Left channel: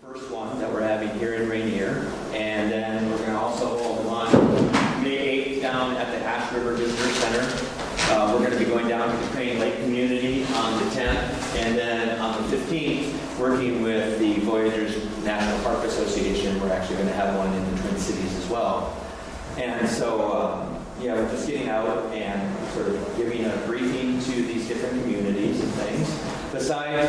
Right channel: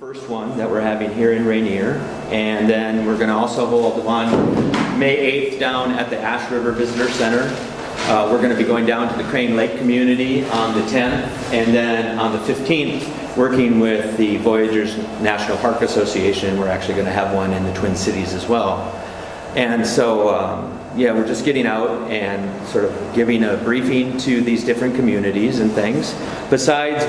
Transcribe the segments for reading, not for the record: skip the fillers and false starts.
First one that we're having here in Rainier, and then we're going to also hold one May 8th down at the Ash River Visitor Center. We're going to be going down to the Crane Lake community on the 10th, and then on the 15th, working with the Voyageurs National Park Association, we're actually going to have one in the Twin Cities as well. And so, yeah, we're just getting out and sort of giving a briefing to these different communities and things. Besides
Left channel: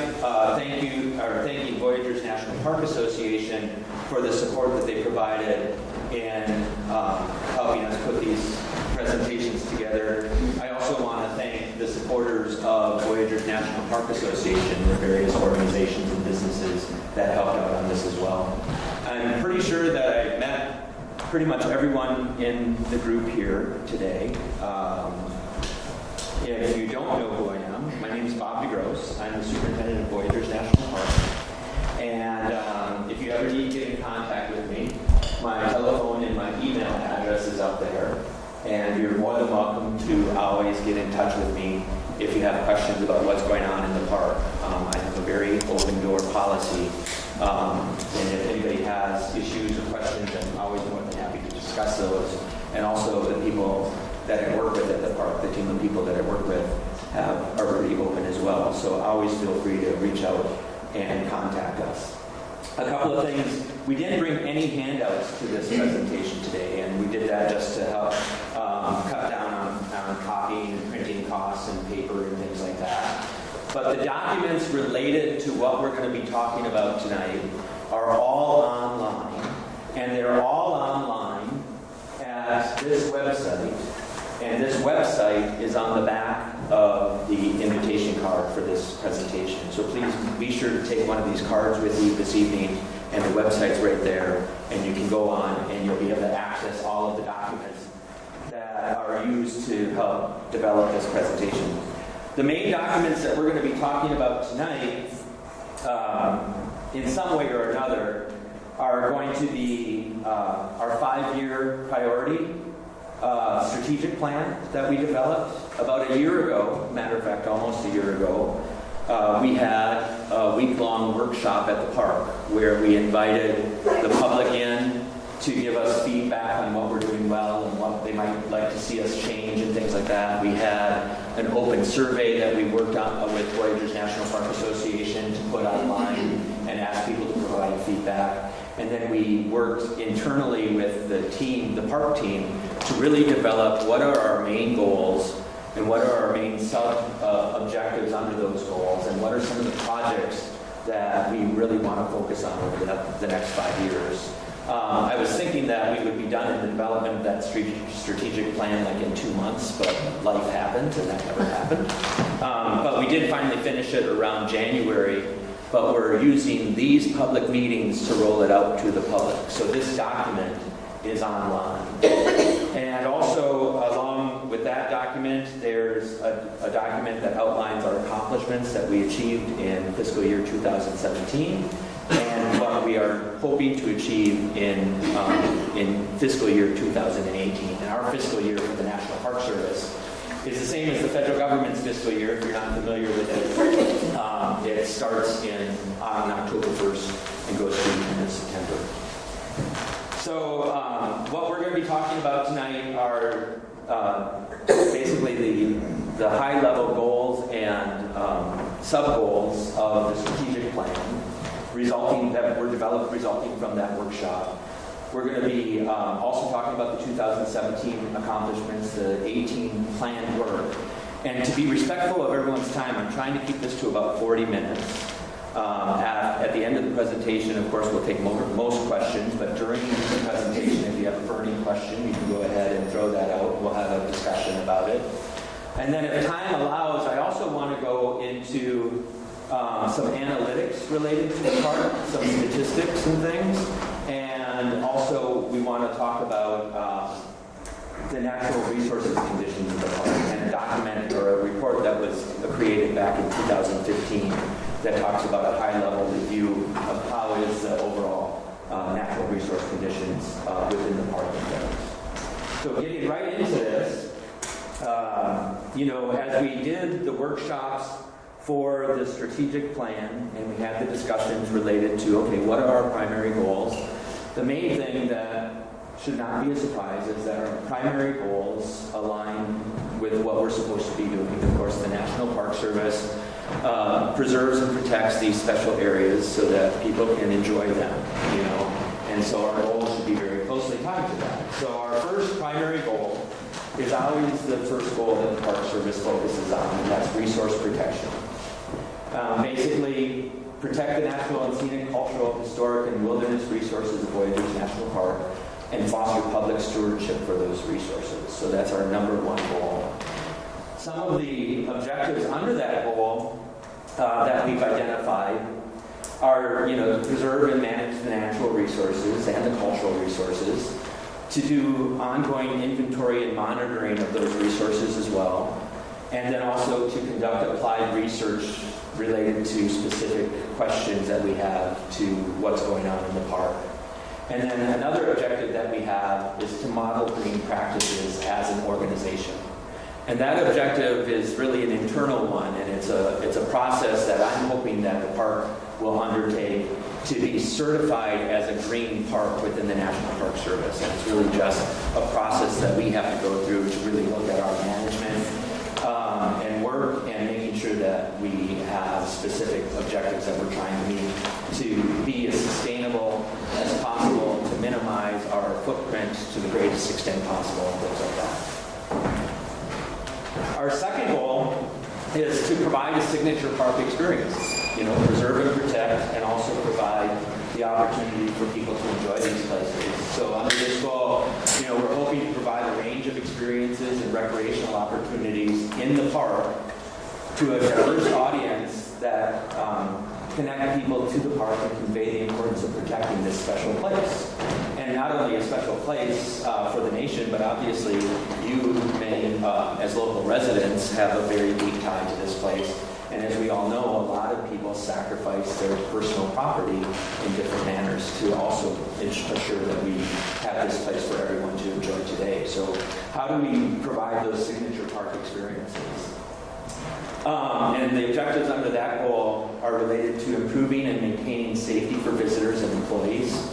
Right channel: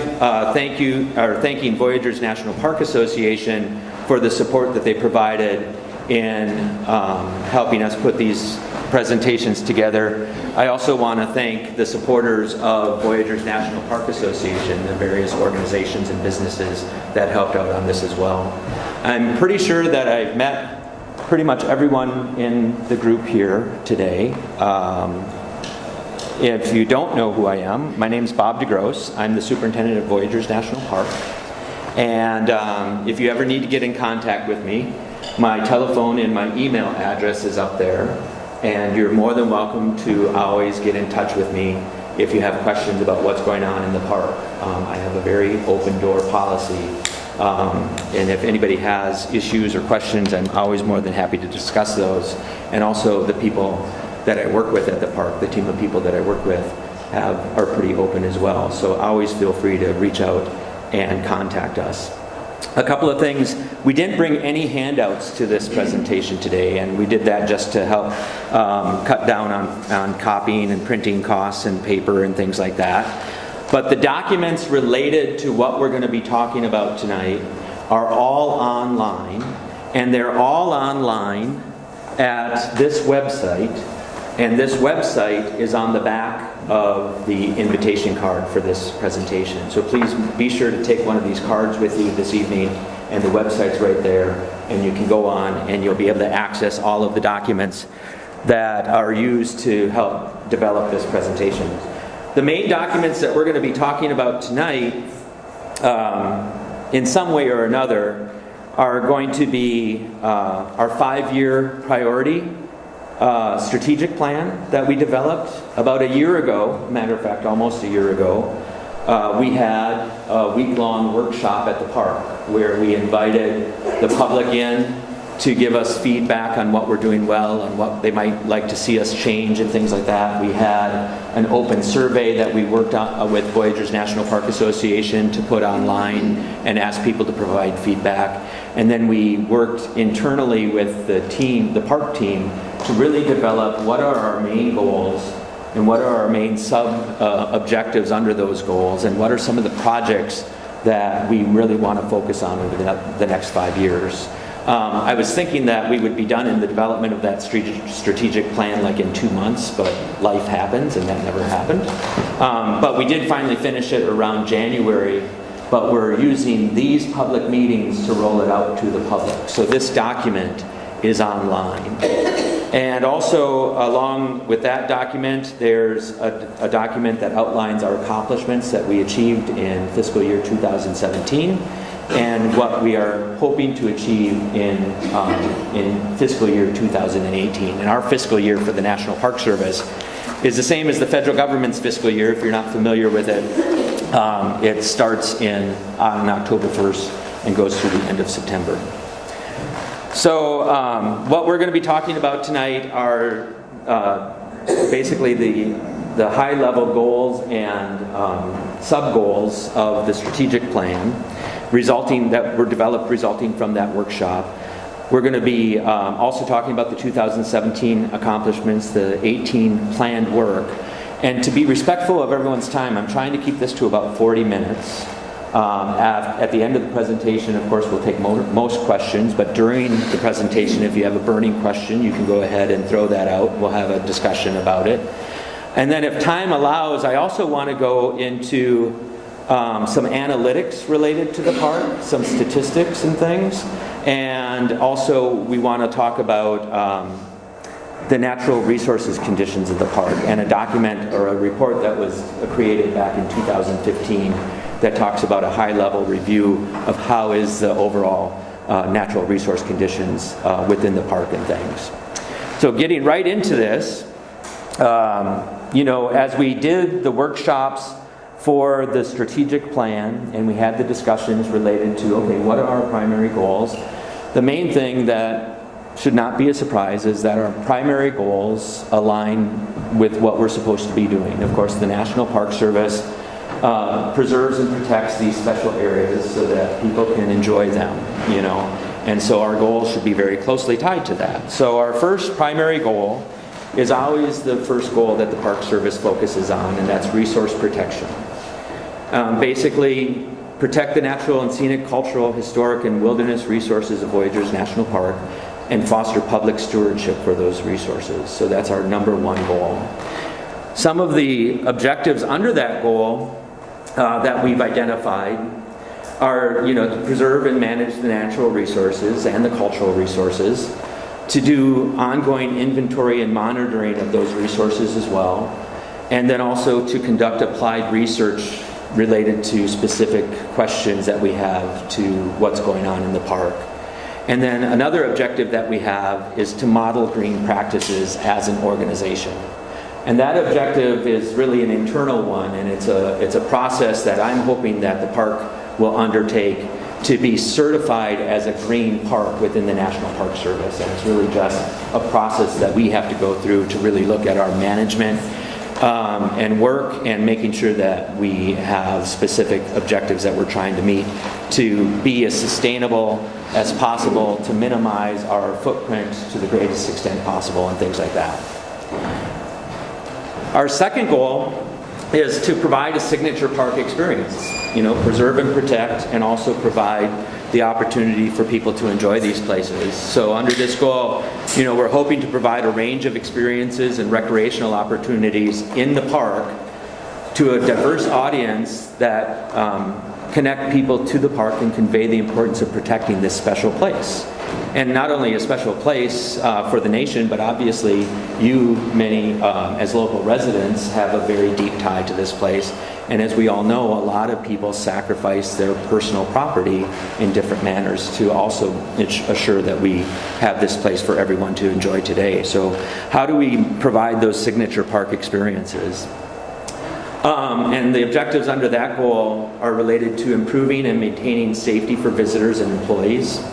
thanking Voyageurs National Park Association for the support that they provided in helping us put these presentations together, I also want to thank the supporters of Voyageurs National Park Association, the various organizations and businesses that helped out on this as well. I'm pretty sure that I've met pretty much everyone in the group here today. If you don't know who I am, my name is Bob DeGrosse. I'm the superintendent of Voyageurs National Park. And if you ever need to get in contact with me, my telephone and my email address is up there. And you're more than welcome to always get in touch with me if you have questions about what's going on in the park. I have a very open door policy. And if anybody has issues or questions, I'm always more than happy to discuss those. And also the people that I work with at the park, the team of people that I work with are pretty open as well. So always feel free to reach out and contact us. A couple of things, we didn't bring any handouts to this presentation today, and we did that just to help cut down on copying and printing costs and paper and things like that. But the documents related to what we're going to be talking about tonight are all online, and they're all online at this website, and this website is on the back of the invitation card for this presentation. So please be sure to take one of these cards with you this evening, and the website's right there, and you can go on and you'll be able to access all of the documents that are used to help develop this presentation. The main documents that we're going to be talking about tonight, in some way or another, are going to be our 5-year priority strategic plan that we developed about a year ago. Matter of fact, almost a year ago. We had a week-long workshop at the park where we invited the public in to give us feedback on what we're doing well and what they might like to see us change and things like that. We had an open survey that we worked on with Voyageurs National Park Association to put online and ask people to provide feedback. And then we worked internally with the team, the park team, to really develop what are our main goals and what are our main objectives under those goals, and what are some of the projects that we really want to focus on over the next 5 years. I was thinking that we would be done in the development of that strategic plan like in 2 months, but life happens and that never happened. But we did finally finish it around January, but we're using these public meetings to roll it out to the public. So this document is online. And also, along with that document, there's a document that outlines our accomplishments that we achieved in fiscal year 2017. And what we are hoping to achieve in fiscal year 2018. And our fiscal year for the National Park Service is the same as the federal government's fiscal year. If you're not familiar with it, it starts on October 1st and goes through the end of September. So what we're going to be talking about tonight are basically the high-level goals and sub-goals of the strategic plan that were developed resulting from that workshop. We're going to be also talking about the 2017 accomplishments, the 18 planned work. And to be respectful of everyone's time, I'm trying to keep this to about 40 minutes. At the end of the presentation, of course, we'll take most questions, but during the presentation, if you have a burning question, you can go ahead and throw that out. We'll have a discussion about it. And then if time allows, I also want to go into some analytics related to the park, some statistics and things, and also we want to talk about the natural resources conditions of the park, and a document or a report that was created back in 2015 that talks about a high-level review of how is the overall natural resource conditions within the park and things. So getting right into this, as we did the workshops for the strategic plan, and we had the discussions related to, okay, what are our primary goals? The main thing that should not be a surprise is that our primary goals align with what we're supposed to be doing. Of course, the National Park Service preserves and protects these special areas so that people can enjoy them, you know. And so our goals should be very closely tied to that. So our first primary goal is always the first goal that the Park Service focuses on, and that's resource protection. Basically, protect the natural and scenic, cultural, historic, and wilderness resources of Voyageurs National Park and foster public stewardship for those resources. So that's our number one goal. Some of the objectives under that goal that we've identified are, you know, to preserve and manage the natural resources and the cultural resources, to do ongoing inventory and monitoring of those resources as well, and then also to conduct applied research related to specific questions that we have to what's going on in the park. And then another objective that we have is to model green practices as an organization. And that objective is really an internal one, and it's a process that I'm hoping that the park will undertake to be certified as a green park within the National Park Service. And it's really just a process that we have to go through to really look at our management and work, and making sure that we have specific objectives that we're trying to meet to be as sustainable as possible, to minimize our footprint to the greatest extent possible, and things like that. Our second goal is to provide a signature park experience. You know, preserve and protect, and also provide the opportunity for people to enjoy these places. So under this goal, you know, we're hoping to provide a range of experiences and recreational opportunities in the park to a diverse audience that connect people to the park and convey the importance of protecting this special place. And not only a special place for the nation, but obviously you, many as local residents, have a very deep tie to this place. And as we all know, a lot of people sacrifice their personal property in different manners to also assure that we have this place for everyone to enjoy today. So how do we provide those signature park experiences? And the objectives under that goal are related to improving and maintaining safety for visitors and employees.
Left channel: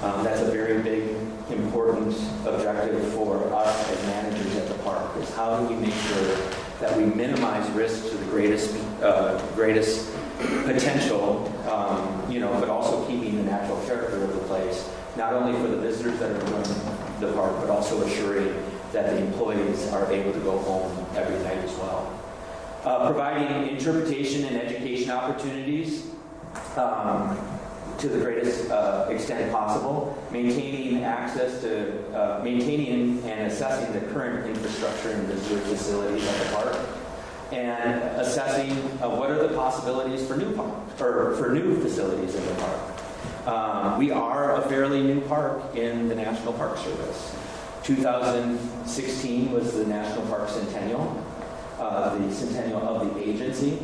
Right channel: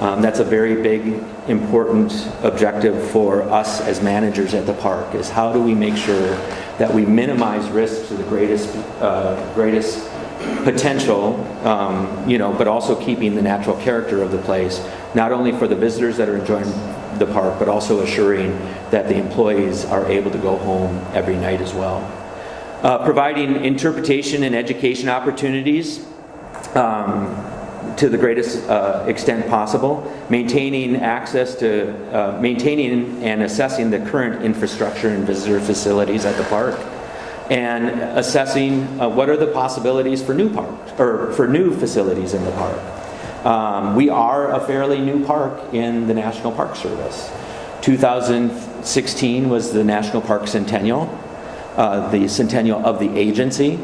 That's a very big, important objective for us as managers at the park, is how do we make sure that we minimize risks to the greatest potential, you know, but also keeping the natural character of the place, not only for the visitors that are enjoying the park, but also assuring that the employees are able to go home every night as well. Providing interpretation and education opportunities to the greatest extent possible, maintaining access to, maintaining and assessing the current infrastructure and visitor facilities at the park, and assessing what are the possibilities for new parks, or for new facilities in the park. We are a fairly new park in the National Park Service. 2016 was the National Park Centennial, the centennial of the agency.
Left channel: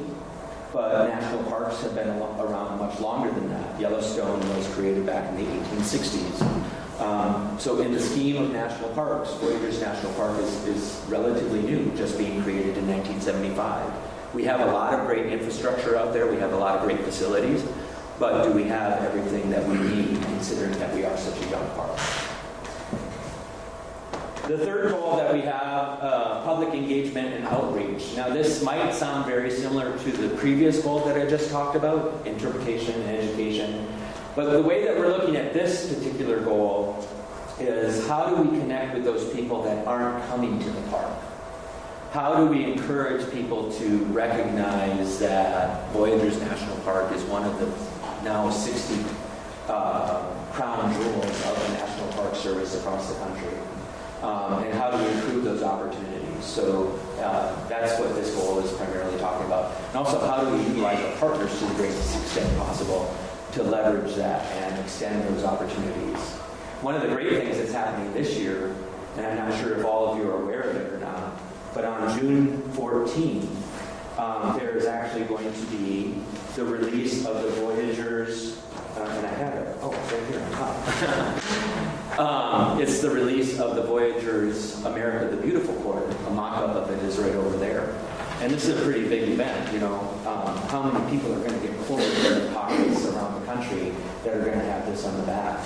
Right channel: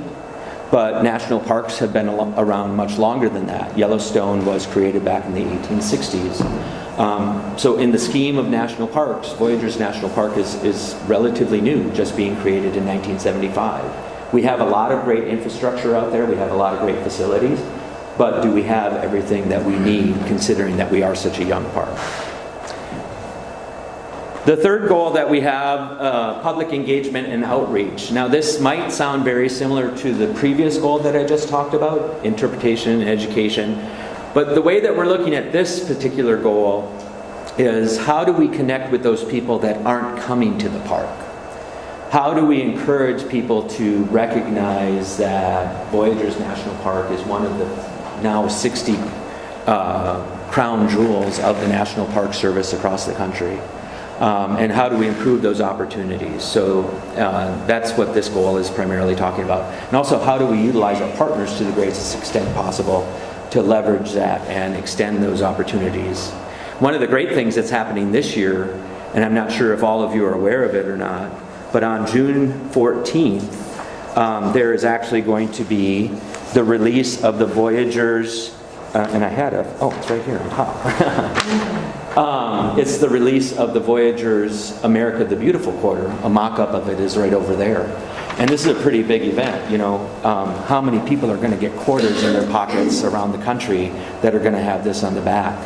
But national parks have been around much longer than that. Yellowstone was created back in the 1860s. So in the scheme of national parks, Voyageurs National Park is relatively new, just being created in 1975. We have a lot of great infrastructure out there. We have a lot of great facilities. But do we have everything that we need, considering that we are such a young park? The third goal that we have, public engagement and outreach. Now this might sound very similar to the previous goal that I just talked about, interpretation and education. But the way that we're looking at this particular goal is, how do we connect with those people that aren't coming to the park? How do we encourage people to recognize that Voyageurs National Park is one of the now 60 crown jewels of the National Park Service across the country? And how do we improve those opportunities? So that's what this goal is primarily talking about. And also, how do we utilize our partners to the greatest extent possible to leverage that and extend those opportunities? One of the great things that's happening this year, and I'm not sure if all of you are aware of it or not, but on June 14th, there is actually going to be the release of the Voyageurs, and I had it's right here on top. It's the release of the Voyageurs America the Beautiful quarter. A mock-up of it is right over there. And this is a pretty big event, you know. How many people are going to get quarters in their pockets around the country that are going to have this on the back?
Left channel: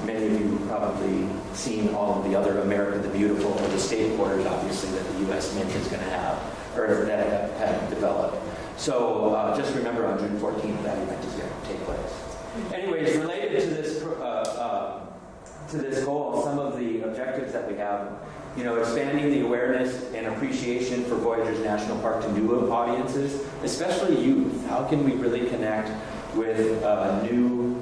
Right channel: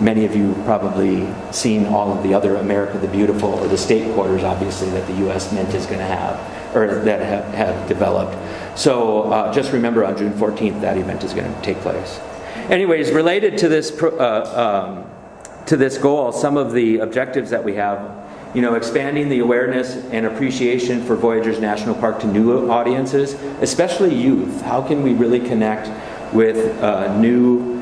Many of you probably seen all of the other America the Beautiful, or the state quarters, obviously, that the U.S. Mint is going to have, or that have developed. So just remember, on June 14th, that event is going to take place. Anyways, related to this goal, some of the objectives that we have, you know, expanding the awareness and appreciation for Voyageurs National Park to new audiences, especially youth. How can we really connect with new,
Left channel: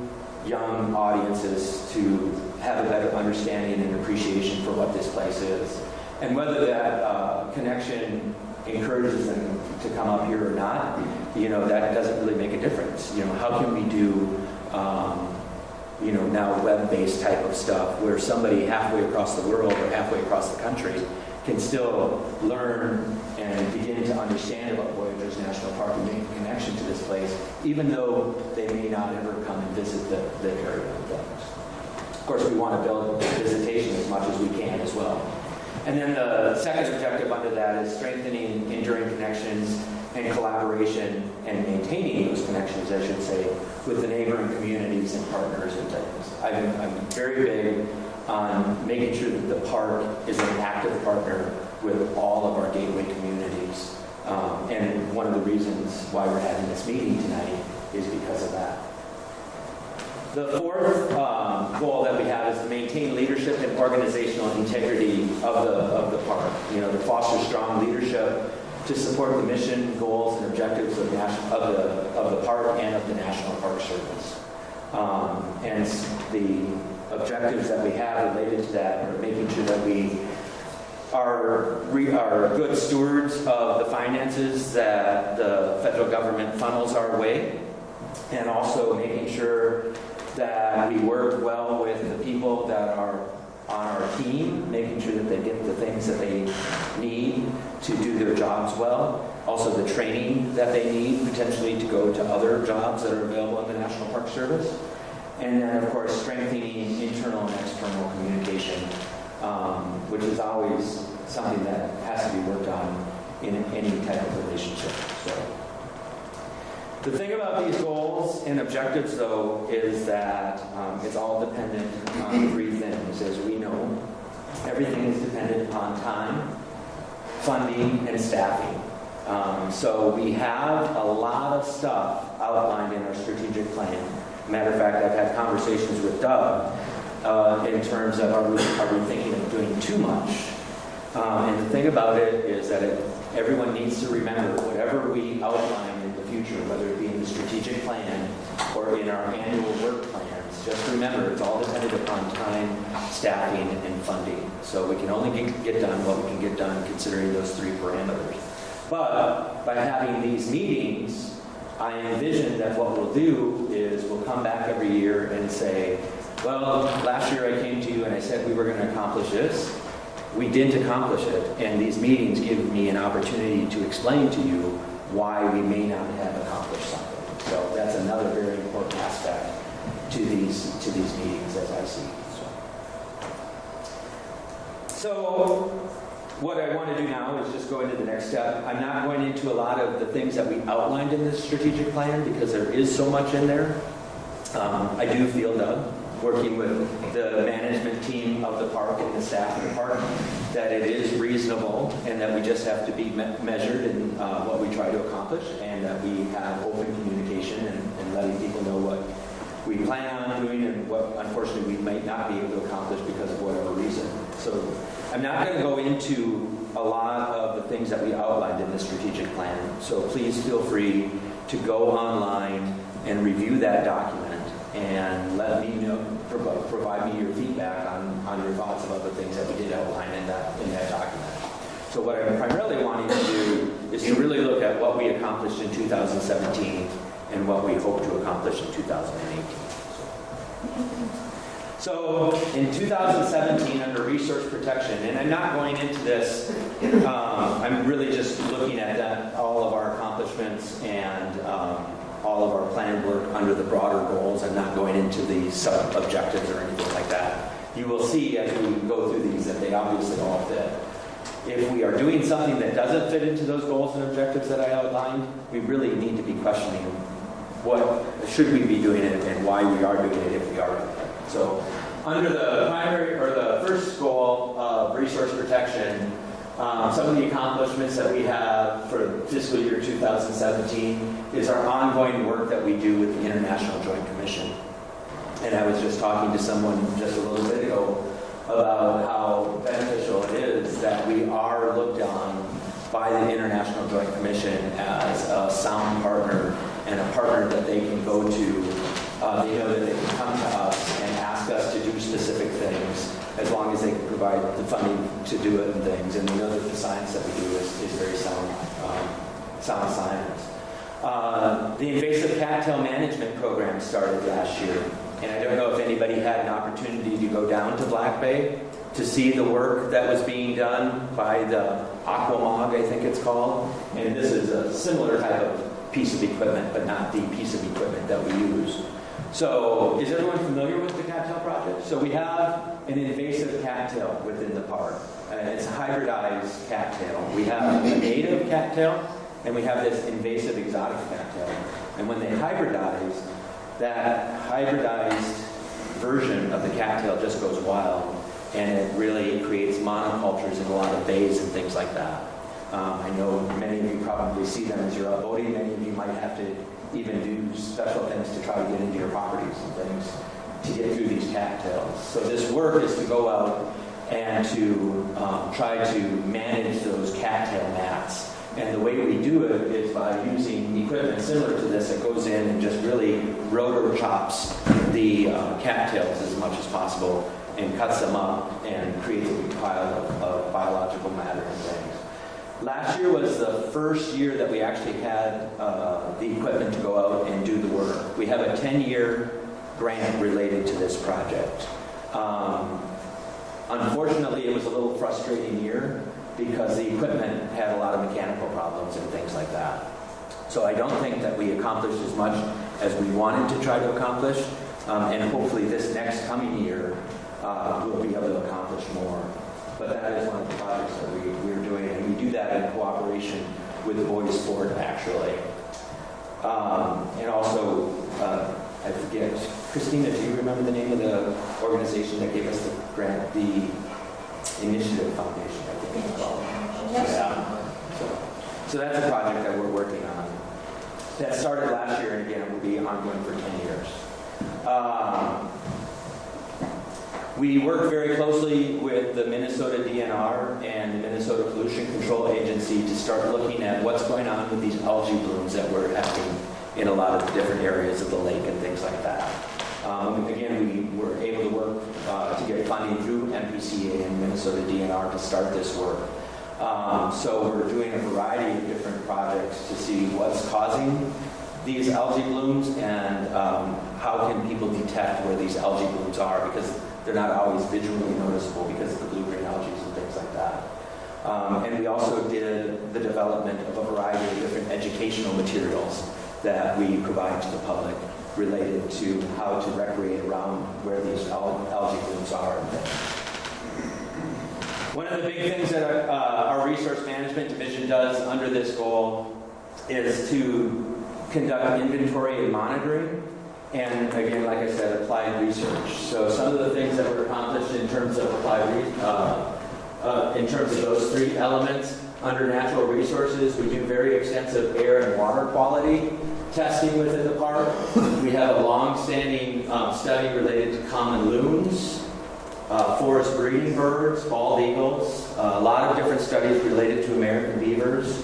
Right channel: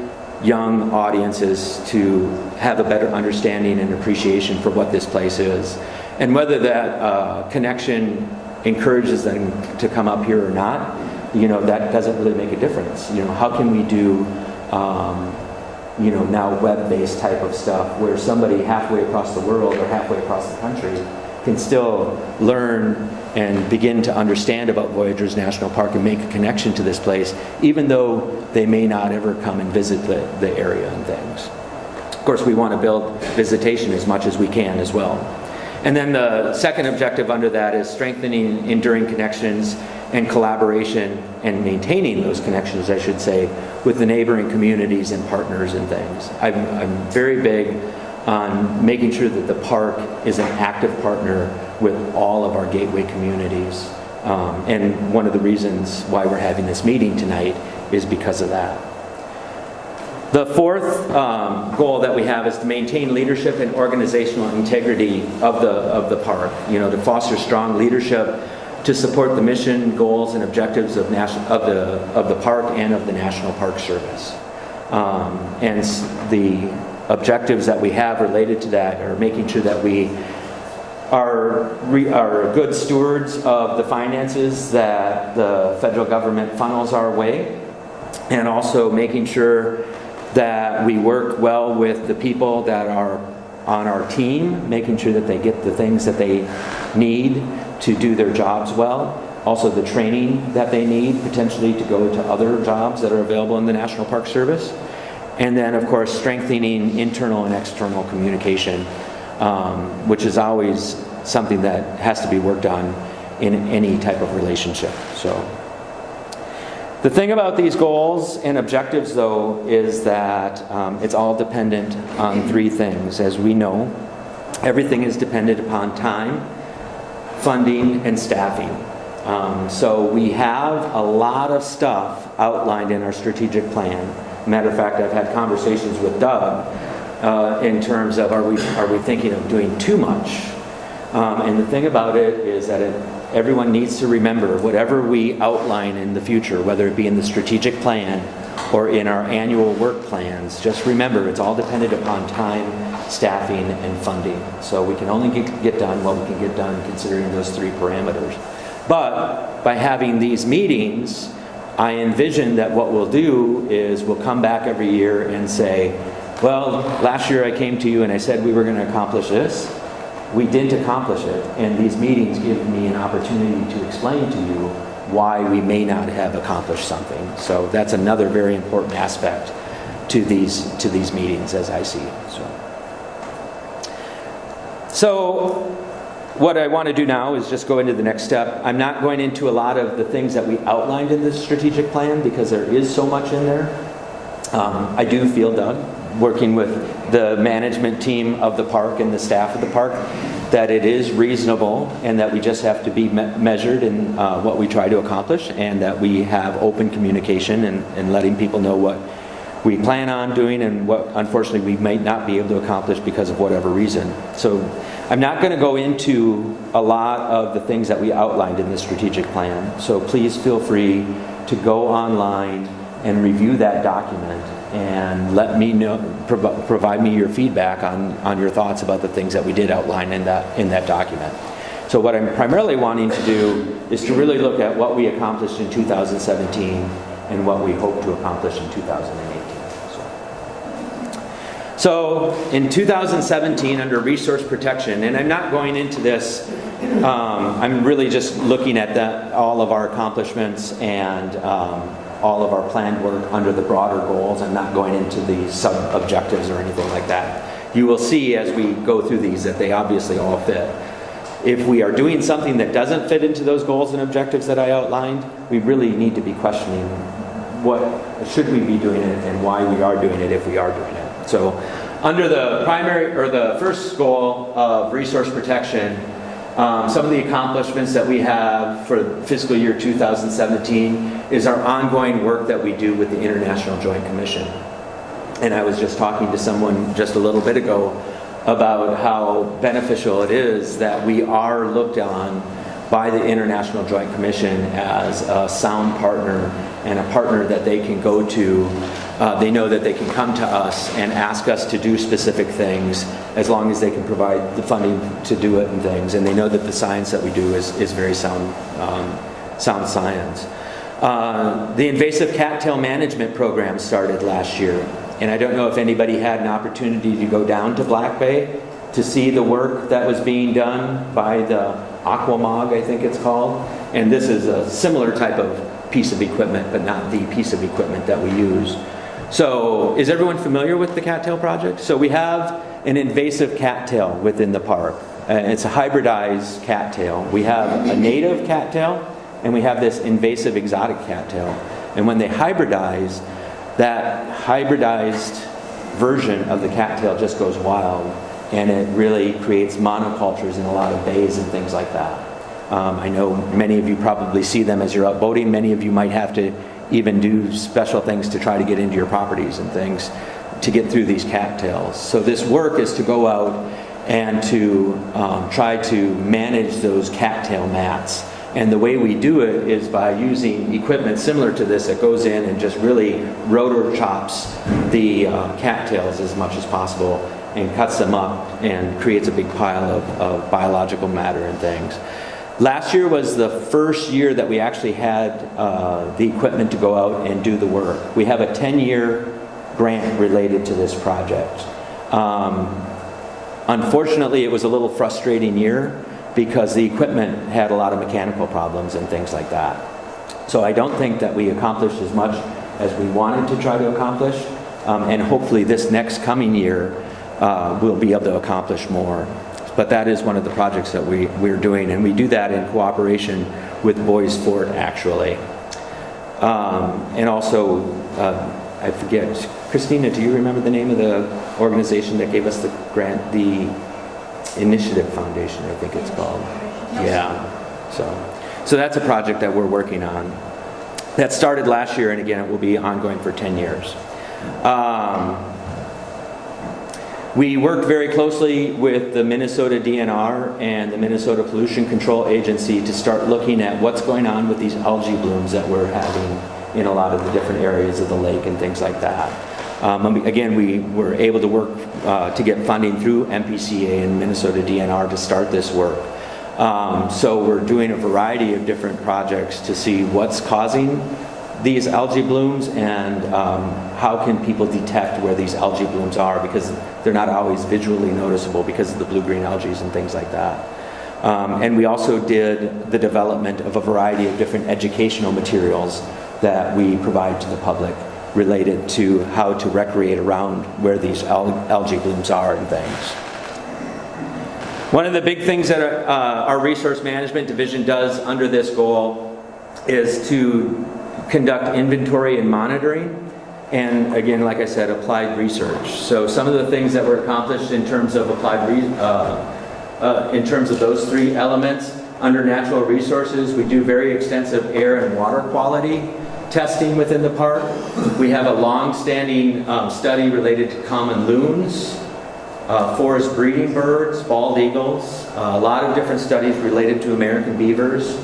young audiences to have a better understanding and appreciation for what this place is? And whether that connection encourages them to come up here or not, you know, that doesn't really make a difference. You know, how can we do you know, now web-based type of stuff where somebody halfway across the world or halfway across the country can still learn and begin to understand about Voyageurs National Park and make a connection to this place, even though they may not ever come and visit the area and things. Of course, we want to build visitation as much as we can as well. And then the second objective under that is strengthening enduring connections and collaboration, and maintaining those connections, I should say, with the neighboring communities and partners and things. I'm very big on making sure that the park is an active partner with all of our gateway communities. And one of the reasons why we're having this meeting tonight is because of that. The fourth goal that we have is to maintain leadership and organizational integrity of the park. You know, to foster strong leadership, to support the mission, goals, and objectives of the park and of the National Park Service. And the objectives that we have related to that are making sure that we are good stewards of the finances that the federal government funnels our way, and also making sure that we work well with the people that are on our team, making sure that they get the things that they need to do their jobs well. Also the training that they need potentially to go to other jobs that are available in the National Park Service. And then, of course, strengthening internal and external communication, which is always something that has to be worked on in any type of relationship. So, the thing about these goals and objectives, though, is that it's all dependent on three things. As we know, everything is dependent upon time, funding, and staffing. So we have a lot of stuff outlined in our strategic plan. Matter of fact, I've had conversations with Doug in terms of are we thinking of doing too much? And the thing about it is that everyone needs to remember, whatever we outline in the future, whether it be in the strategic plan or in our annual work plans, just remember it's all dependent upon time, staffing, and funding. So we can only get done what we can get done considering those three parameters. But by having these meetings, I envision that what we'll do is we'll come back every year and say, well, last year I came to you and I said we were going to accomplish this. We didn't accomplish it, and these meetings give me an opportunity to explain to you why we may not have accomplished something. So that's another very important aspect to these meetings, as I see it. So what I want to do now is just go into the next step. I'm not going into a lot of the things that we outlined in this strategic plan because there is so much in there. I do feel, Doug, working with the management team of the park and the staff of the park, that it is reasonable and that we just have to be measured in what we try to accomplish, and that we have open communication and letting people know what we plan on doing and what unfortunately we might not be able to accomplish because of whatever reason. So I'm not going to go into a lot of the things that we outlined in the strategic plan, so please feel free to go online and review that document and let me know, provide me your feedback on your thoughts about the things that we did outline in that document. So what I'm primarily wanting to do is to really look at what we accomplished in 2017 and what we hope to accomplish in 2018. So in 2017, under resource protection, and I'm not going into this, I'm really just looking at all of our accomplishments and all of our planned work under the broader goals. I'm not going into the sub-objectives or anything like that. You will see as we go through these that they obviously all fit. if we are doing something that doesn't fit into those goals and objectives that I outlined, we really need to be questioning what should we be doing it and why we are doing it if we are doing it. So under the primary or the first goal of resource protection, some of the accomplishments that we have for fiscal year 2017 is our ongoing work that we do with the International Joint Commission. And I was just talking to someone just a little bit ago about how beneficial it is that we are looked on by the International Joint Commission as a sound partner and a partner that they can go to. They know that they can come to us and ask us to do specific things as long as they can provide the funding to do it and things. And they know that the science that we do is very sound science. The invasive cattail management program started last year. And I don't know if anybody had an opportunity to go down to Black Bay to see the work that was being done by the Aquamog, I think it's called. And this is a similar type of piece of equipment, but not the piece of equipment that we use. So is everyone familiar with the cattail project? So we have an invasive cattail within the park. It's a hybridized cattail. We have a native cattail, and we have this invasive exotic cattail. And when they hybridize, that hybridized version of the cattail just goes wild, and it really creates monocultures in a lot of bays and things like that. I know many of you probably see them as you're out boating. Many of you might have to even do special things to try to get into your properties and things to get through these cattails. So this work is to go out and to try to manage those cattail mats. And the way we do it is by using equipment similar to this that goes in and just really rotor chops the cattails as much as possible and cuts them up and creates a big pile of biological matter and things. Last year was the first year that we actually had the equipment to go out and do the work. We have a 10-year grant related to this project. Unfortunately, it was a little frustrating year because the equipment had a lot of mechanical problems and things like that. So I don't think that we accomplished as much as we wanted to try to accomplish, and hopefully this next coming year we'll be able to accomplish more. But that is one of the projects that we're doing, and we do that in cooperation with Boys Fort, actually. And also, I forget, Christina, do you remember the name of the organization that gave us the grant? The Initiative Foundation, I think it's called. Yeah. So that's a project that we're working on. That started last year, and again, it will be ongoing for 10 years. We worked very closely with the Minnesota DNR and the Minnesota Pollution Control Agency to start looking at what's going on with these algae blooms that we're having in a lot of the different areas of the lake and things like that. Again, we were able to work to get funding through MPCA and Minnesota DNR to start this work. So we're doing a variety of different projects to see what's causing these algae blooms and how can people detect where these algae blooms are, because they're not always visually noticeable because of the blue-green algae and things like that. And we also did the development of a variety of different educational materials that we provide to the public related to how to recreate around where these algae blooms are and things. One of the big things that our resource management division does under this goal is to conduct inventory and monitoring, and again, like I said, applied research. So some of the things that were accomplished in terms of in terms of those three elements, under natural resources, we do very extensive air and water quality testing within the park. We have a long-standing study related to common loons, forest breeding birds, bald eagles, a lot of different studies related to American beavers,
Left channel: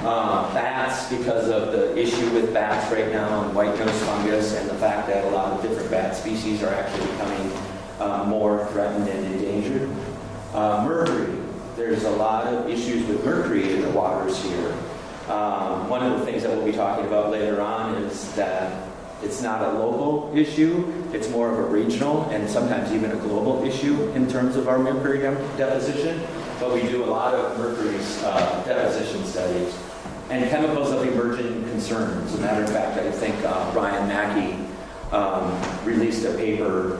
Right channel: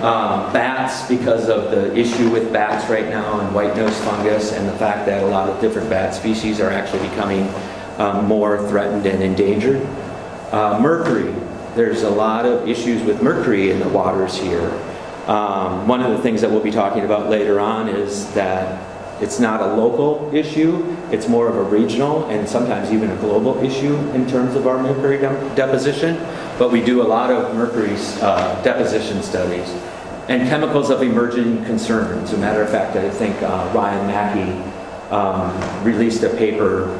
bats, because of the issue with bats right now and white-nosed fungus, and the fact that a lot of different bat species are actually becoming more threatened and endangered. Mercury, there's a lot of issues with mercury in the waters here. One of the things that we'll be talking about later on is that it's not a local issue, it's more of a regional and sometimes even a global issue in terms of our mercury deposition, but we do a lot of mercury deposition studies. And chemicals of emerging concern. As a matter of fact, I think Ryan Mackey released a paper,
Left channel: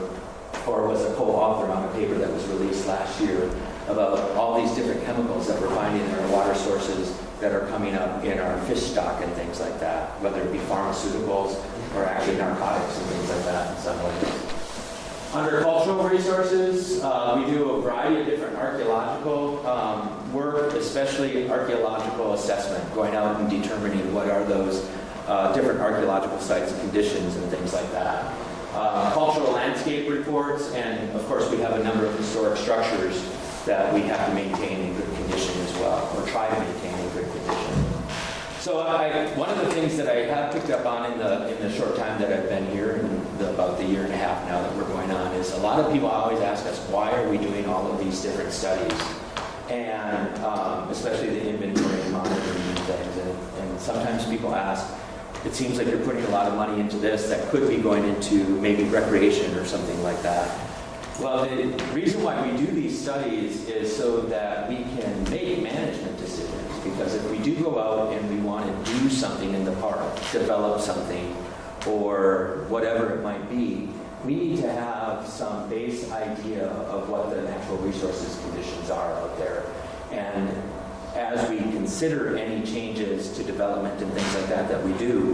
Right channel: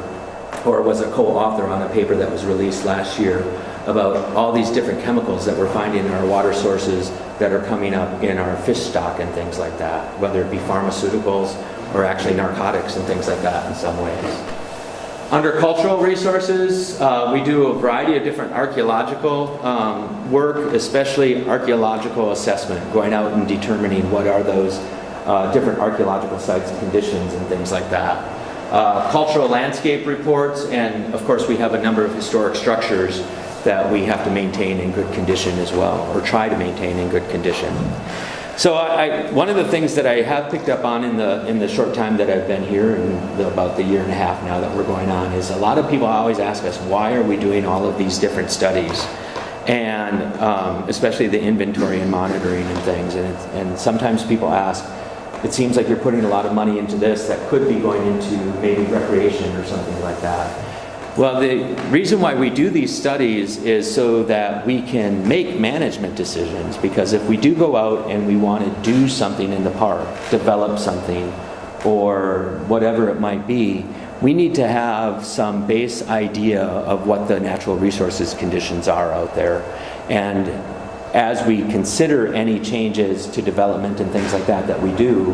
or was a co-author on a paper that was released last year, about all these different chemicals that we're finding in our water sources that are coming up in our fish stock and things like that, whether it be pharmaceuticals or actually narcotics and things like that in some ways. Under cultural resources, we do a variety of different archaeological work, especially archaeological assessment, going out and determining what are those different archaeological sites, conditions, and things like that. Cultural landscape reports, and of course we have a number of historic structures that we have to maintain in good condition as well, or try to maintain in good condition. So one of the things that I have picked up on in the short time that I've been here, in about the year and a half now that we're going on, is a lot of people always ask us, why are we doing all of these different studies? And especially the inventory and monitoring and things. And sometimes people ask, it seems like you're putting a lot of money into this that could be going into maybe recreation or something like that. Well, the reason why we do these studies is so that we can make management decisions, because if we do go out and we want to do something in the park, develop something, or whatever it might be, we need to have some base idea of what the natural resources conditions are out there. And as we consider any changes to development and things like that that we do,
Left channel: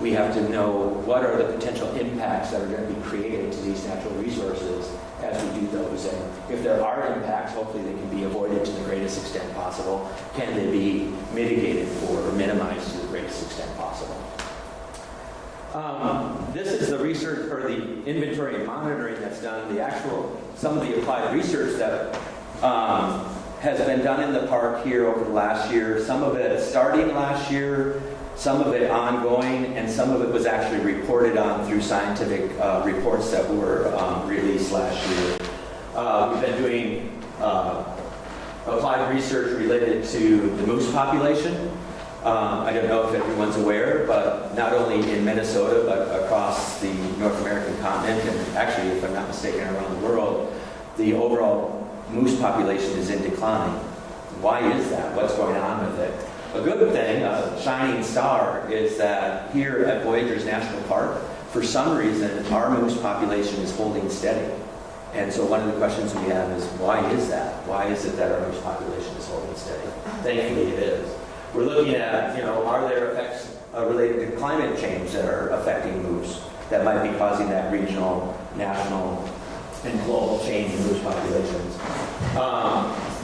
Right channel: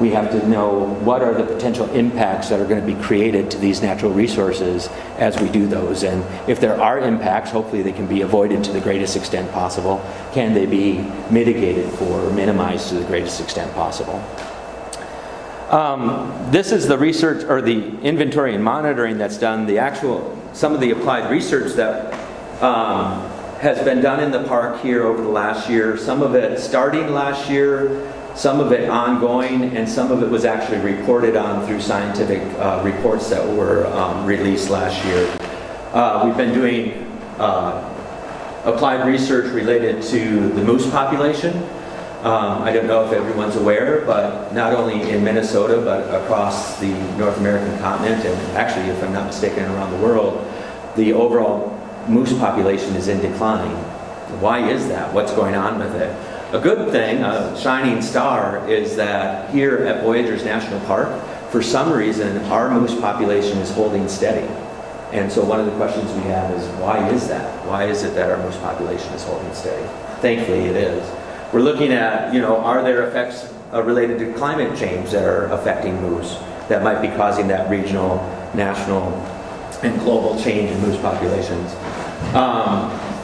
we have to know what are the potential impacts that are going to be created to these natural resources as we do those. And if there are impacts, hopefully they can be avoided to the greatest extent possible. Can they be mitigated for or minimized to the greatest extent possible? This is the research, or the inventory and monitoring that's done, some of the applied research that has been done in the park here over the last year. Some of it starting last year, some of it ongoing, and some of it was actually reported on through scientific reports that were released last year. We've been doing applied research related to the moose population. I don't know if everyone's aware, but not only in Minnesota, but across the North American continent, and actually, if I'm not mistaken, around the world, the overall moose population is in decline. Why is that? What's going on with it? A good thing, a shining star, is that here at Voyageurs National Park, for some reason, our moose population is holding steady. And so one of the questions we have is, why is that? Why is it that our moose population is holding steady? Thankfully it is. We're looking at, are there effects related to climate change that are affecting moose that might be causing that regional, national, and global change in moose populations?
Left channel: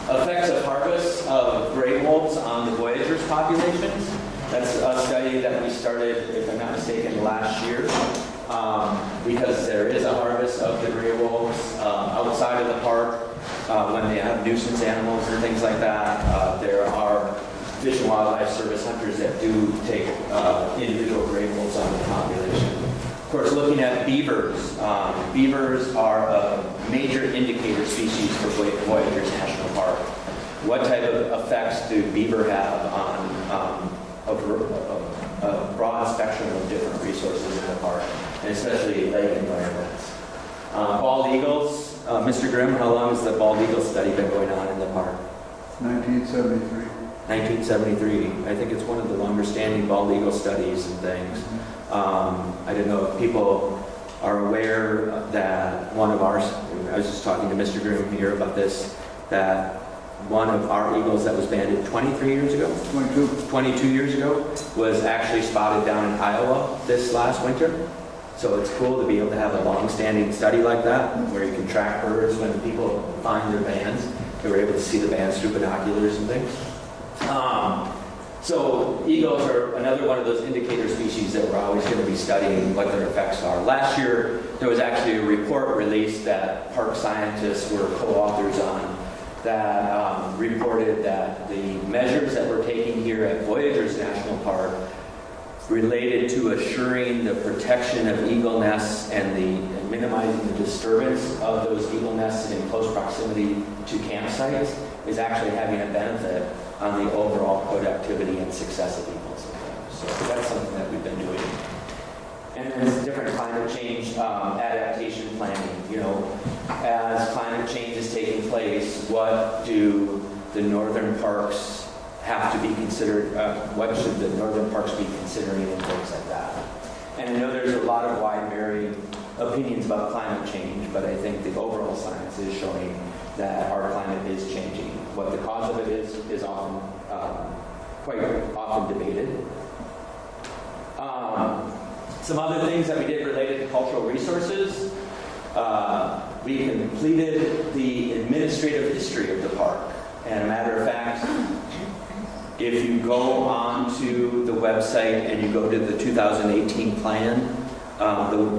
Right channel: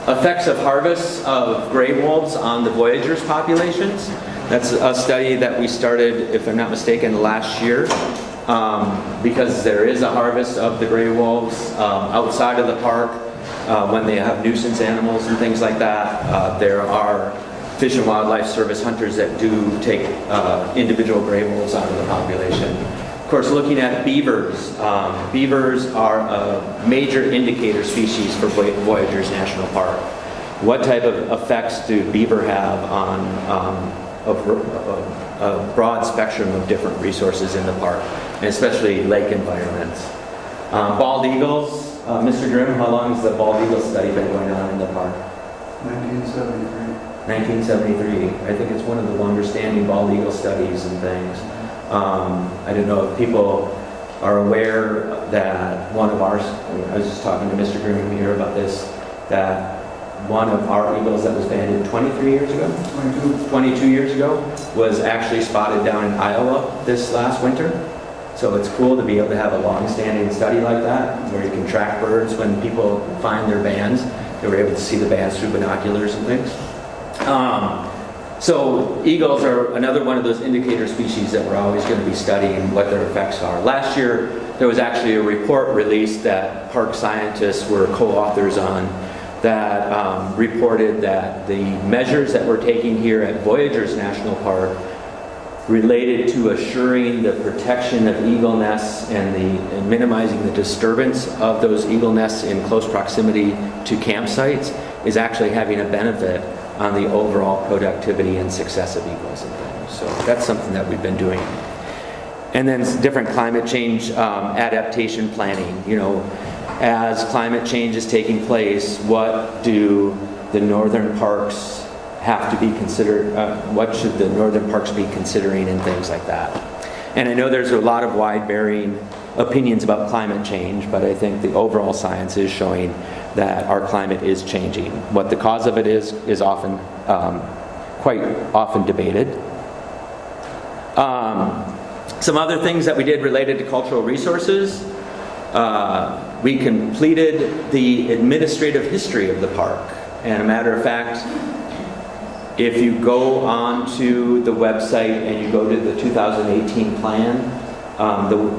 Effects of harvests of gray wolves on the Voyageurs populations. That's a study that we started, if I'm not mistaken, last year, because there is a harvest of the gray wolves outside of the park when they have nuisance animals and things like that. There are Fish and Wildlife Service hunters that do take individual gray wolves out of the population. Of course, looking at beavers. Beavers are a major indicator species for Voyageurs National Park. What type of effects do beaver have on a broad spectrum of different resources in the park, and especially lake environments? Bald eagles. Mr. Grimm, how long has the bald eagle study been going on in the park? 1973. 1973. I think it's one of the longer standing bald eagle studies and things. I don't know if people are aware that one of ours, I was just talking to Mr. Grimm here about this, that one of our eagles that was banded 23 years ago? 22 years ago, was actually spotted down in Iowa this last winter. So it's cool to be able to have a long-standing study like that, where you can track birds when people find their bands. They were able to see the bands through binoculars and things. So eagles are another one of those indicator species that we're always going to be studying what their effects are. Last year, there was actually a report released that park scientists were co-authors on that reported that the measures that we're taking here at Voyageurs National Park related to assuring the protection of eagle nests and minimizing the disturbance of those eagle nests in close proximity to campsites is actually having a benefit on the overall productivity and success of eagles and things. So that's something that we've been doing. And then different climate change adaptation planning. As climate change is taking place, what do the northern parks have to be considered? What should the northern parks be considering and things like that? And I know there's a lot of wide varying opinions about climate change, but I think the overall science is showing that our climate is changing. What the cause of it is often, quite often debated. Some other things that we did related to cultural resources. We completed the administrative history of the park. And a matter of fact, if you go onto the website and you go to the 2018 plan, the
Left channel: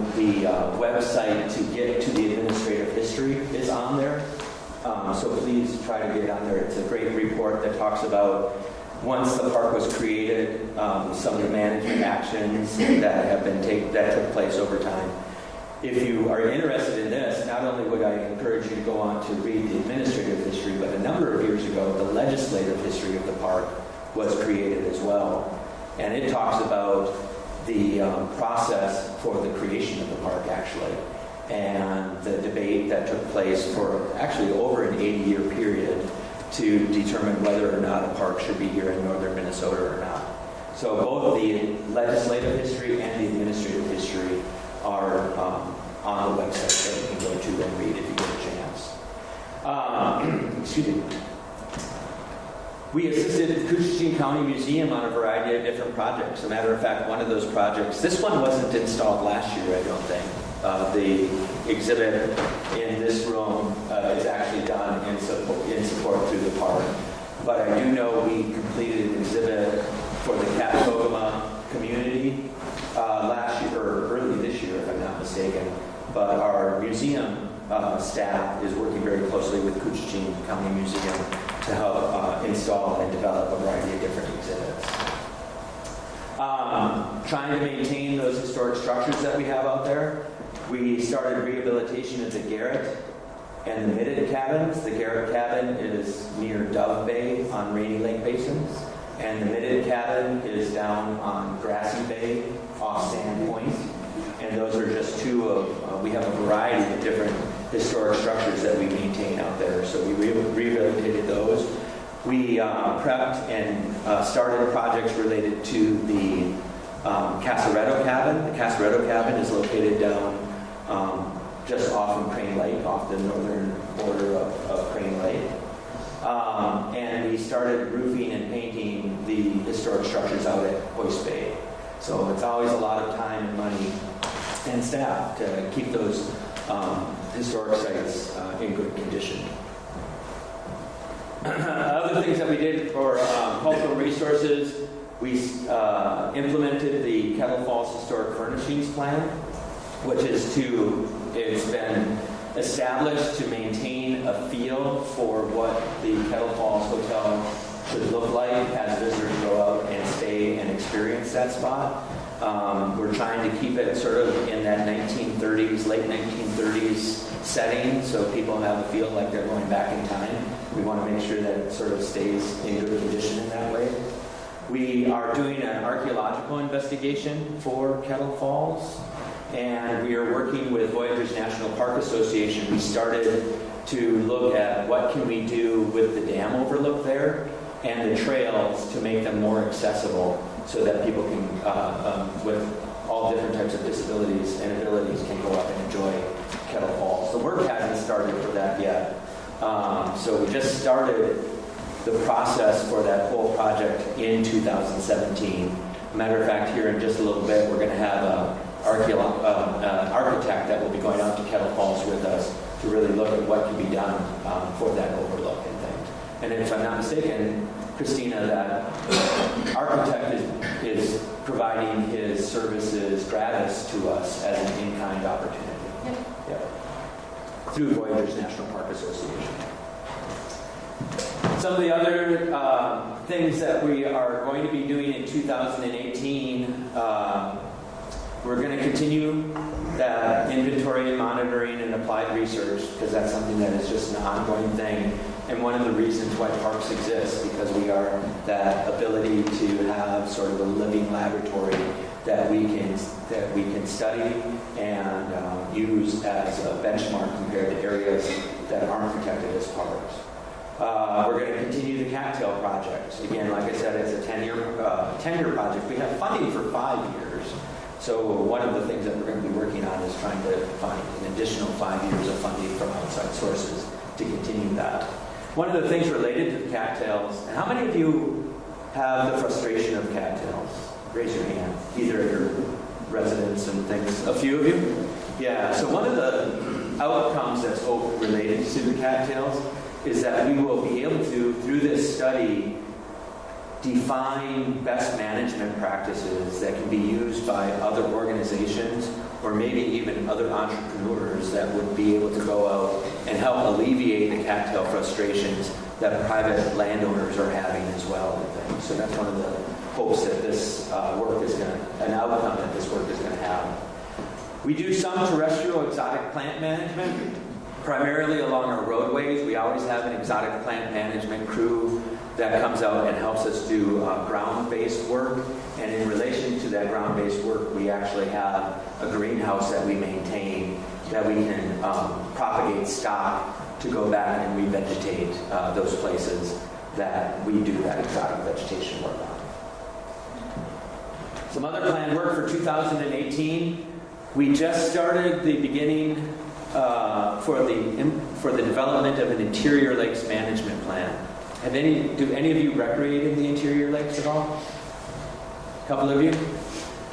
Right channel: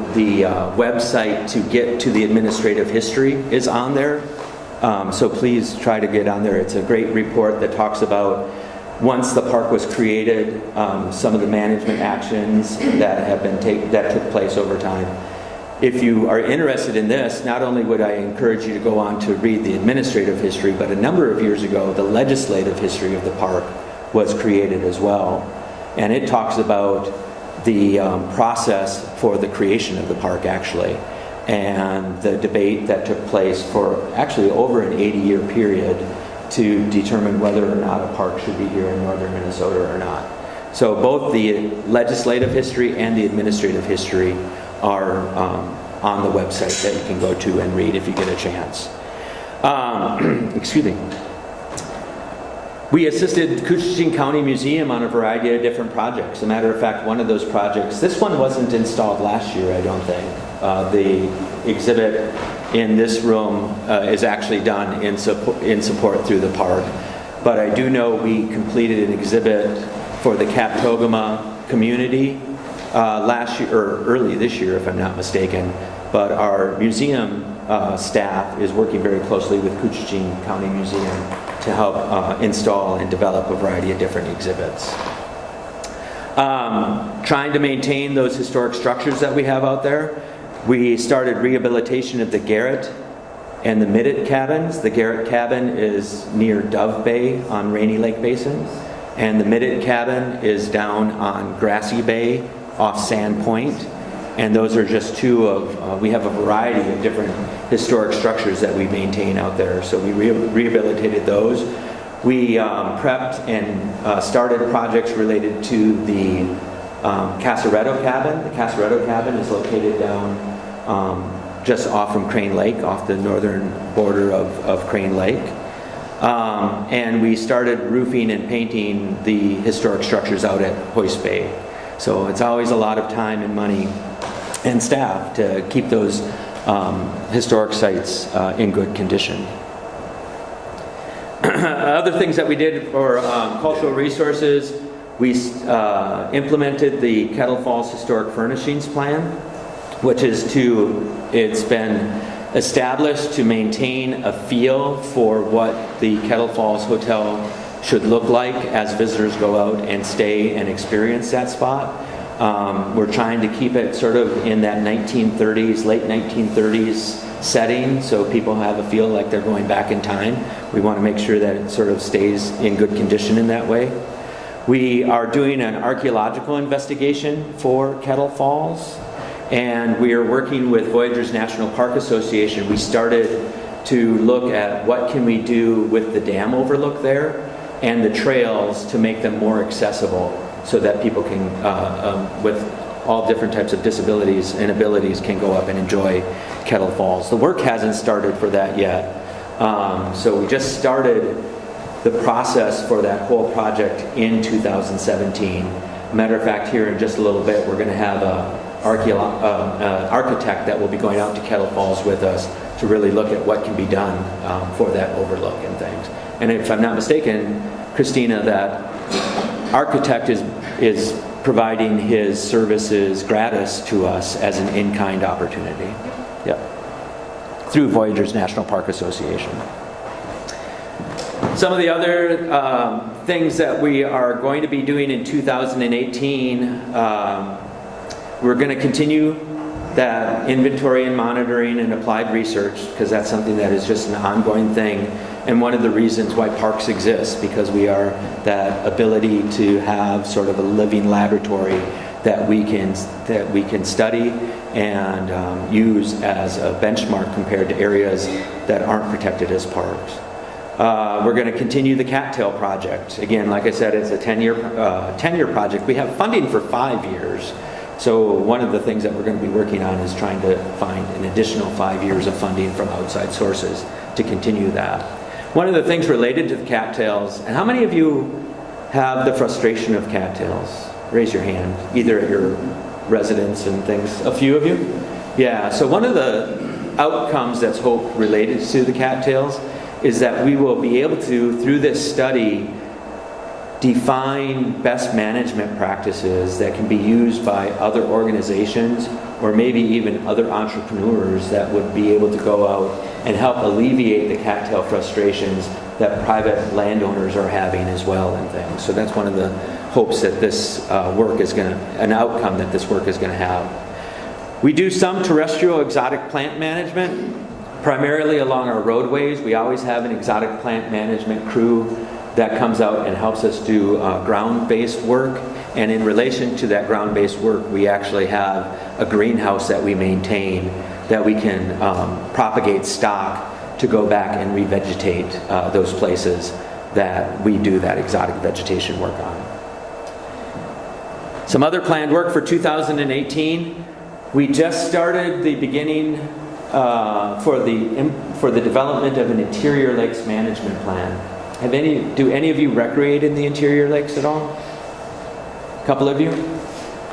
website to get to the administrative history is on there. So please try to get on there. It's a great report that talks about once the park was created, some of the management actions that took place over time. If you are interested in this, not only would I encourage you to go on to read the administrative history, but a number of years ago, the legislative history of the park was created as well. And it talks about the process for the creation of the park, actually, and the debate that took place for actually over an 80-year period to determine whether or not a park should be here in northern Minnesota or not. So both the legislative history and the administrative history are on the website that you can go to and read if you get a chance. Excuse me. We assisted Koochiching County Museum on a variety of different projects. As a matter of fact, one of those projects, this one wasn't installed last year, I don't think. The exhibit in this room is actually done in support through the park. But I do know we completed an exhibit for the Kaptogama community last year, or early this year, if I'm not mistaken. But our museum staff is working very closely with Koochiching County Museum to help install and develop a variety of different exhibits. Trying to maintain those historic structures that we have out there. We started rehabilitation of the Garrett and the Middet cabins. The Garrett cabin is near Dove Bay on Rainy Lake Basin, and the Middet cabin is down on Grassy Bay off Sand Point. And those are just two of, we have a variety of different historic structures that we maintain out there. So we rehabilitated those. We prepped and started projects related to the Casaretto cabin. The Casaretto cabin is located down just off from Crane Lake, off the northern border of Crane Lake. And we started roofing and painting the historic structures out at Hoist Bay. So it's always a lot of time and money and staff to keep those historic sites in good condition. Other things that we did for cultural resources, we implemented the Kettle Falls Historic Furnishings Plan, which is it's been established to maintain a feel for what the Kettle Falls Hotel should look like as visitors go out and stay and experience that spot. We're trying to keep it sort of in that 1930s, late 1930s setting, so people have a feel like they're going back in time. We want to make sure that it sort of stays in good condition in that way. We are doing an archaeological investigation for Kettle Falls, and we are working with Voyageurs National Park Association. We started to look at what can we do with the dam overlook there and the trails to make them more accessible so that people can, with all different types of disabilities and abilities, can go up and enjoy Kettle Falls. The work hasn't started for that yet. So we just started the process for that whole project in 2017. Matter of fact, here in just a little bit, we're going to have an architect that will be going out to Kettle Falls with us to really look at what can be done for that overlook and things. And if I'm not mistaken, Christina, that architect is providing his services gratis to us as an in-kind opportunity. Yep. Through Voyageurs National Park Association. Some of the other things that we are going to be doing in 2018, we're going to continue that inventory and monitoring and applied research, because that's something that is just an ongoing thing. And one of the reasons why parks exist, because we are that ability to have sort of a living laboratory that we can study and use as a benchmark compared to areas that aren't protected as parks. We're going to continue the Cattail project. Again, like I said, it's a 10-year project. We have funding for 5 years. So one of the things that we're going to be working on is trying to find an additional 5 years of funding from outside sources to continue that. One of the things related to the cattails, and how many of you have the frustration of cattails? Raise your hand, either at your residence and things. A few of you? Yeah, so one of the outcomes that's hoped related to the cattails is that we will be able to, through this study, define best management practices that can be used by other organizations or maybe even other entrepreneurs that would be able to go out and help alleviate the cattail frustrations that private landowners are having as well and things. So that's one of the hopes that this work is going to, an outcome that this work is going to have. We do some terrestrial exotic plant management, primarily along our roadways. We always have an exotic plant management crew that comes out and helps us do ground-based work. And in relation to that ground-based work, we actually have a greenhouse that we maintain that we can propagate stock to go back and revegetate those places that we do that exotic vegetation work on. Some other planned work for 2018. We just started the beginning for the development of an interior lakes management plan. Do any of you recreate in the interior lakes at all? A couple of you?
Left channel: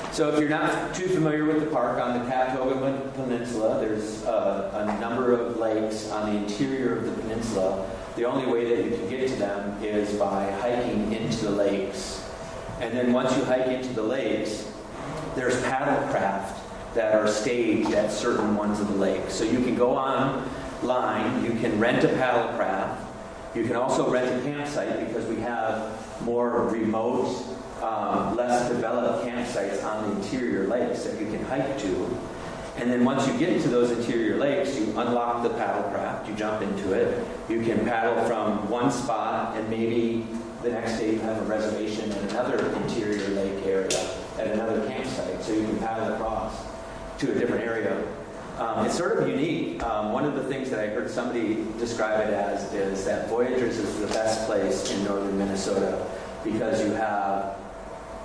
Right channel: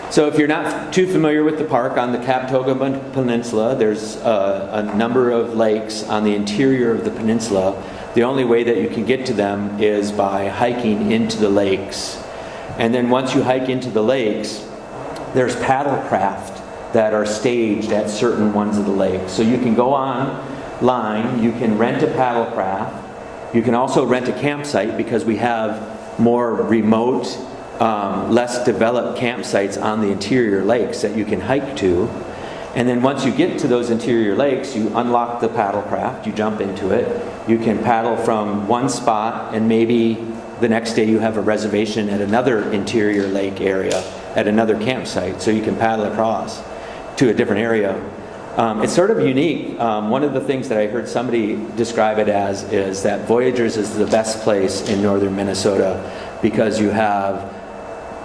So if you're not too familiar with the park on the Captoga Peninsula, there's a number of lakes on the interior of the peninsula. The only way that you can get to them is by hiking into the lakes. And then once you hike into the lakes, there's paddle craft that are staged at certain ones of the lakes. So you can go online, you can rent a paddle craft. You can also rent a campsite because we have more remote, less developed campsites on the interior lakes that you can hike to. And then once you get to those interior lakes, you unlock the paddle craft, you jump into it. You can paddle from one spot and maybe the next day you have a reservation at another interior lake area, at another campsite. So you can paddle across to a different area. It's sort of unique. One of the things that I heard somebody describe it as is that Voyageurs is the best place in northern Minnesota because you have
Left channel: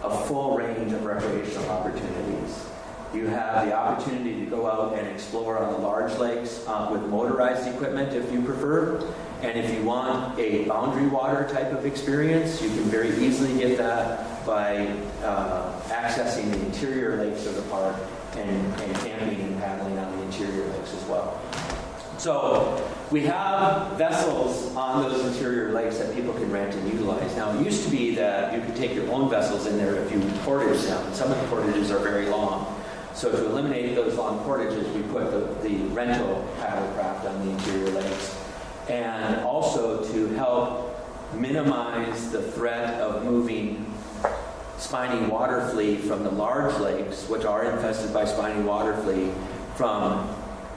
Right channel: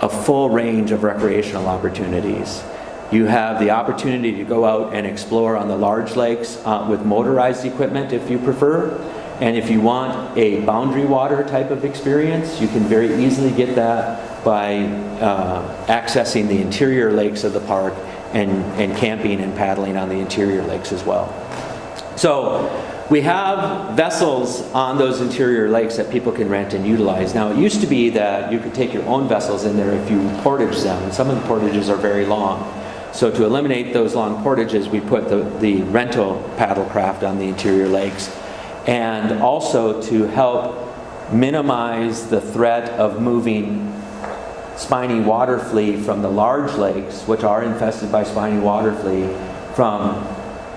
a full range of recreational opportunities. You have the opportunity to go out and explore on the large lakes with motorized equipment if you prefer. And if you want a boundary water type of experience, you can very easily get that by accessing the interior lakes of the park and camping and paddling on the interior lakes as well. So we have vessels on those interior lakes that people can rent and utilize. Now it used to be that you could take your own vessels in there if you portage them. Some of the portages are very long. So to eliminate those long portages, we put the rental paddle craft on the interior lakes. And also to help minimize the threat of moving spiny water flea from the large lakes, which are infested by spiny water flea, from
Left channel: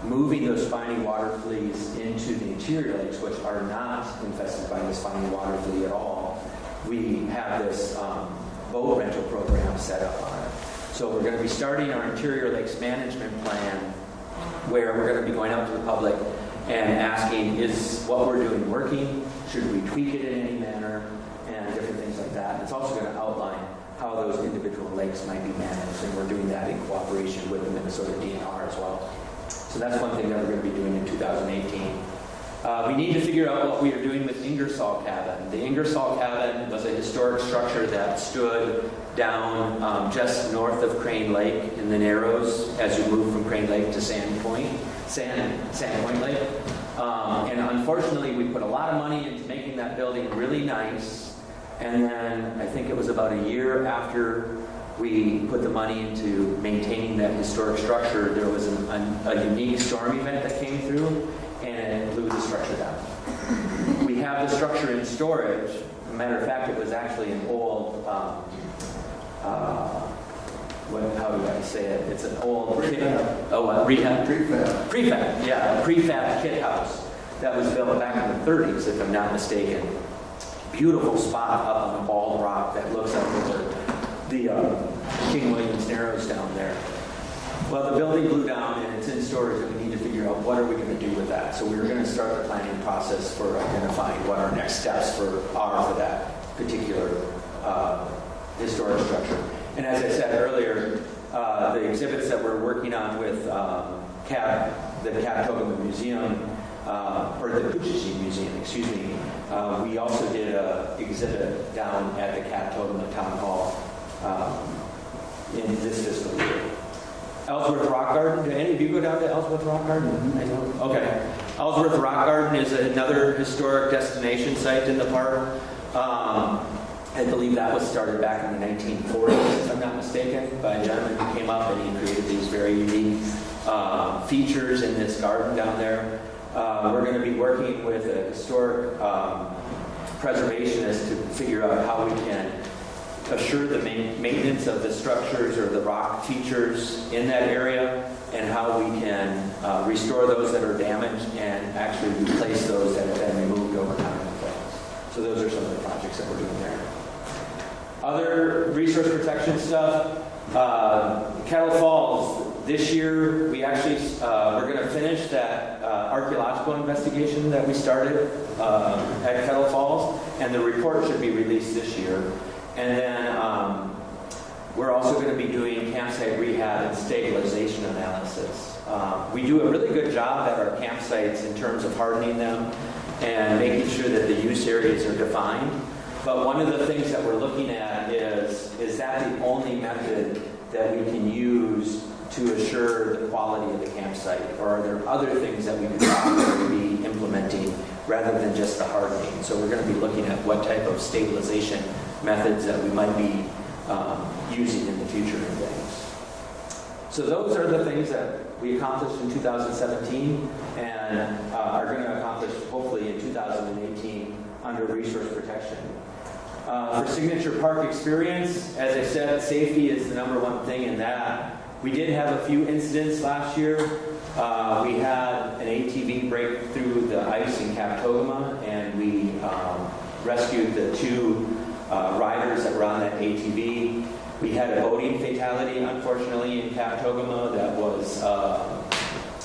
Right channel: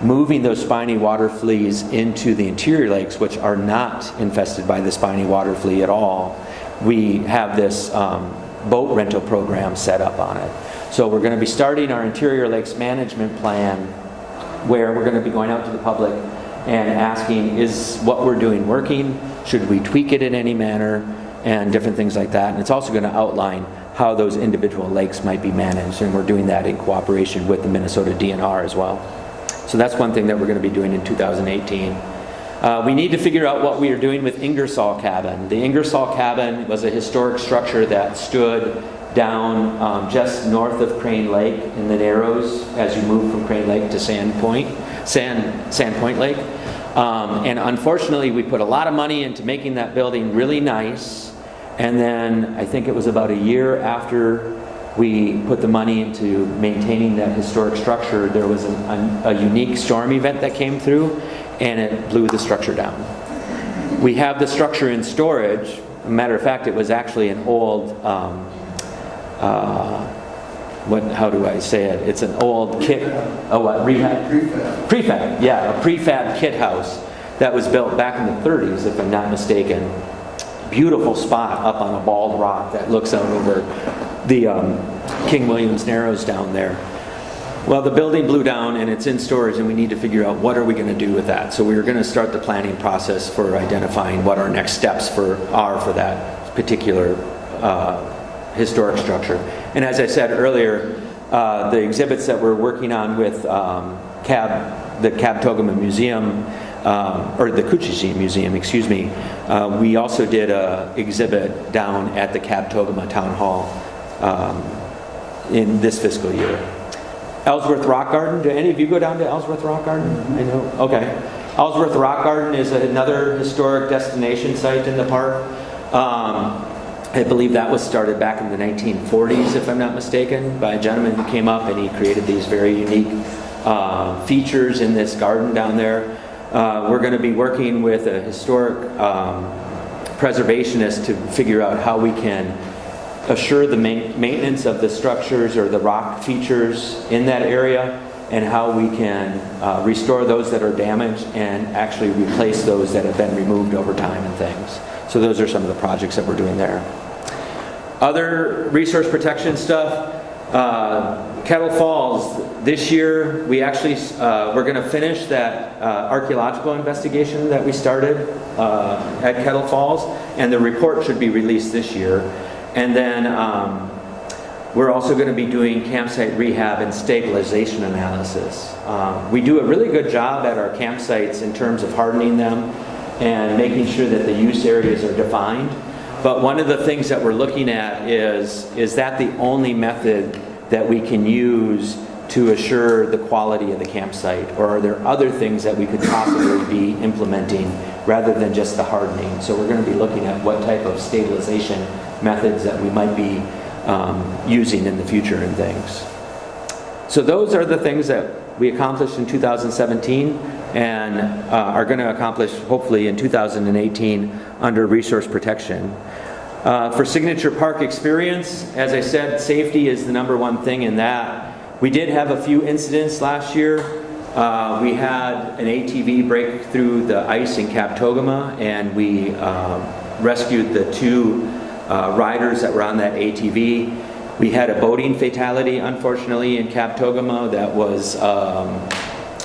moving those spiny water fleas into the interior lakes, which are not infested by the spiny water flea at all. We have this boat rental program set up on it. So we're going to be starting our interior lakes management plan where we're going to be going out to the public and asking, is what we're doing working? Should we tweak it in any manner? And different things like that. And it's also going to outline how those individual lakes might be managed, and we're doing that in cooperation with the Minnesota DNR as well. So that's one thing that we're going to be doing in 2018. We need to figure out what we are doing with Ingersoll Cabin. The Ingersoll Cabin was a historic structure that stood down just north of Crane Lake in the Narrows as you move from Crane Lake to Sand Point Lake. And unfortunately, we put a lot of money into making that building really nice. And then I think it was about a year after we put the money into maintaining that historic structure, there was a unique storm event that came through and it blew the structure down. We have the structure in storage. Matter of fact, it was actually an old, how do I say it? It's an old kit, rehab? Prefab, yeah, a prefab kit house that was built back in the 30s, if I'm not mistaken. Beautiful spot up on a bald rock that looks out over the King Williams Narrows down there. Well, the building blew down and it's in storage, and we need to figure out what are we going to do with that. So we were going to start the planning process for identifying what our next steps are for that particular historic structure. And as I said earlier, the exhibits that we're working on with the Kabetogama Museum, or the Kuchishi Museum, excuse me, we also did an exhibit down at the Kabetogama Town Hall in this fiscal year. Ellsworth Rock Garden, do any of you go down to Ellsworth Rock Garden? I know. Okay. Ellsworth Rock Garden is another historic destination site in the park. I believe that was started back in the 1940s, if I'm not mistaken, by a gentleman who came up and he created these very unique features in this garden down there. We're going to be working with a historic preservationist to figure out how we can assure the maintenance of the structures or the rock features in that area, and how we can restore those that are damaged and actually replace those that have been removed over time and things. So those are some of the projects that we're doing there. Other resource protection stuff, Kettle Falls. This year we actually, we're going to finish that archaeological investigation that we started at Kettle Falls, and the report should be released this year. And then we're also going to be doing campsite rehab and stabilization analysis. We do a really good job at our campsites in terms of hardening them and making sure that the use areas are defined. But one of the things that we're looking at is that the only method that we can use to assure the quality of the campsite, or are there other things that we could possibly be implementing rather than just the hardening? So we're going to be looking at what type of stabilization methods that we might be using in the future and things. So those are the things that we accomplished in 2017 and are going to accomplish hopefully in 2018 under resource protection. For Signature Park Experience, as I said, safety is the #1 thing in that. We did have a few incidents last year. We had an ATV break through the ice in Kabetogama, and we rescued the 2 riders that were on that ATV. We had a boating fatality, unfortunately, in Kabetogama that was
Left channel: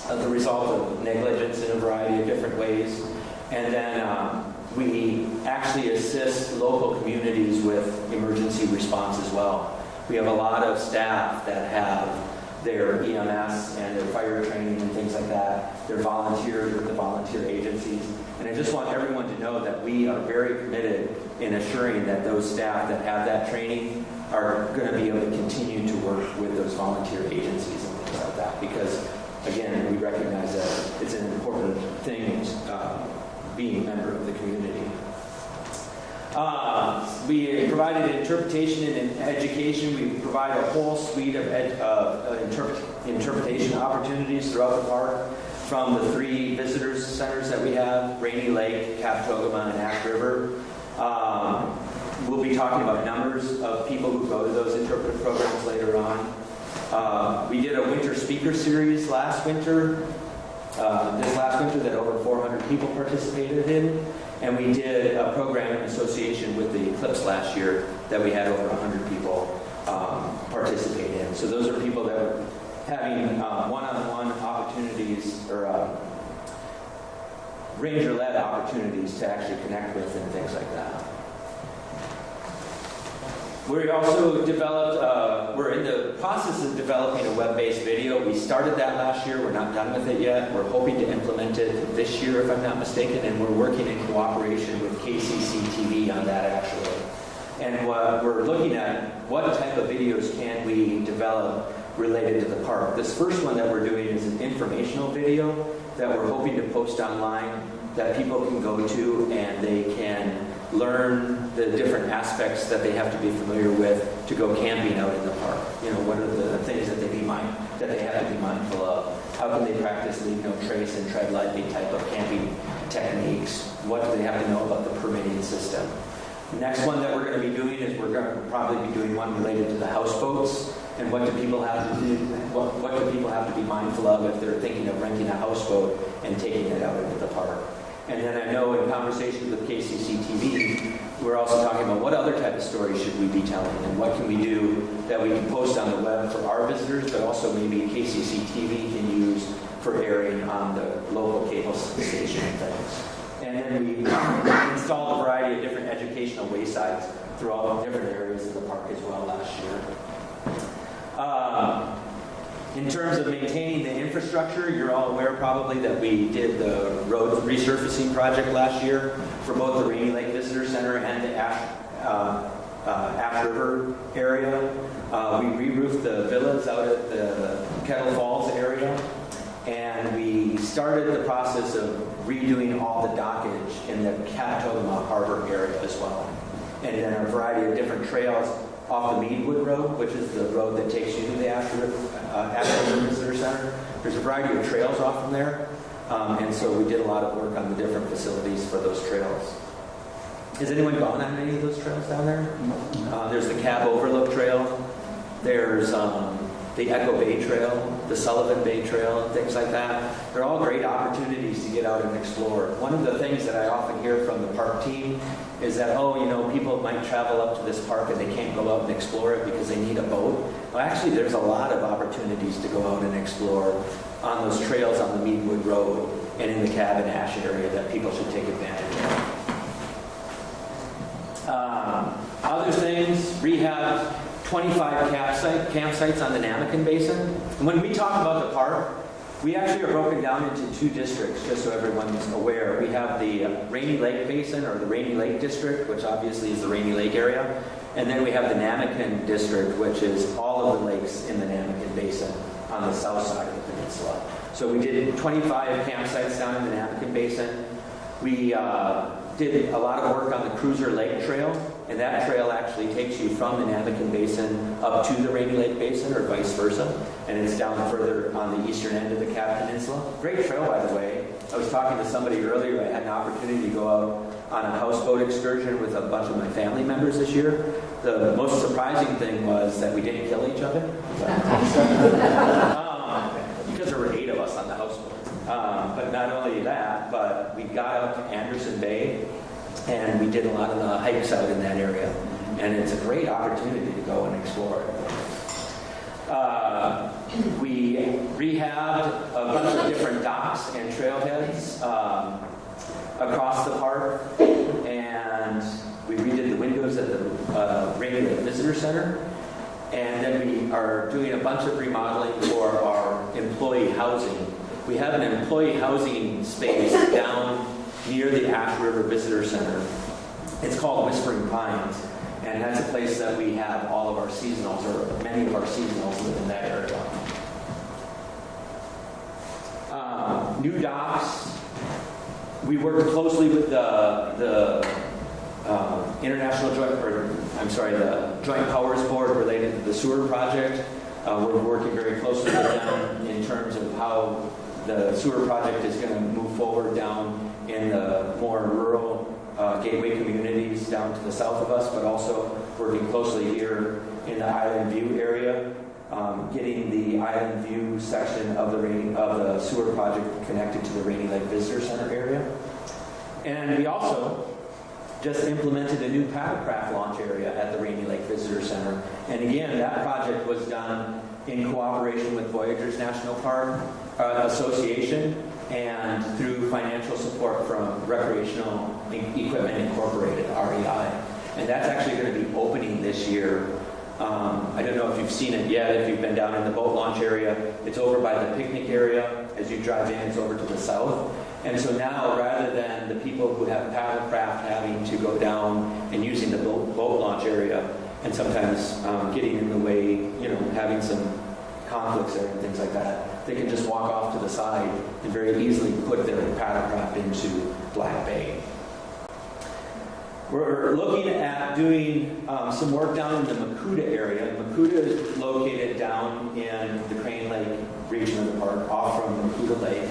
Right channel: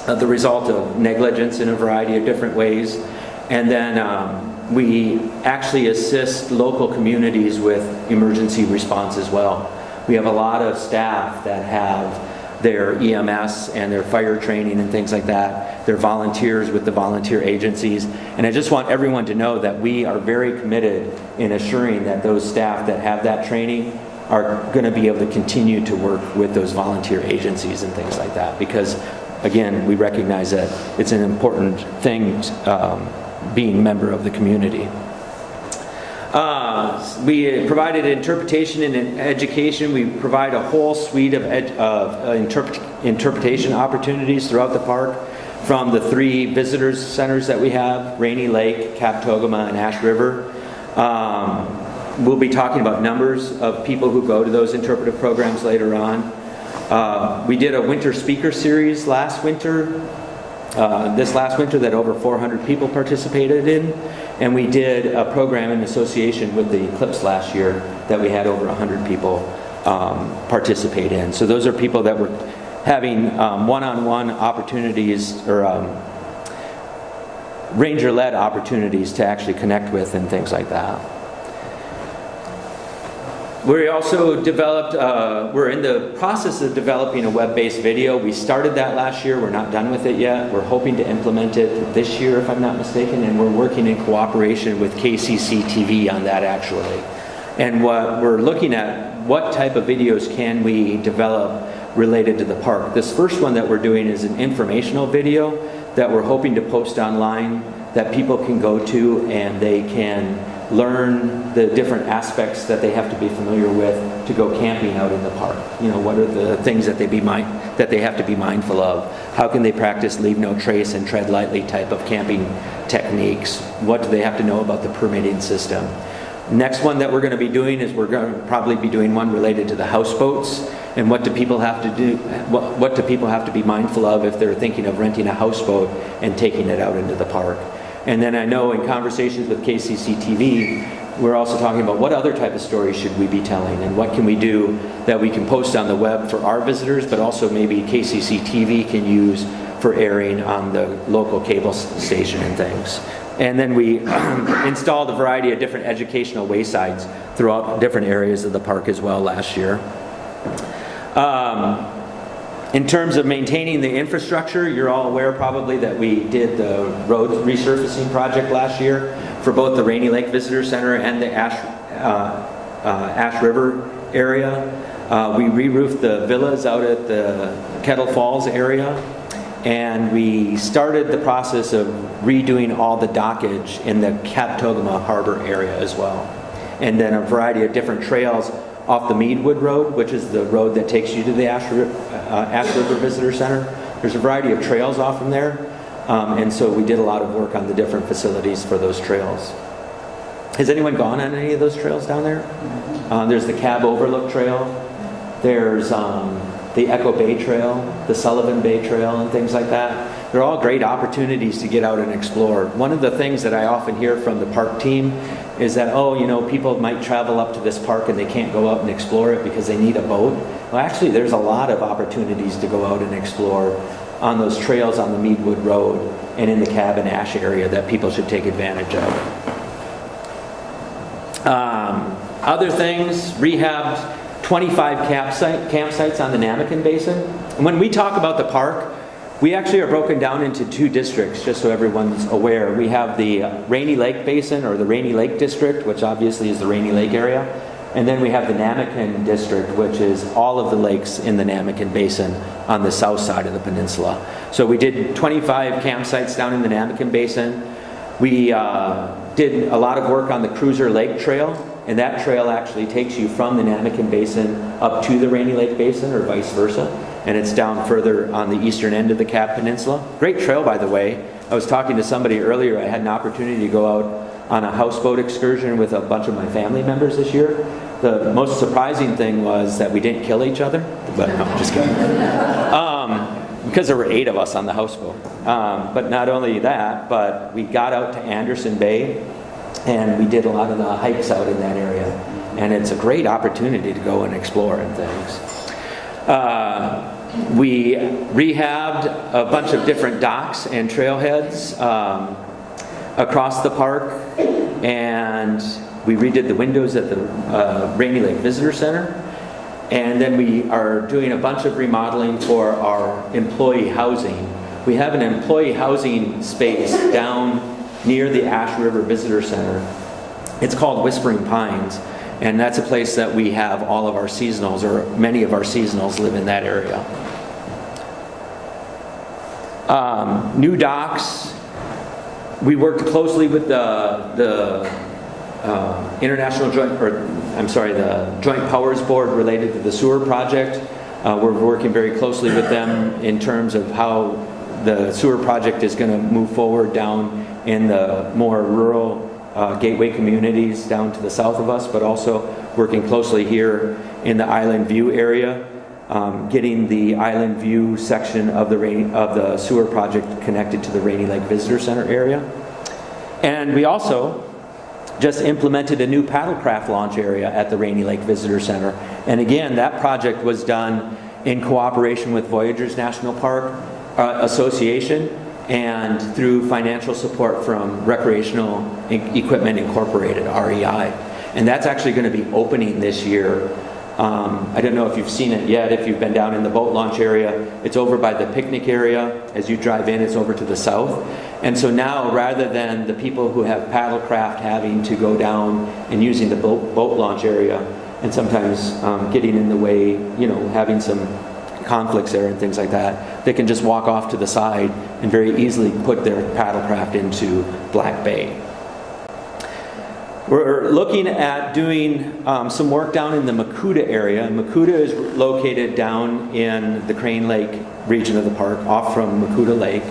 the result of negligence in a variety of different ways. And then we actually assist local communities with emergency response as well. We have a lot of staff that have their EMS and their fire training and things like that. They're volunteers with the volunteer agencies. And I just want everyone to know that we are very committed in assuring that those staff that have that training are going to be able to continue to work with those volunteer agencies and things like that. Because, again, we recognize that it's an important thing being a member of the community. We provided interpretation and education. We provide a whole suite of interpretation opportunities throughout the park, from the 3 visitors centers that we have, Rainy Lake, Kabetogama, and Ash River. We'll be talking about numbers of people who go to those interpretive programs later on. We did a winter speaker series last winter, this last winter, that over 400 people participated in. And we did a program in association with the Eclipse last year that we had over 100 people participate in. So those are people that were having one-on-one opportunities, or ranger-led opportunities to actually connect with and things like that. We also developed, we're in the process of developing a web-based video. We started that last year. We're not done with it yet. We're hoping to implement it this year, if I'm not mistaken, and we're working in cooperation with KCC TV on that, actually. And what we're looking at, what type of videos can we develop related to the park. This first one that we're doing is an informational video that we're hoping to post online that people can go to, and they can learn the different aspects that they have to be familiar with to go camping out in the park. You know, what are the things that they have to be mindful of? How can they practice leave no trace and tread lightly type of camping techniques? What do they have to know about the permitting system? Next one that we're going to be doing is we're going to probably be doing one related to the houseboats, and what do people have to do? What do people have to be mindful of if they're thinking of renting a houseboat and taking it out into the park? And then I know in conversations with KCC TV, we're also talking about what other type of stories should we be telling, and what can we do that we can post on the web for our visitors, but also maybe KCC TV can use for airing on the local cable station and things. And then we installed a variety of different educational waysides throughout different areas of the park as well last year. In terms of maintaining the infrastructure, you're all aware probably that we did the road resurfacing project last year for both the Rainy Lake Visitor Center and the Ash River area. We re-roofed the villas out at the Kettle Falls area, and we started the process of redoing all the dockage in the Captogama Harbor area as well. And then a variety of different trails off the Meadwood Road, which is the road that takes you to the Ash River Visitor Center. There's a variety of trails off from there, and so we did a lot of work on the different facilities for those trails. Has anyone gone on any of those trails down there? There's the Cab Overlook Trail. There's the Echo Bay Trail, the Sullivan Bay Trail, and things like that. They're all great opportunities to get out and explore. One of the things that I often hear from the park team is that, oh, you know, people might travel up to this park and they can't go out and explore it because they need a boat. Well, actually, there's a lot of opportunities to go out and explore on those trails on the Meadwood Road and in the Cab and Ash area that people should take advantage of. Other things, rehabbed 25 campsites on the Namakan Basin. And when we talk about the park, we actually are broken down into two districts, just so everyone's aware. We have the Rainy Lake Basin, or the Rainy Lake District, which obviously is the Rainy Lake area. And then we have the Namakan District, which is all of the lakes in the Namakan Basin on the south side of the peninsula. So we did 25 campsites down in the Namakan Basin. We did a lot of work on the Cruiser Lake Trail, and that trail actually takes you from the Namakan Basin up to the Rainy Lake Basin, or vice versa, and it's down further on the eastern end of the Cap Peninsula. Great trail, by the way. I was talking to somebody earlier. I had an opportunity to go out on a houseboat excursion with a bunch of my family members this year. The most surprising thing was that we didn't kill each other, but no, I'm just kidding. Because there were 8 of us on the houseboat. But not only that, but we got out to Anderson Bay, and we did a lot of the hikes out in that area. And it's a great opportunity to go and explore and things. We rehabbed a bunch of different docks and trailheads across the park, and we redid the windows at the Rainy Lake Visitor Center. And then we are doing a bunch of remodeling for our employee housing. We have an employee housing space down near the Ash River Visitor Center. It's called Whispering Pines, and that's a place that we have all of our seasonals, or many of our seasonals live in that area. New docks. We worked closely with the the Joint Powers Board related to the sewer project. We're working very closely with them in terms of how the sewer project is going to move forward down in the more rural gateway communities down to the south of us, but also working closely here in the Island View area, getting the Island View section of the sewer project connected to the Rainy Lake Visitor Center area. And we also just implemented a new paddlecraft launch area at the Rainy Lake Visitor Center. And again, that project was done in cooperation with Voyageurs National Park Association and through financial support from Recreational Equipment Incorporated, REI. And that's actually going to be opening this year. I don't know if you've seen it yet, if you've been down in the boat launch area. It's over by the picnic area. As you drive in, it's over to the south. And so now, rather than the people who have paddlecraft having to go down and using the boat launch area, and sometimes getting in the way, you know, having some conflicts there and things like that, they can just walk off to the side and very easily put their paddlecraft into Black Bay. We're looking at doing some work down in the Makuta area. Makuta is located down in the Crane Lake region of the park, off from Makuta Lake.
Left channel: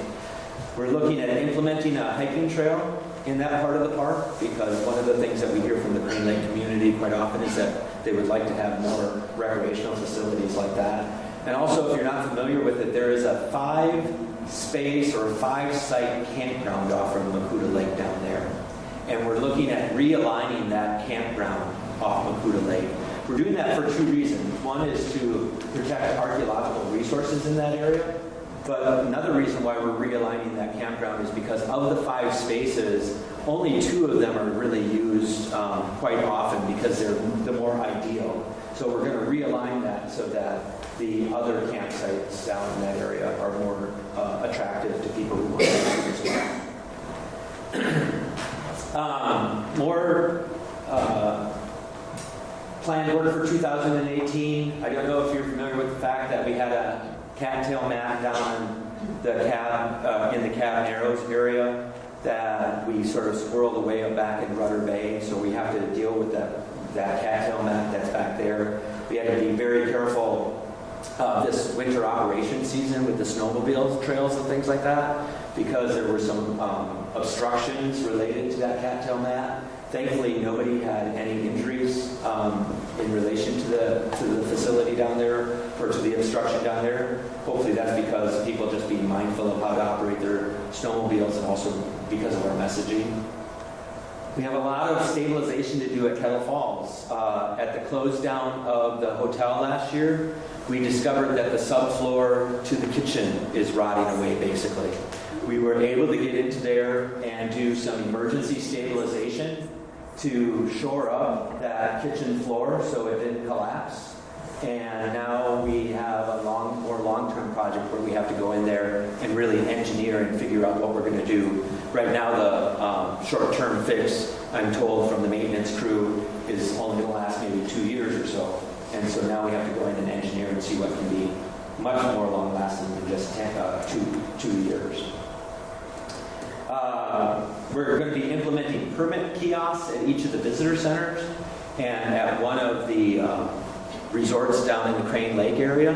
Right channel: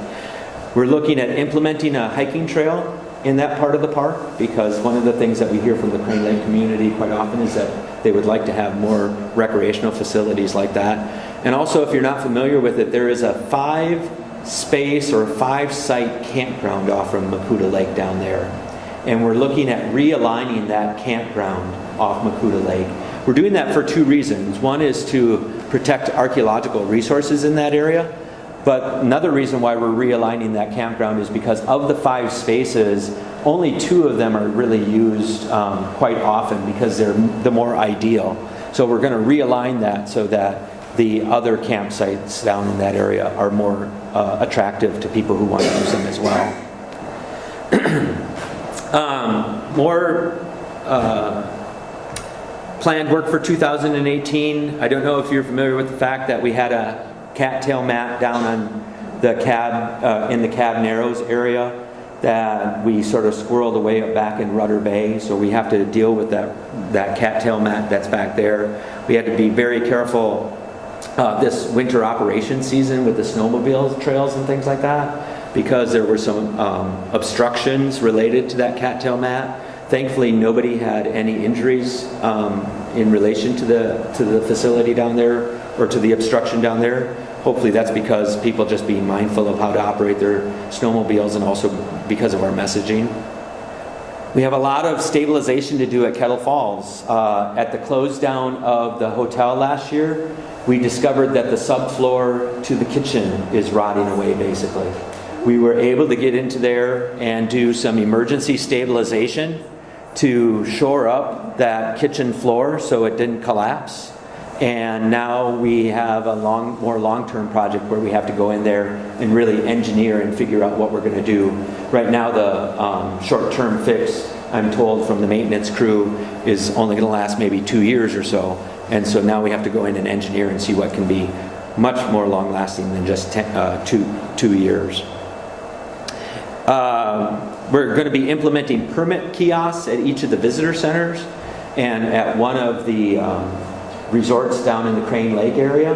We're looking at implementing a hiking trail in that part of the park, because one of the things that we hear from the Crane Lake community quite often is that they would like to have more recreational facilities like that. And also, if you're not familiar with it, there is a 5-space or 5-site campground off from Makuta Lake down there. And we're looking at realigning that campground off Makuta Lake. We're doing that for 2 reasons. One is to protect archaeological resources in that area. But another reason why we're realigning that campground is because of the 5 spaces, only 2 of them are really used quite often because they're the more ideal. So we're going to realign that so that the other campsites down in that area are more attractive to people who want to use them as well. More planned work for 2018. I don't know if you're familiar with the fact that we had a cattail mat down on the cab, in the Cab Narrows area that we sort of squirreled away back in Rudder Bay. So we have to deal with that cattail mat that's back there. We had to be very careful this winter operation season with the snowmobile trails and things like that, because there were some obstructions related to that cattail mat. Thankfully, nobody had any injuries in relation to the facility down there, or to the obstruction down there. Hopefully that's because people just being mindful of how to operate their snowmobiles, and also because of our messaging. We have a lot of stabilization to do at Kettle Falls. At the close down of the hotel last year, we discovered that the subfloor to the kitchen is rotting away, basically. We were able to get into there and do some emergency stabilization to shore up that kitchen floor so it didn't collapse. And now we have a more long-term project where we have to go in there and really engineer and figure out what we're going to do. Right now, the short-term fix, I'm told from the maintenance crew, is only going to last maybe 2 years or so. And so now we have to go in and engineer and see what can be much more long-lasting than just 2 years. We're going to be implementing permit kiosks at each of the visitor centers and at one of the resorts down in the Crane Lake area,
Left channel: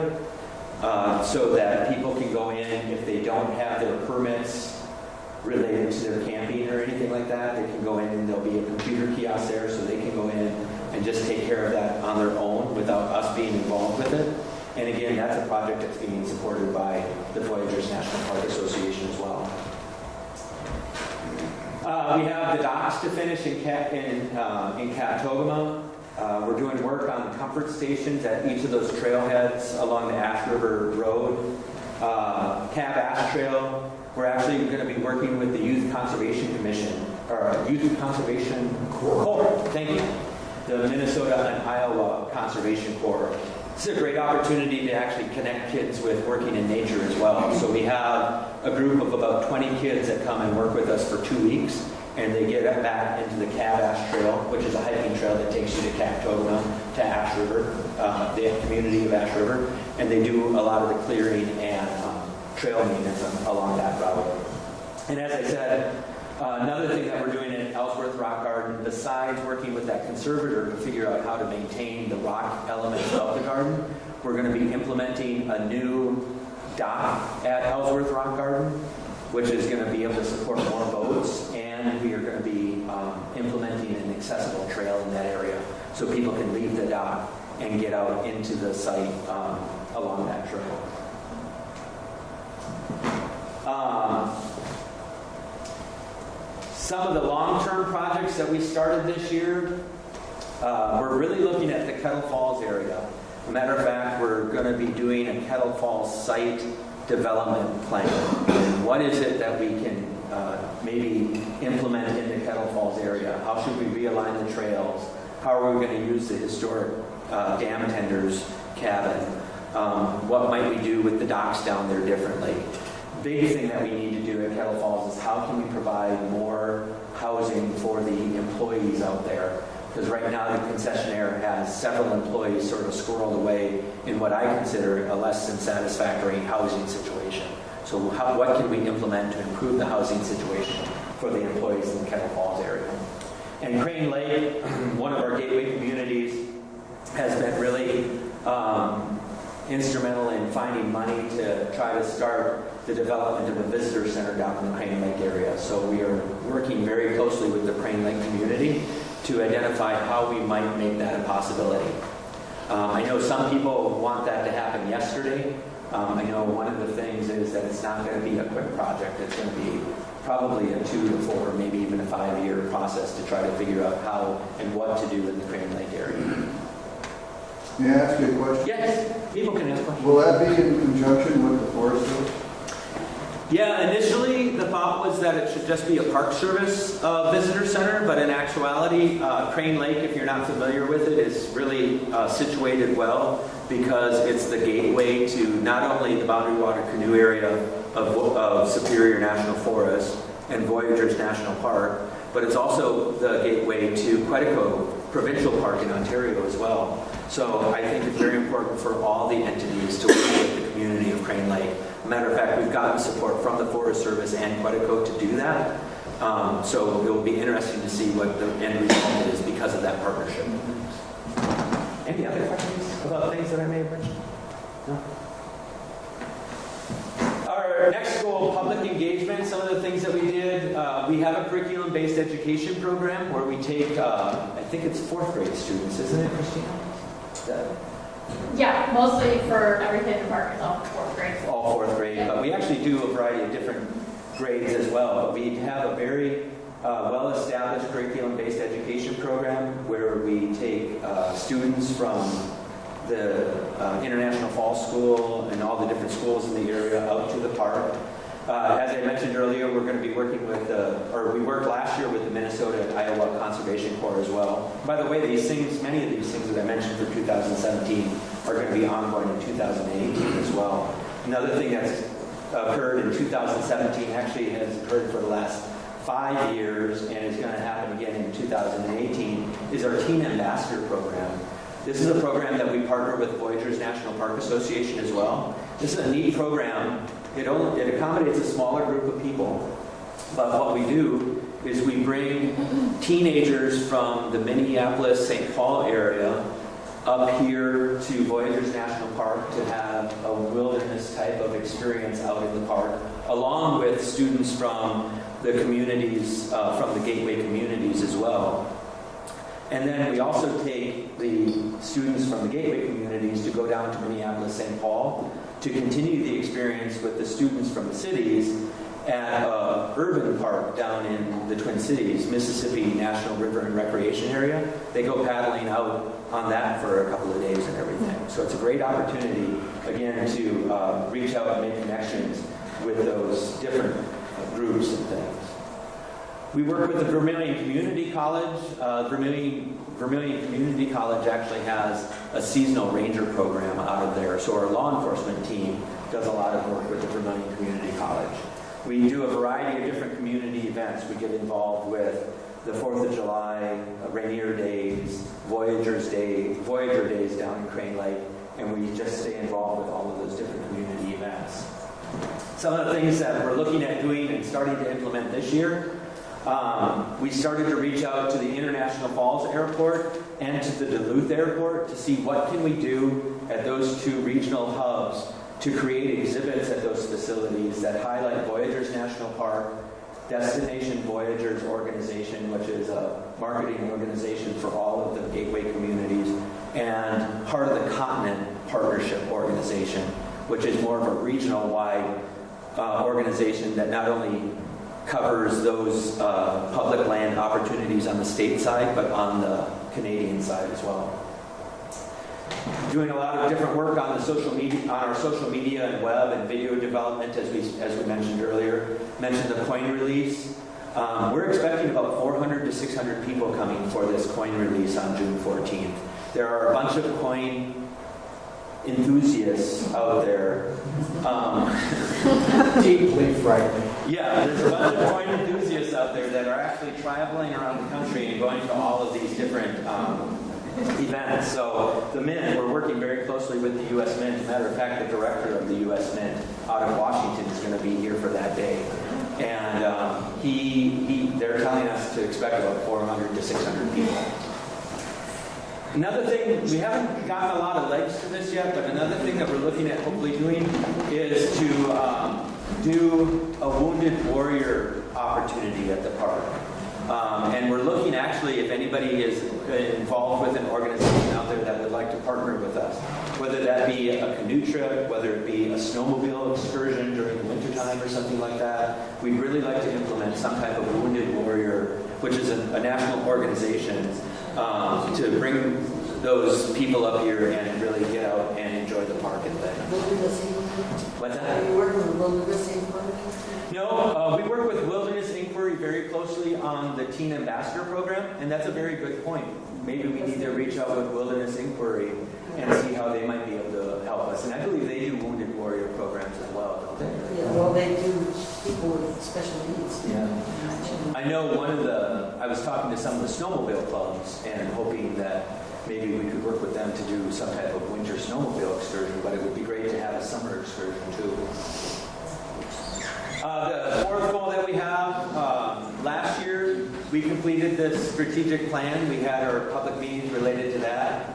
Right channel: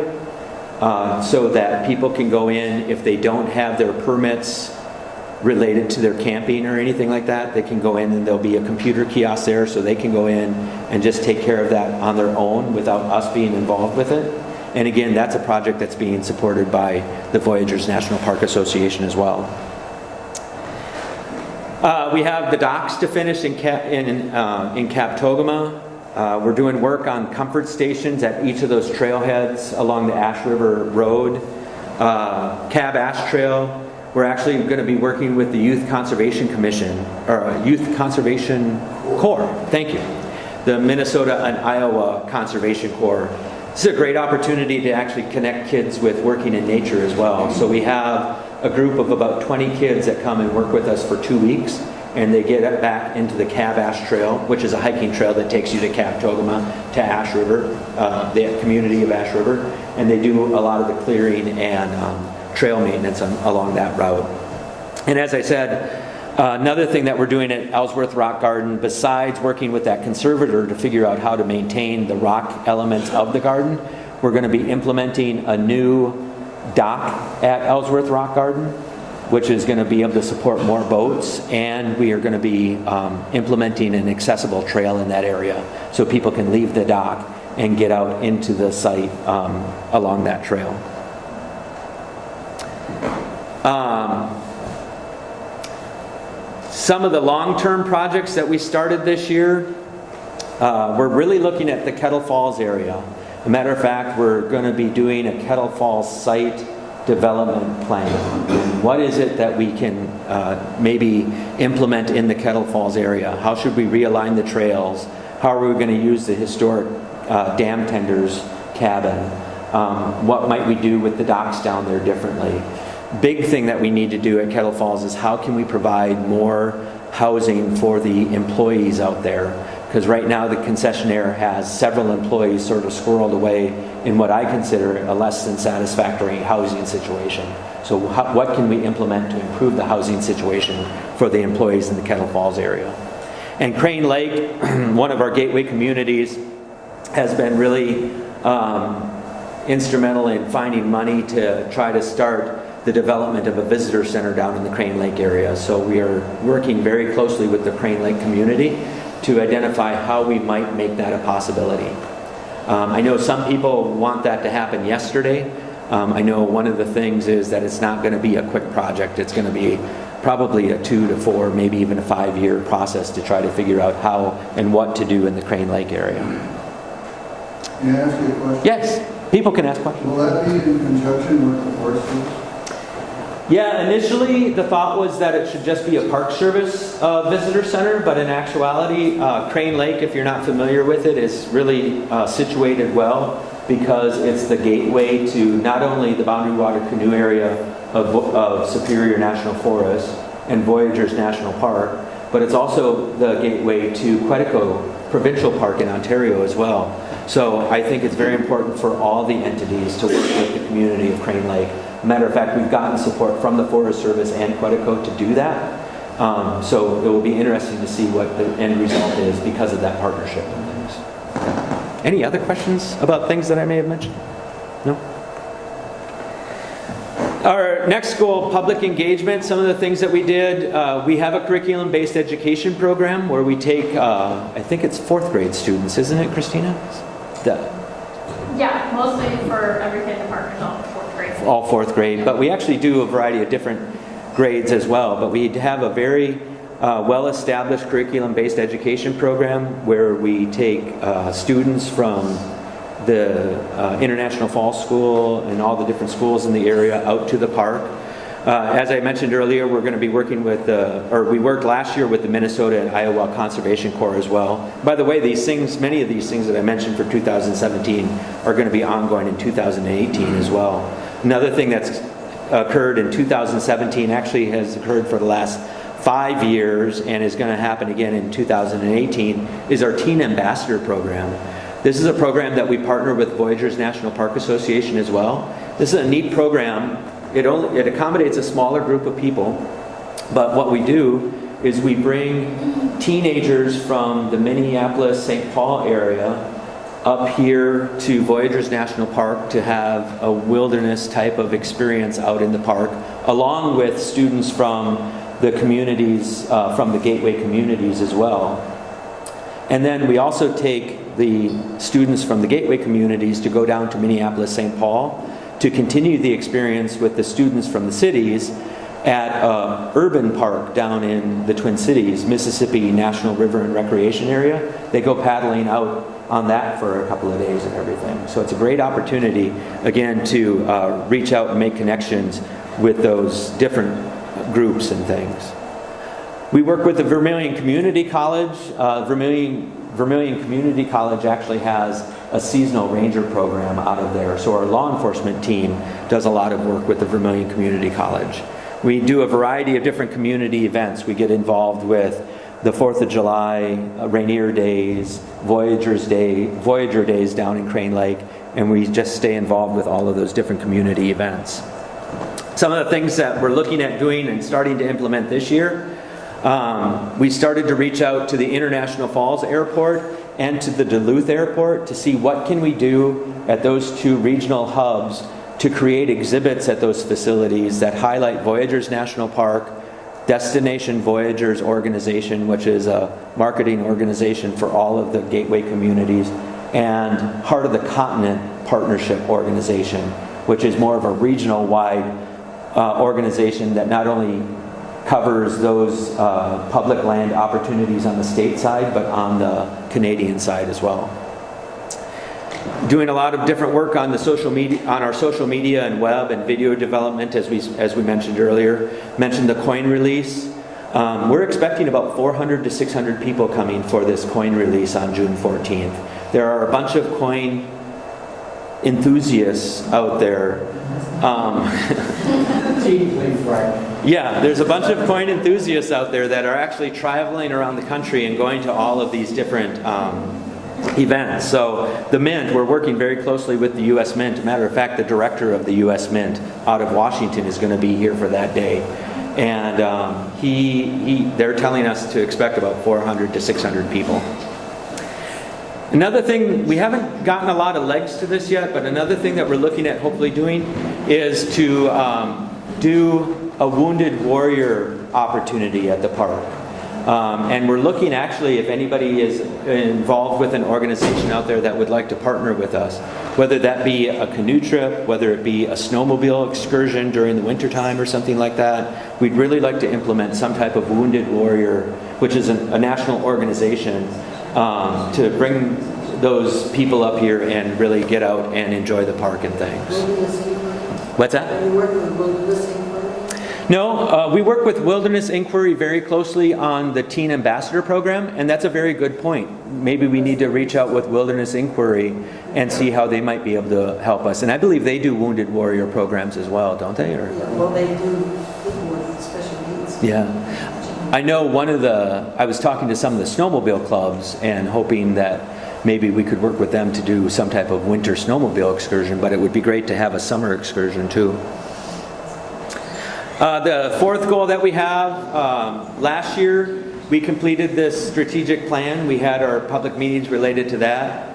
so that people can go in if they don't have their permits related to their camping or anything like that. They can go in and there'll be a computer kiosk there, so they can go in and just take care of that on their own without us being involved with it. And again, that's a project that's being supported by the Voyageurs National Park Association as well. We have the docks to finish in Captogama. We're doing work on comfort stations at each of those trailheads along the Ash River Road. Cab Ash Trail, we're actually going to be working with the Youth Conservation Commission, or Youth Conservation Corps, thank you. The Minnesota and Iowa Conservation Corps. This is a great opportunity to actually connect kids with working in nature as well. So we have a group of about 20 kids that come and work with us for 2 weeks, and they get back into the Cab Ash Trail, which is a hiking trail that takes you to Captogama, to Ash River, the community of Ash River, and they do a lot of the clearing and trail maintenance along that route. And as I said, another thing that we're doing at Ellsworth Rock Garden, besides working with that conservator to figure out how to maintain the rock elements of the garden, we're going to be implementing a new dock at Ellsworth Rock Garden, which is going to be able to support more boats, and we are going to be implementing an accessible trail in that area so people can leave the dock and get out into the site along that trail. Some of the long-term projects that we started this year, we're really looking at the Kettle Falls area. As a matter of fact, we're going to be doing a Kettle Falls site development plan. What is it that we can maybe implement in the Kettle Falls area? How should we realign the trails? How are we going to use the historic dam tender's cabin? What might we do with the docks down there differently? Big thing that we need to do at Kettle Falls is how can we provide more housing for the employees out there? Because right now the concessionaire has several employees sort of squirreled away in what I consider a less than satisfactory housing situation. So what can we implement to improve the housing situation for the employees in the Kettle Falls area? And Crane Lake, one of our gateway communities, has been really instrumental in finding money to try to start the development of a visitor center down in the Crane Lake area. So we are working very closely with the Crane Lake community to identify how we might make that a possibility. I know some people want that to happen yesterday. I know one of the things is that it's not going to be a quick project. It's going to be probably a 2 to 4, maybe even a 5-year process to try to figure out how and what to do in the Crane Lake area. May I ask you a question? Yes, people can ask questions. Will that be in conjunction with the Forest Service? Yeah, initially the thought was that it should just be a Park Service visitor center, but in actuality, Crane Lake, if you're not familiar with it, is really situated well because it's the gateway to not only the Boundary Water Canoe area of Superior National Forest and Voyageurs National Park, but it's also the gateway to Quetico Provincial Park in Ontario as well. So I think it's very important for all the entities to work with the community of Crane Lake. Matter of fact, we've gotten support from the Forest Service and Quetico to do that. So it will be interesting to see what the end result is because of that partnership. Any other questions about things that I may have mentioned? No? Our next goal, public engagement. Some of the things that we did, we have a curriculum-based education program where we take, I think it's 4th grade students, isn't it, Christina? Yeah, mostly for every kid department, all for 4th grade. All 4th grade, but we actually do a variety of different grades as well. But we have a very well-established curriculum-based education program where we take students from the International Falls School and all the different schools in the area out to the park. As I mentioned earlier, we're going to be working with, we worked last year with the Minnesota and Iowa Conservation Corps as well. By the way, these things, many of these things that I mentioned for 2017 are going to be ongoing in 2018 as well. Another thing that's occurred in 2017 actually has occurred for the last 5 years and is going to happen again in 2018 is our Teen Ambassador Program. This is a program that we partner with Voyageurs National Park Association as well. This is a neat program. It accommodates a smaller group of people, but what we do is we bring teenagers from the Minneapolis-St. Paul area up here to Voyageurs National Park to have a wilderness type of experience out in the park, along with students from the communities, from the Gateway communities as well. And then we also take the students from the Gateway communities to go down to Minneapolis-St. Paul to continue the experience with the students from the cities at an urban park down in the Twin Cities, Mississippi National River and Recreation Area. They go paddling out on that for a couple of days and everything. So it's a great opportunity, again, to reach out and make connections with those different groups and things. We work with the Vermilion Community College. Vermilion Community College actually has a seasonal ranger program out of there. So our law enforcement team does a lot of work with the Vermilion Community College. We do a variety of different community events. We get involved with the 4th of July, Rainier Days, Voyager Days down in Crane Lake, and we just stay involved with all of those different community events. Some of the things that we're looking at doing and starting to implement this year, we started to reach out to the International Falls Airport and to the Duluth Airport to see what can we do at those two regional hubs to create exhibits at those facilities that highlight Voyageurs National Park, Destination Voyageurs Organization, which is a marketing organization for all of the Gateway communities, and Heart of the Continent Partnership Organization, which is more of a regional-wide organization that not only covers those public land opportunities on the state side, but on the Canadian side as well. Doing a lot of different work on the social media, on our social media and web and video development, as we mentioned earlier. Mentioned the coin release. We're expecting about 400 to 600 people coming for this coin release on June 14th. There are a bunch of coin enthusiasts out there. Yeah, there's a bunch of coin enthusiasts out there that are actually traveling around the country and going to all of these different events. So the Mint, we're working very closely with the U.S. Mint. Matter of fact, the director of the U.S. Mint out of Washington is going to be here for that day. And they're telling us to expect about 400 to 600 people. Another thing, we haven't gotten a lot of legs to this yet, but another thing that we're looking at hopefully doing is to do a Wounded Warrior opportunity at the park. And we're looking actually if anybody is involved with an organization out there that would like to partner with us, whether that be a canoe trip, whether it be a snowmobile excursion during the wintertime or something like that. We'd really like to implement some type of Wounded Warrior, which is a national organization, to bring those people up here and really get out and enjoy the park and things. What's that? Are you working with Wilderness Inc. No, we work with Wilderness Inquiry very closely on the Teen Ambassador Program, and that's a very good point. Maybe we need to reach out with Wilderness Inquiry and see how they might be able to help us. And I believe they do Wounded Warrior programs as well, don't they? Or? Yeah, well, they do people with special needs. Yeah. I know I was talking to some of the snowmobile clubs and hoping that maybe we could work with them to do some type of winter snowmobile excursion, but it would be great to have a summer excursion too. The fourth goal that we have, last year we completed this strategic plan. We had our public meetings related to that.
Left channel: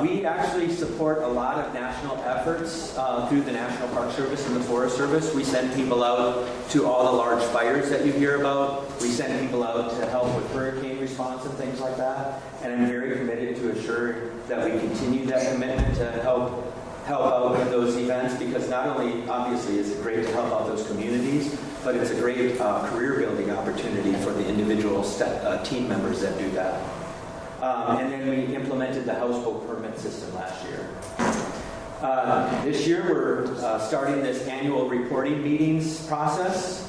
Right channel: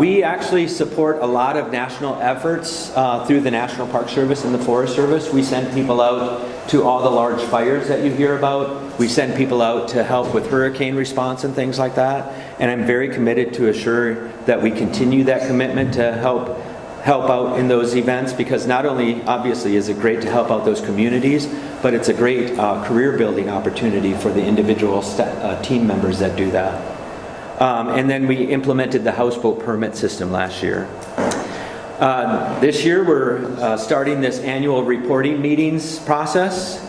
We actually support a lot of national efforts through the National Park Service and the Forest Service. We send people out to all the large fires that you hear about. We send people out to help with hurricane response and things like that. And I'm very committed to assure that we continue that commitment to help out in those events, because not only obviously is it great to help out those communities, but it's a great career building opportunity for the individual team members that do that. And then we implemented the houseboat permit system last year. This year we're starting this annual reporting meetings process.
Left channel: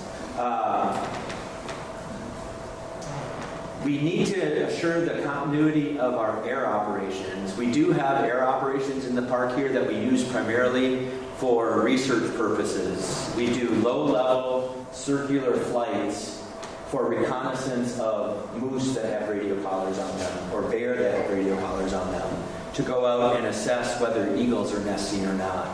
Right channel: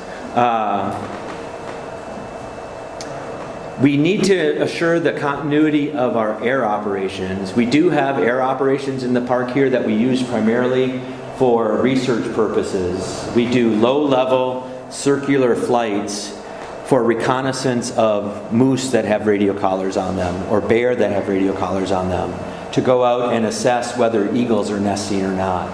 We need to assure the continuity of our air operations. We do have air operations in the park here that we use primarily for research purposes. We do low-level circular flights for reconnaissance of moose that have radio collars on them or bear that have radio collars on them, to go out and assess whether eagles are nesting or not.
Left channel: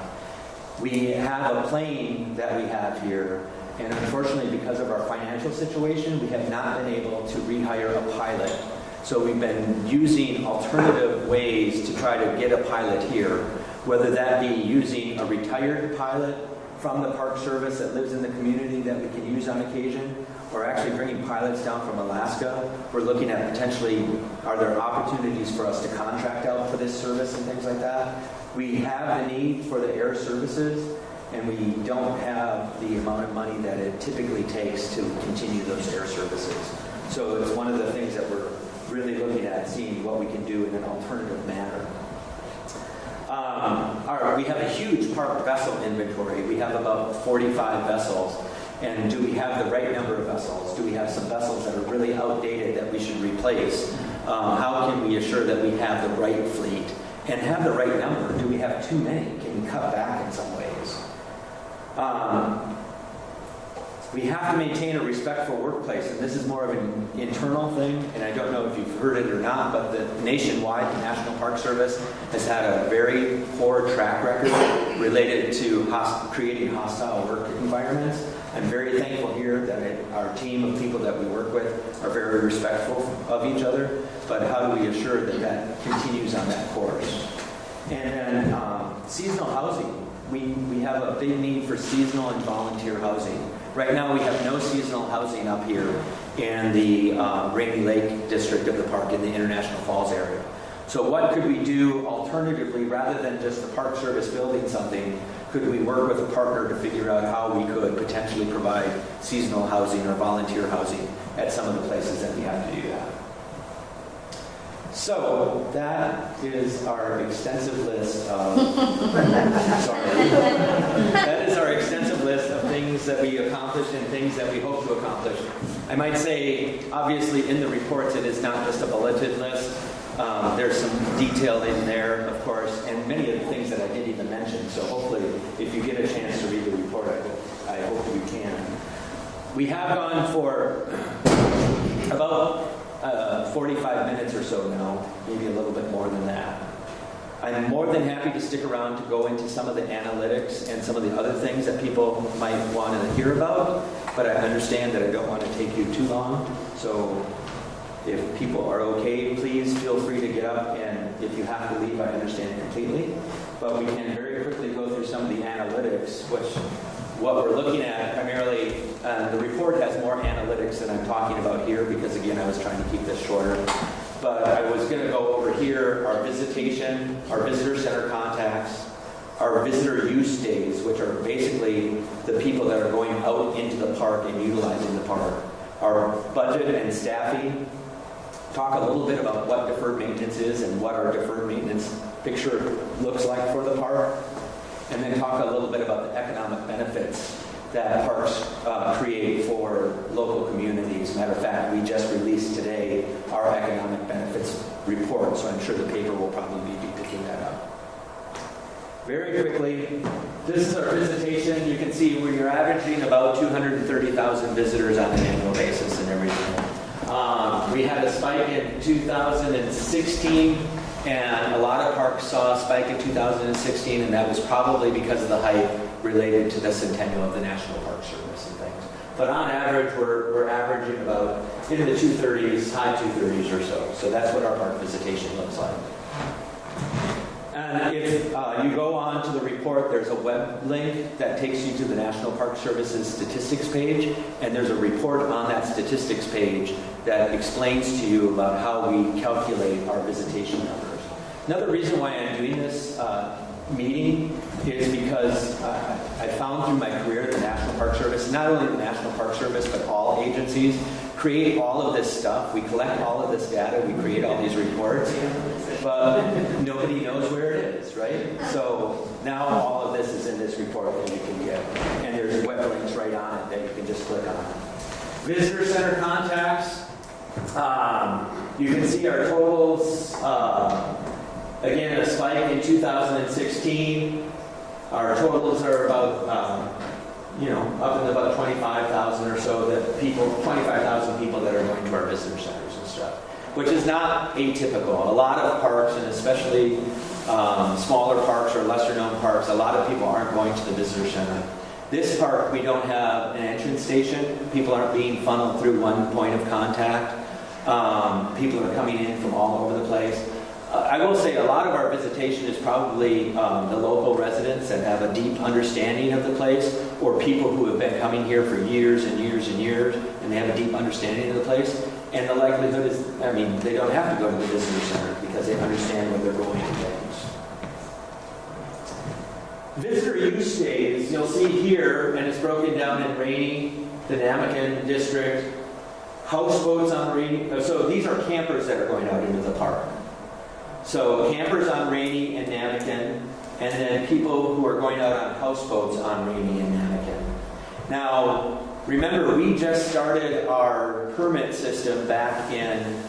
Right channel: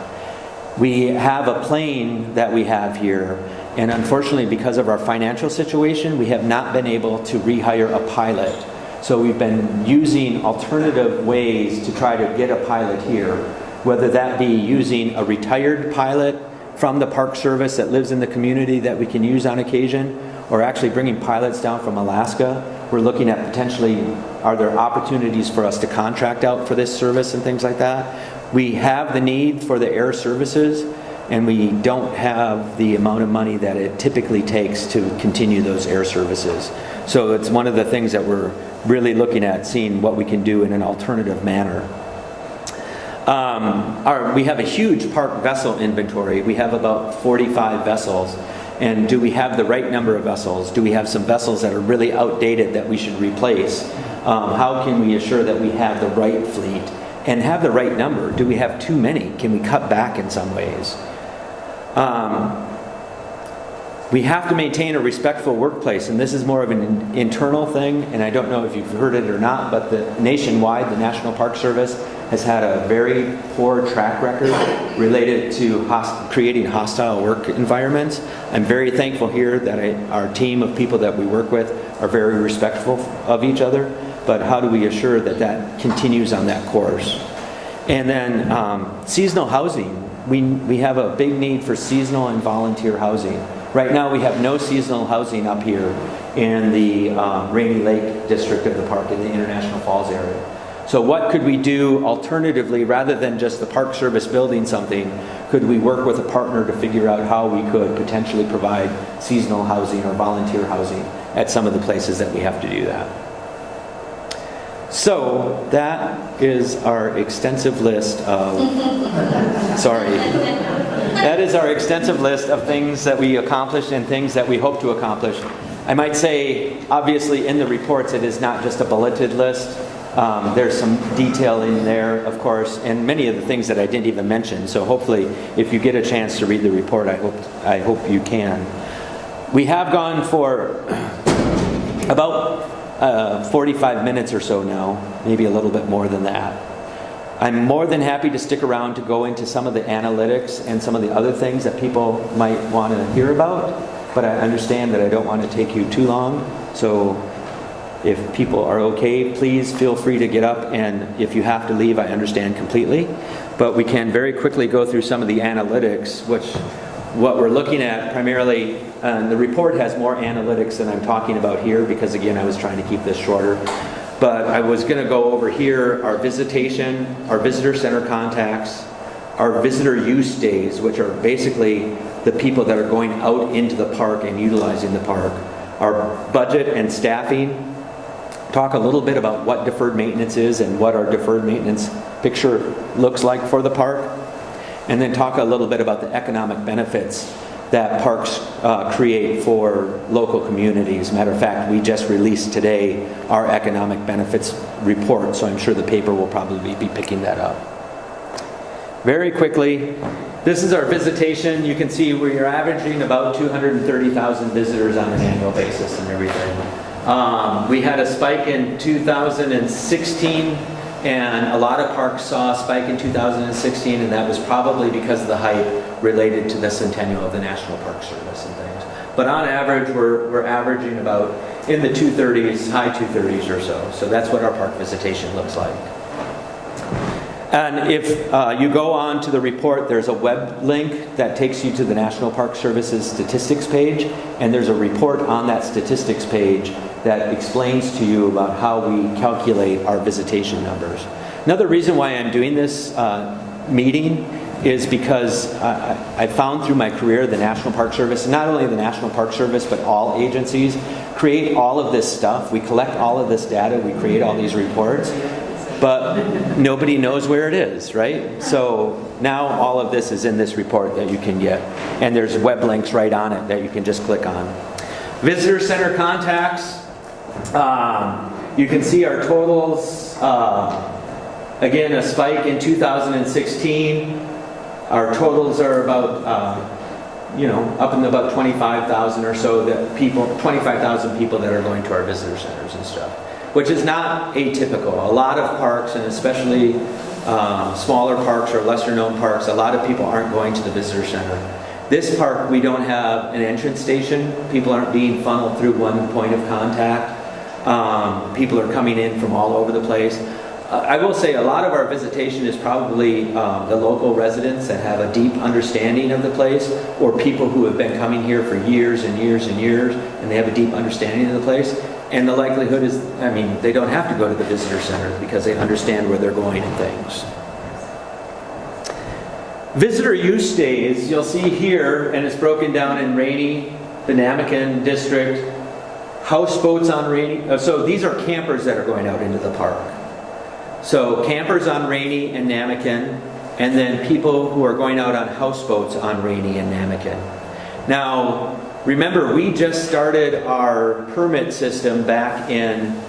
We have a plane that we have here, and unfortunately because of our financial situation, we have not been able to rehire a pilot. So we've been using alternative ways to try to get a pilot here, whether that be using a retired pilot from the Park Service that lives in the community that we can use on occasion, or actually bringing pilots down from Alaska. We're looking at potentially, are there opportunities for us to contract out for this service and things like that? We have the need for the air services, and we don't have the amount of money that it typically takes to continue those air services. So it's one of the things that we're really looking at, seeing what we can do in an alternative manner. We have a huge park vessel inventory. We have about 45 vessels. And do we have the right number of vessels? Do we have some vessels that are really outdated that we should replace? How can we assure that we have the right fleet and have the right number? Do we have too many? Can we cut back in some ways? We have to maintain a respectful workplace, and this is more of an internal thing, and I don't know if you've heard it or not, but nationwide, the National Park Service has had a very poor track record related to creating hostile work environments. I'm very thankful here that our team of people that we work with are very respectful of each other, but how do we assure that that continues on that course? And then seasonal housing. We have a big need for seasonal and volunteer housing. Right now we have no seasonal housing up here in the Rainy Lake district of the park, in the International Falls area. So what could we do alternatively, rather than just the Park Service building something? Could we work with a partner to figure out how we could potentially provide seasonal housing or volunteer housing at some of the places that we have to do that? So that is our extensive list of, that is our extensive list of things that we accomplished and things that we hope to accomplish. I might say, obviously in the reports, it is not just a bulleted list. There's some detail in there, of course, and many of the things that I didn't even mention. So hopefully, if you get a chance to read the report, I hope you can. We have gone for about 45 minutes or so now, maybe a little bit more than that. I'm more than happy to stick around to go into some of the analytics and some of the other things that people might want to hear about, but I understand that I don't want to take you too long. So if people are okay, please feel free to get up, and if you have to leave, I understand completely. But we can very quickly go through some of the analytics, which what we're looking at primarily, the report has more analytics than I'm talking about here, because again, I was trying to keep this shorter. But I was going to go over here our visitation, our visitor center contacts, our visitor use days, which are basically the people that are going out into the park and utilizing the park, our budget and staffing, talk a little bit about what deferred maintenance is and what our deferred maintenance picture looks like for the park, and then talk a little bit about the economic benefits that parks create for local communities. Matter of fact, we just released today our economic benefits report, so I'm sure the paper will probably be picking that up. Very quickly, this is our visitation. You can see we're averaging about 230,000 visitors on an annual basis and everything. We had a spike in 2016, and a lot of parks saw a spike in 2016, and that was probably because of the hype related to the centennial of the National Park Service and things. But on average, we're averaging about in the 230s, high 230s or so. So that's what our park visitation looks like. And if you go on to the report, there's a web link that takes you to the National Park Service's statistics page, and there's a report on that statistics page that explains to you about how we calculate our visitation numbers. Another reason why I'm doing this meeting is because I found through my career the National Park Service, not only the National Park Service, but all agencies, create all of this stuff. We collect all of this data, we create all these reports, but nobody knows where it is, right? So now all of this is in this report that you can get, and there's web links right on it that you can just click on. Visitor Center contacts, you can see our totals. Again, a spike in 2016. Our totals are about, up in about 25,000 or so that 25,000 people that are going to our visitor centers and stuff, which is not atypical. A lot of parks, and especially smaller parks or lesser known parks, a lot of people aren't going to the visitor center. This park, we don't have an entrance station. People aren't being funneled through one point of contact. People are coming in from all over the place. I will say a lot of our visitation is probably the local residents that have a deep understanding of the place, or people who have been coming here for years and years and years, and they have a deep understanding of the place. And the likelihood is, they don't have to go to the visitor center because they understand where they're going and things. Visitor use days, you'll see here, and it's broken down in Rainy, the Namakan district, houseboats on Rainy. So these are campers that are going out into the park. So campers on Rainy and Namakan, and then people who are going out on houseboats on Rainy and Namakan. Now, remember, we just started our permit system back in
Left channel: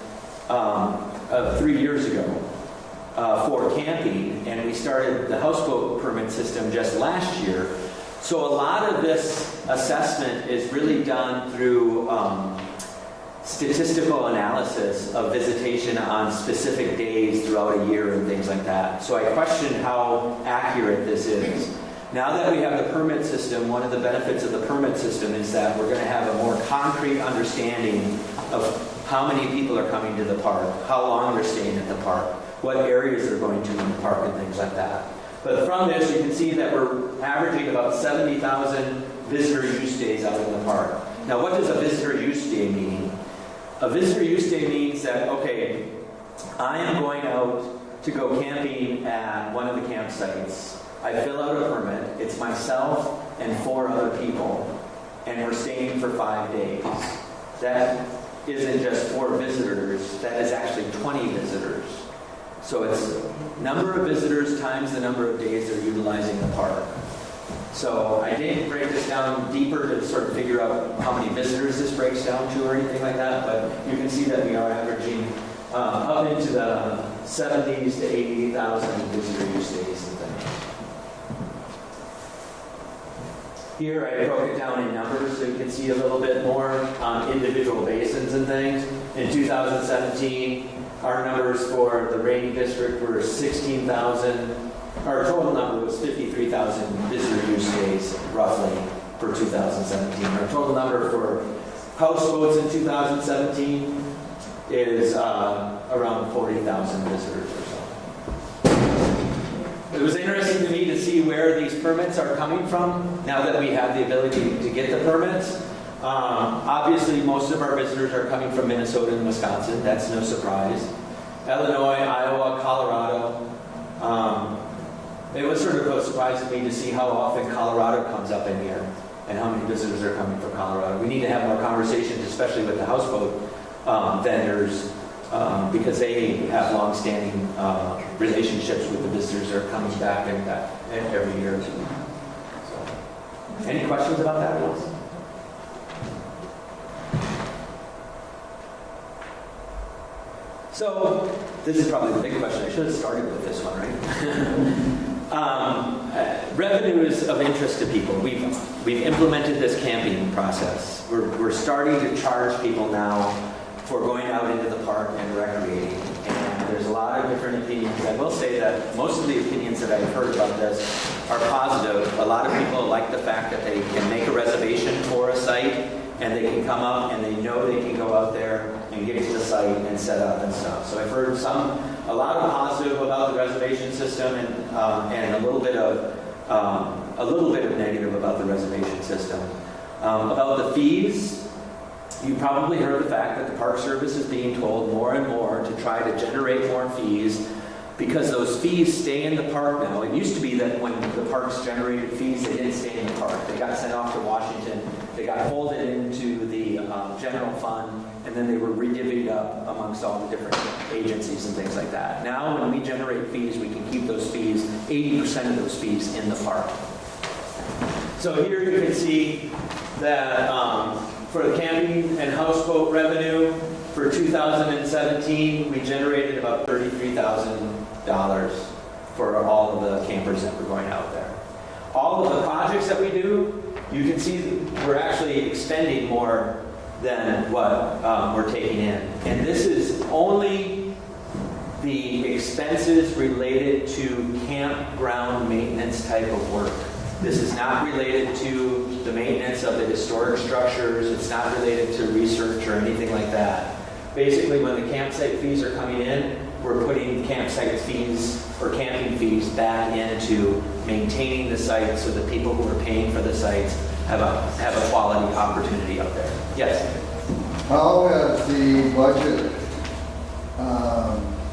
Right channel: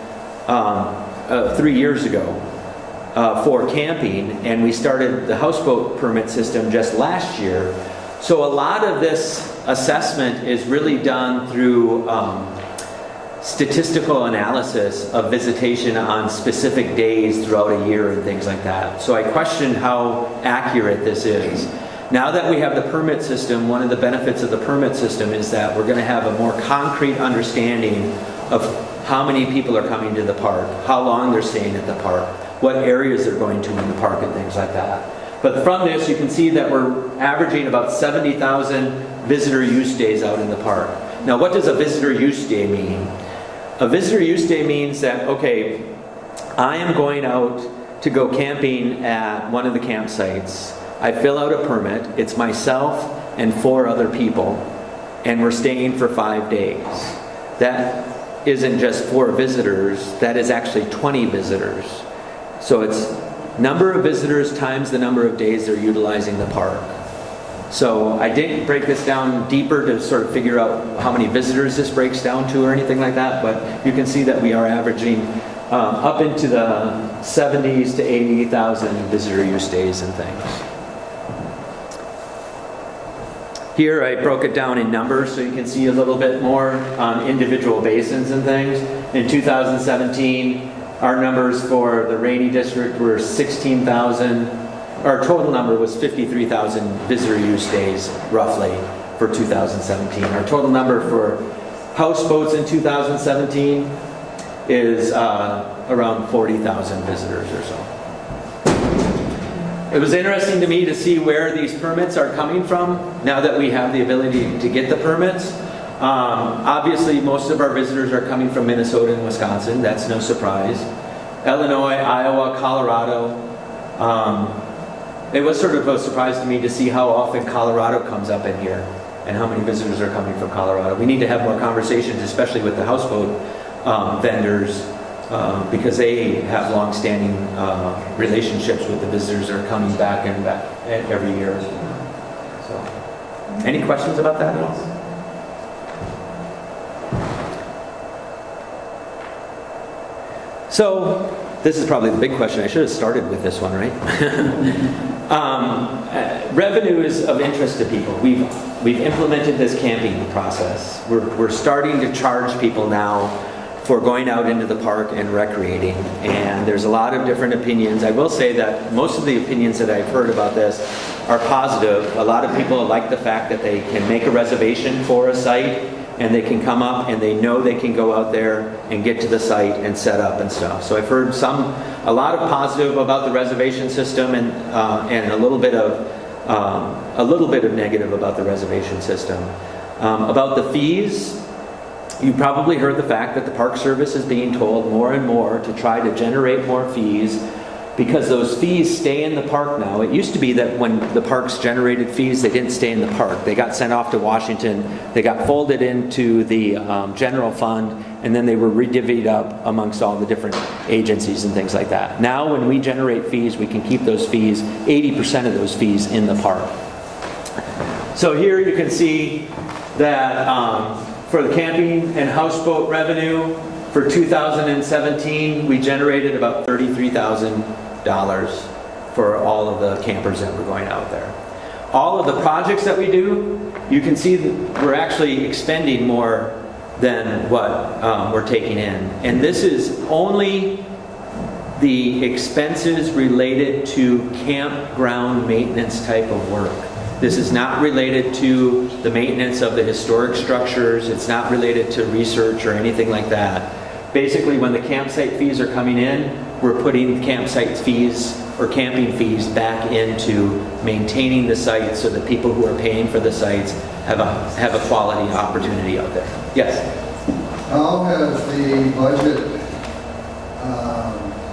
3 years ago for camping, and we started the houseboat permit system just last year. So a lot of this assessment is really done through statistical analysis of visitation on specific days throughout a year and things like that. So I question how accurate this is. Now that we have the permit system, one of the benefits of the permit system is that we're going to have a more concrete understanding of how many people are coming to the park, how long they're staying at the park, what areas they're going to in the park and things like that. But from this, you can see that we're averaging about 70,000 visitor use days out in the park. Now, what does a visitor use day mean? A visitor use day means that, okay, I am going out to go camping at one of the campsites. I fill out a permit. It's myself and 4 other people, and we're staying for 5 days. That isn't just 4 visitors. That is actually 20 visitors. So it's number of visitors times the number of days they're utilizing the park. So I didn't break this down deeper to sort of figure out how many visitors this breaks down to or anything like that, but you can see that we are averaging up into the 70s to 80,000 visitor use days and things. Here I broke it down in numbers so you can see a little bit more on individual basins and things. In 2017, our numbers for the Rainy District were 16,000. Our total number was 53,000 visitor use days, roughly, for 2017. Our total number for houseboats in 2017 is around 40,000 visitors or so. It was interesting to me to see where these permits are coming from now that we have the ability to get the permits. Obviously, most of our visitors are coming from Minnesota and Wisconsin. That's no surprise. Illinois, Iowa, Colorado. It was sort of a surprise to me to see how often Colorado comes up in here and how many visitors are coming from Colorado. We need to have more conversations, especially with the houseboat vendors, because they have long-standing relationships with the visitors that are coming back and back every year. So, Any questions about that? So, this is probably the big question. I should have started with this one, right? Revenue is of interest to people. We've implemented this camping process. We're starting to charge people now for going out into the park and recreating. And there's a lot of different opinions. I will say that most of the opinions that I've heard about this are positive. A lot of people like the fact that they can make a reservation for a site and they can come up and they know they can go out there and get to the site and set up and stuff. So I've heard a lot of positive about the reservation system and a little bit of negative about the reservation system. About the fees, you probably heard the fact that the Park Service is being told more and more to try to generate more fees because those fees stay in the park now. It used to be that when the parks generated fees, they didn't stay in the park. They got sent off to Washington, they got folded into the general fund, and then they were redivvied up amongst all the different agencies and things like that. Now when we generate fees, we can keep those fees, 80% of those fees in the park. So here you can see that for the camping and houseboat revenue for 2017, we generated about $33,000 for all of the campers that were going out there. All of the projects that we do, you can see that we're actually expending more than what we're taking in. And this is only the expenses related to campground maintenance type of work. This is not related to the maintenance of the historic structures. It's not related to research or anything like that. Basically, when the campsite fees are coming in, we're putting campsite fees or camping fees back into maintaining the site so the people who are paying for the sites have a quality opportunity out there. Yes? How has the budget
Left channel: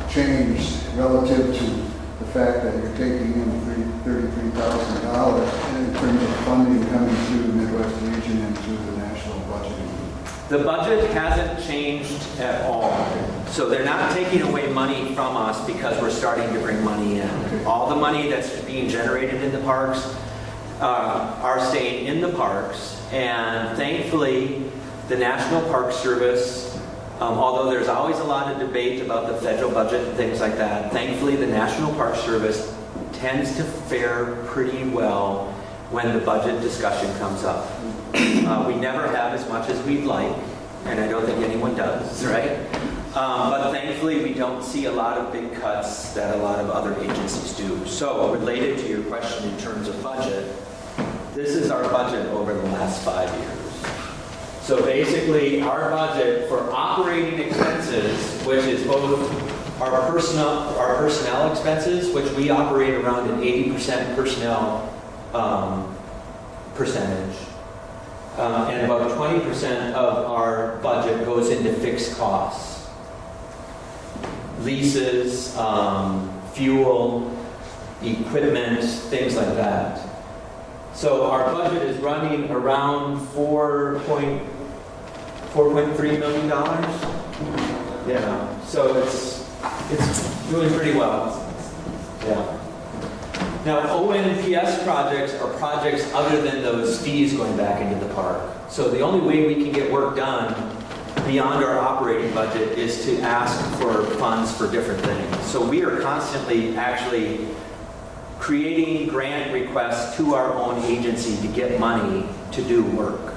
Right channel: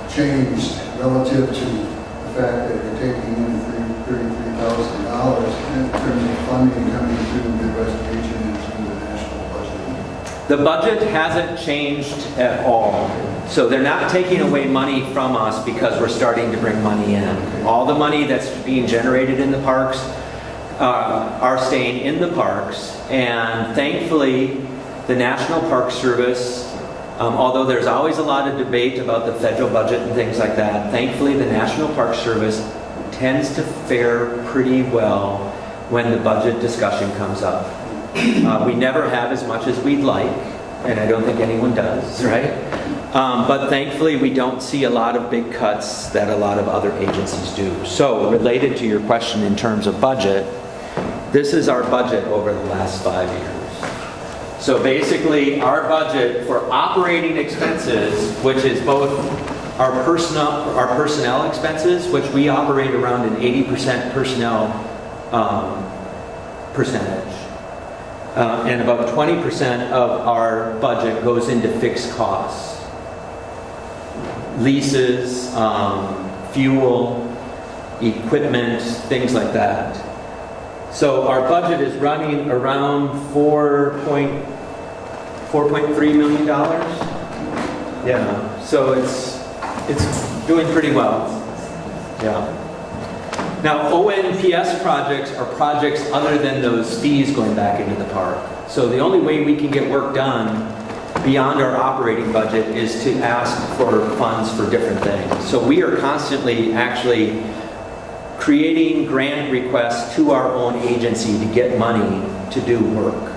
changed relative to the fact that you're taking in $33,000 in terms of funding coming through the mid-reservation and through the national budget? The budget hasn't changed at all. So they're not taking away money from us because we're starting to bring money in. All the money that's being generated in the parks are staying in the parks. And thankfully, the National Park Service, although there's always a lot of debate about the federal budget and things like that, thankfully the National Park Service tends to fare pretty well when the budget discussion comes up. We never have as much as we'd like, and I don't think anyone does, right? But thankfully, we don't see a lot of big cuts that a lot of other agencies do. So, related to your question in terms of budget, this is our budget over the last 5 years. So basically, our budget for operating expenses, which is both our personnel expenses, which we operate around an 80% personnel percentage. And about 20% of our budget goes into fixed costs. Leases, fuel, equipment, things like that. So our budget is running around $4.3 million. Yeah, so it's doing pretty well. Yeah. Now, ONPS projects are projects other than those fees going back into the park. So the only way we can get work done beyond our operating budget is to ask for funds for different things. So we are constantly actually creating grant requests to our own agency to get money to do work.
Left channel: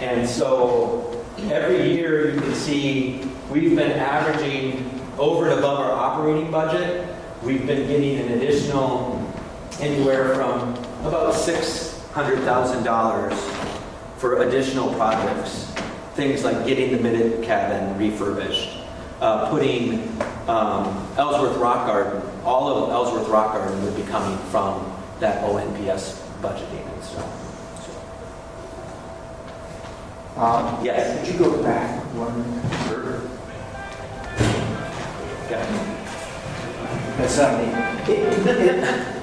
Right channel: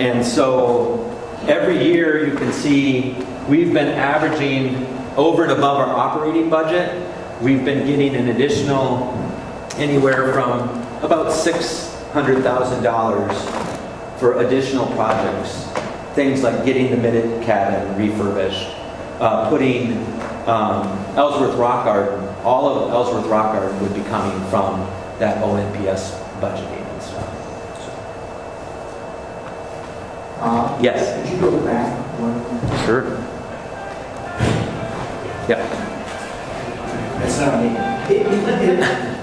And so every year you can see we've been averaging over and above our operating budget. We've been getting an additional anywhere from about $600,000 for additional projects. Things like getting the Minute Cabin refurbished, putting Ellsworth Rock Garden, all of Ellsworth Rock Garden would be coming from that ONPS budgeting and stuff. Yes? Could you go back one? Sure. Yeah. That's not me.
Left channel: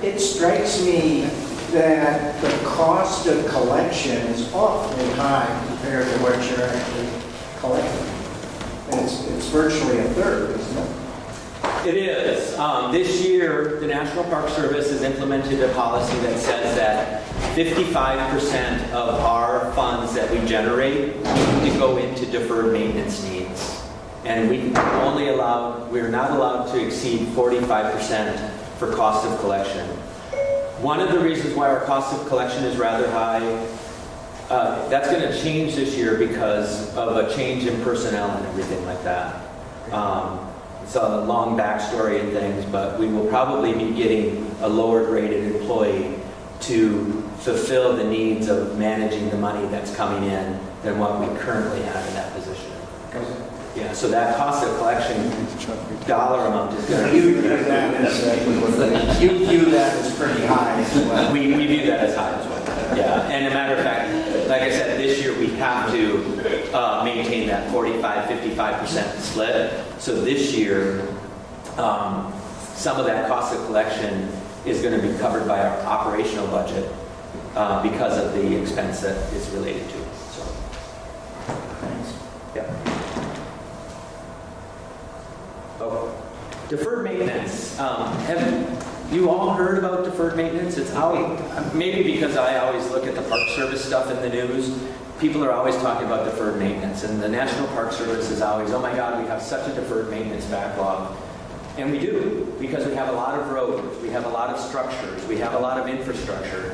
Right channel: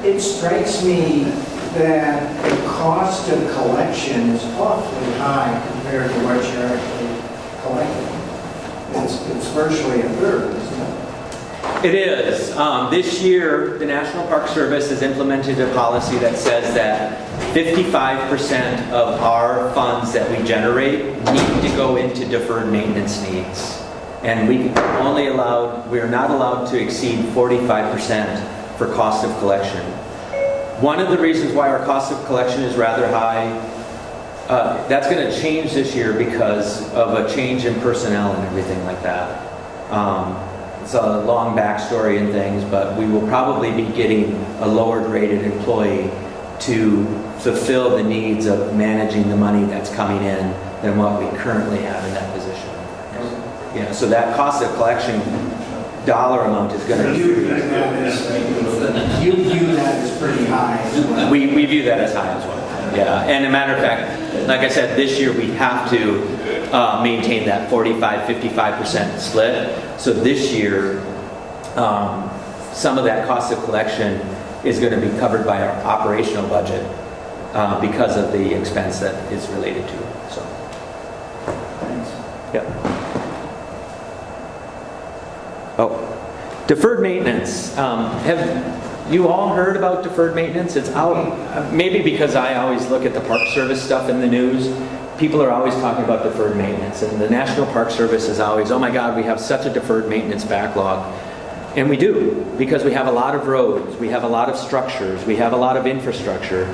It strikes me that the cost of collection is awfully high compared to what you're actually collecting. It's virtually a third, isn't it? It is. This year, the National Park Service has implemented a policy that says that 55% of our funds that we generate need to go into deferred maintenance needs. And we're not allowed to exceed 45% for cost of collection. One of the reasons why our cost of collection is rather high, that's going to change this year because of a change in personnel and everything like that. It's a long backstory and things, but we will probably be getting a lower rated employee to fulfill the needs of managing the money that's coming in than what we currently have in that position. Yeah, so that cost of collection dollar amount is going to You be... view that as pretty high. We view that as high as well. Yeah, and a matter of fact, like I said, this year we have to maintain that 45-55% split. So this year, some of that cost of collection is going to be covered by our operational budget because of the expense that is related to it. So, Thanks. yeah. Oh, deferred maintenance. Have you all heard about deferred maintenance? It's out, maybe because I always look at the Park Service stuff in the news. People are always talking about deferred maintenance, and the National Park Service is always, oh my God, we have such a deferred maintenance backlog. And we do, because we have a lot of roads, we have a lot of structures, we have a lot of infrastructure.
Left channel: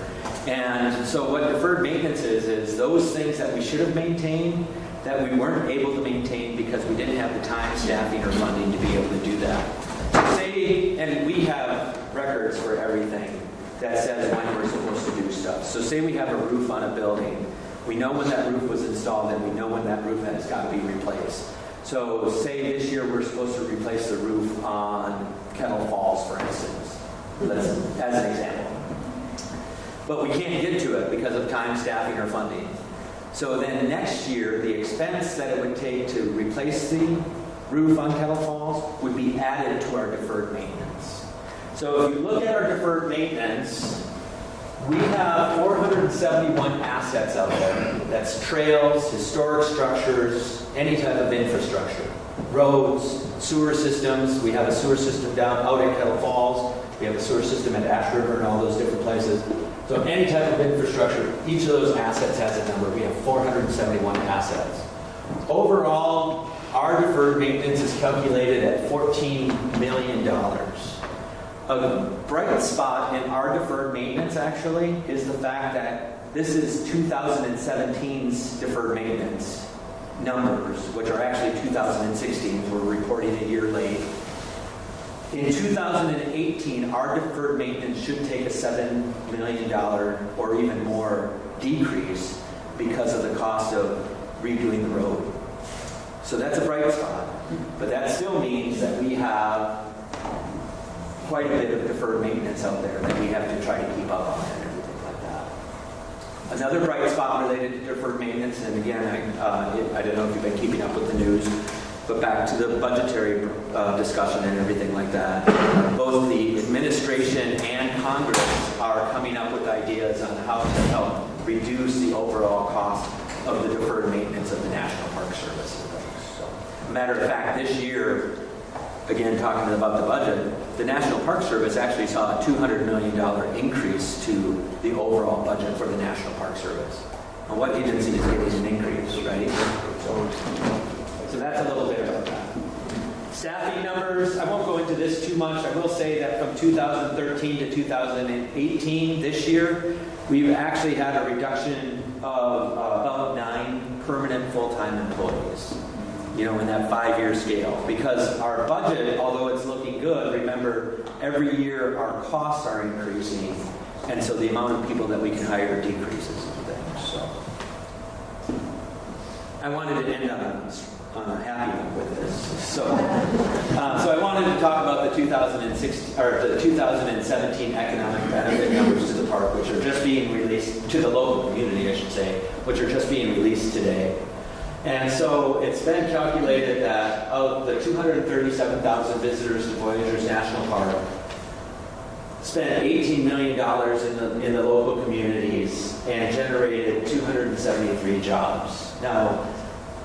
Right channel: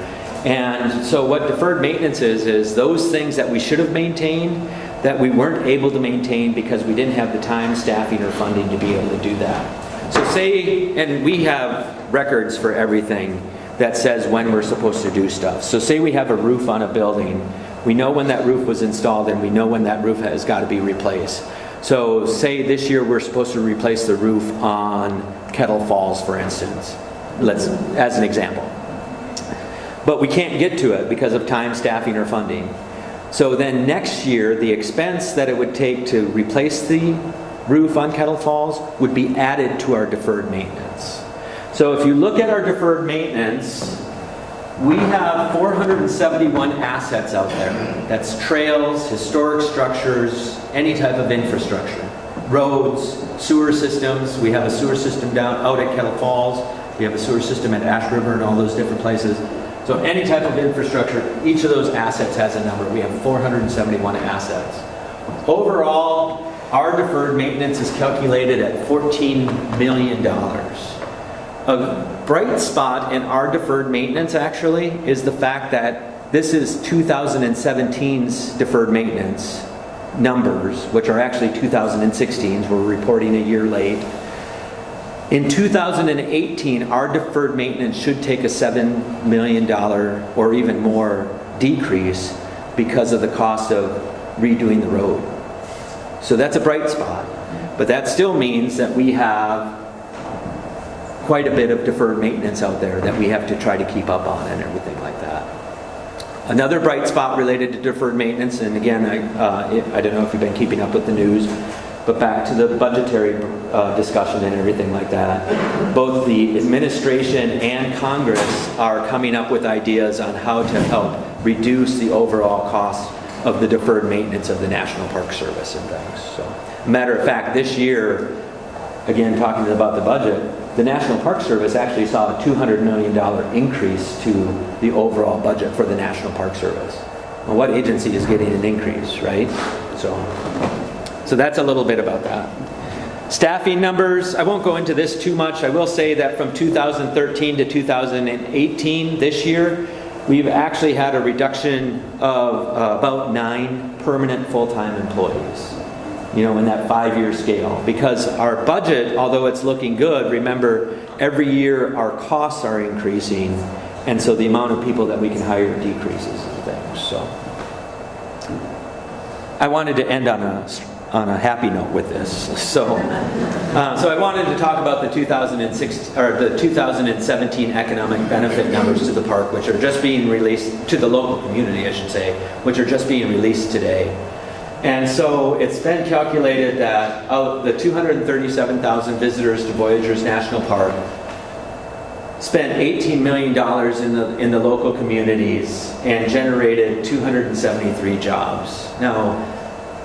And so what deferred maintenance is those things that we should have maintained that we weren't able to maintain because we didn't have the time, staffing, or funding to be able to do that. So say, and we have records for everything that says when we're supposed to do stuff. So say we have a roof on a building. We know when that roof was installed and we know when that roof has got to be replaced. So say this year we're supposed to replace the roof on Kettle Falls, for instance, as an example. But we can't get to it because of time, staffing, or funding. So then next year, the expense that it would take to replace the roof on Kettle Falls would be added to our deferred maintenance. So if you look at our deferred maintenance, we have 471 assets out there. That's trails, historic structures, any type of infrastructure. Roads, sewer systems. We have a sewer system out at Kettle Falls. We have a sewer system at Ash River and all those different places. So any type of infrastructure, each of those assets has a number. We have 471 assets. Overall, our deferred maintenance is calculated at $14 million. A bright spot in our deferred maintenance actually is the fact that this is 2017's deferred maintenance numbers, which are actually 2016's. We're reporting a year late. In 2018, our deferred maintenance should take a $7 million or even more decrease because of the cost of redoing the road. So that's a bright spot. But that still means that we have quite a bit of deferred maintenance out there that we have to try to keep up on and everything like that. Another bright spot related to deferred maintenance, and again, I don't know if you've been keeping up with the news, but back to the budgetary discussion and everything like that, both the administration and Congress are coming up with ideas on how to help reduce the overall cost of the deferred maintenance of the National Park Service and things. So, matter of fact, this year, again talking about the budget, the National Park Service actually saw a $200 million increase to the overall budget for the National Park Service. Well, what agency is getting an increase, right? So that's a little bit about that. Staffing numbers, I won't go into this too much. I will say that from 2013 to 2018, this year, we've actually had a reduction of about 9 permanent full-time employees, in that 5-year scale. Because our budget, although it's looking good, remember, every year our costs are increasing, and so the amount of people that we can hire decreases and things. So I wanted to end on a happy note with this. So I wanted to talk about the 2017 economic benefit numbers to the park, which are just being released to the local community, I should say, which are just being released today. And so it's been calculated that of the 237,000 visitors to Voyageurs National Park, spent $18 million in the local communities and generated 273 jobs. Now,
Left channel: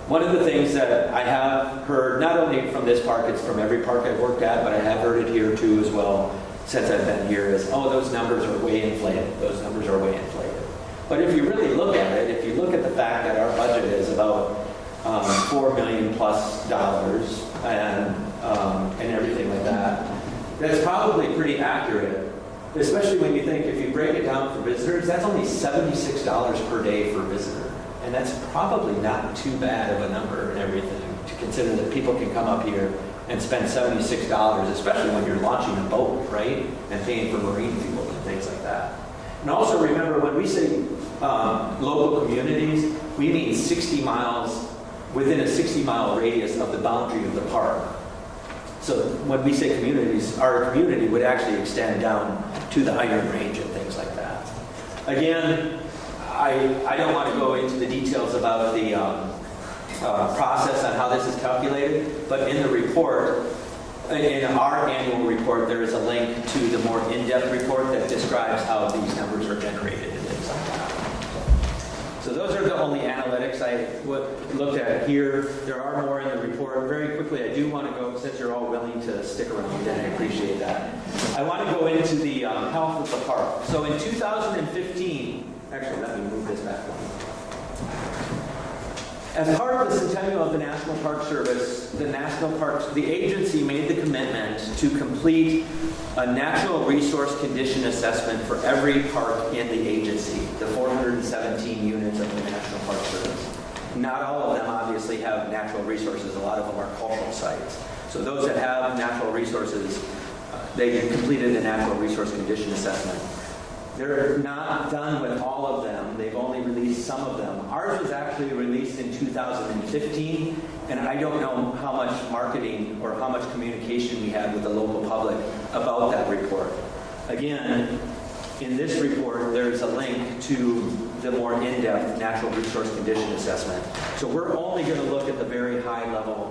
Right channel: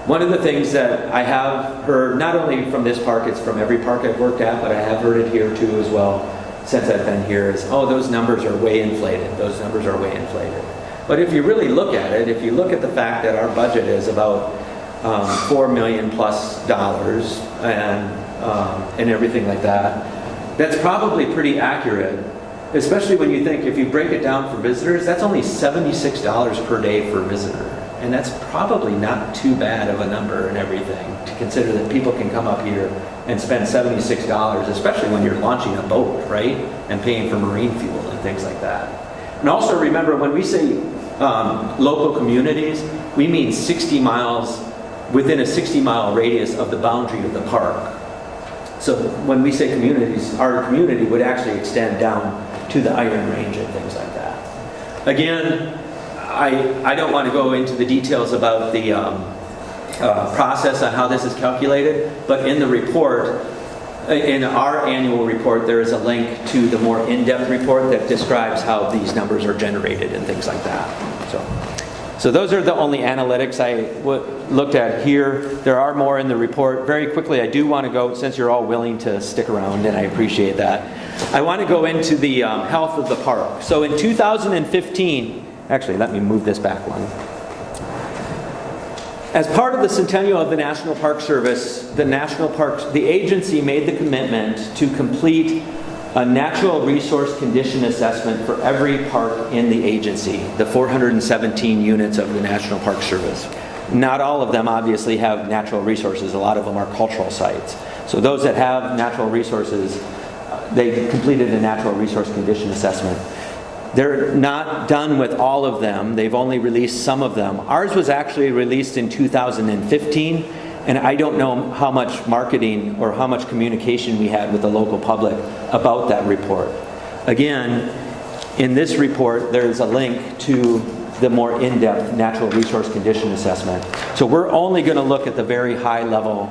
one of the things that I have heard, not only from this park, it's from every park I've worked at, but I have heard it here too as well since I've been here, is, oh, those numbers are way inflated. Those numbers are way inflated. But if you really look at it, if you look at the fact that our budget is about $4 million plus and everything like that, that's probably pretty accurate. Especially when you think, if you break it down for visitors, that's only $76 per day for a visitor. And that's probably not too bad of a number and everything, to consider that people can come up here and spend $76, especially when you're launching a boat, right? And paying for marine fuel and things like that. And also remember, when we say local communities, we mean 60 miles, within a 60-mile radius of the boundary of the park. So when we say communities, our community would actually extend down to the Iron Range and things like that. Again, I don't want to go into the details about the process on how this is calculated, but in the report, in our annual report, there is a link to the more in-depth report that describes how these numbers are generated and things like that. So those are the only analytics I looked at here. There are more in the report. Very quickly, I do want to go, since you're all willing to stick around, and I appreciate that, I want to go into the health of the park. So in 2015, actually, let me move this back one. As part of the centennial of the National Park Service, the agency made the commitment to complete a natural resource condition assessment for every park in the agency, the 417 units of the National Park Service. Not all of them obviously have natural resources. A lot of them are cultural sites. So those that have natural resources, they completed a natural resource condition assessment. They're not done with all of them. They've only released some of them. Ours was actually released in 2015, and I don't know how much marketing or how much communication we had with the local public about that report. Again, in this report, there's a link to the more in-depth natural resource condition assessment. So we're only going to look at the very high level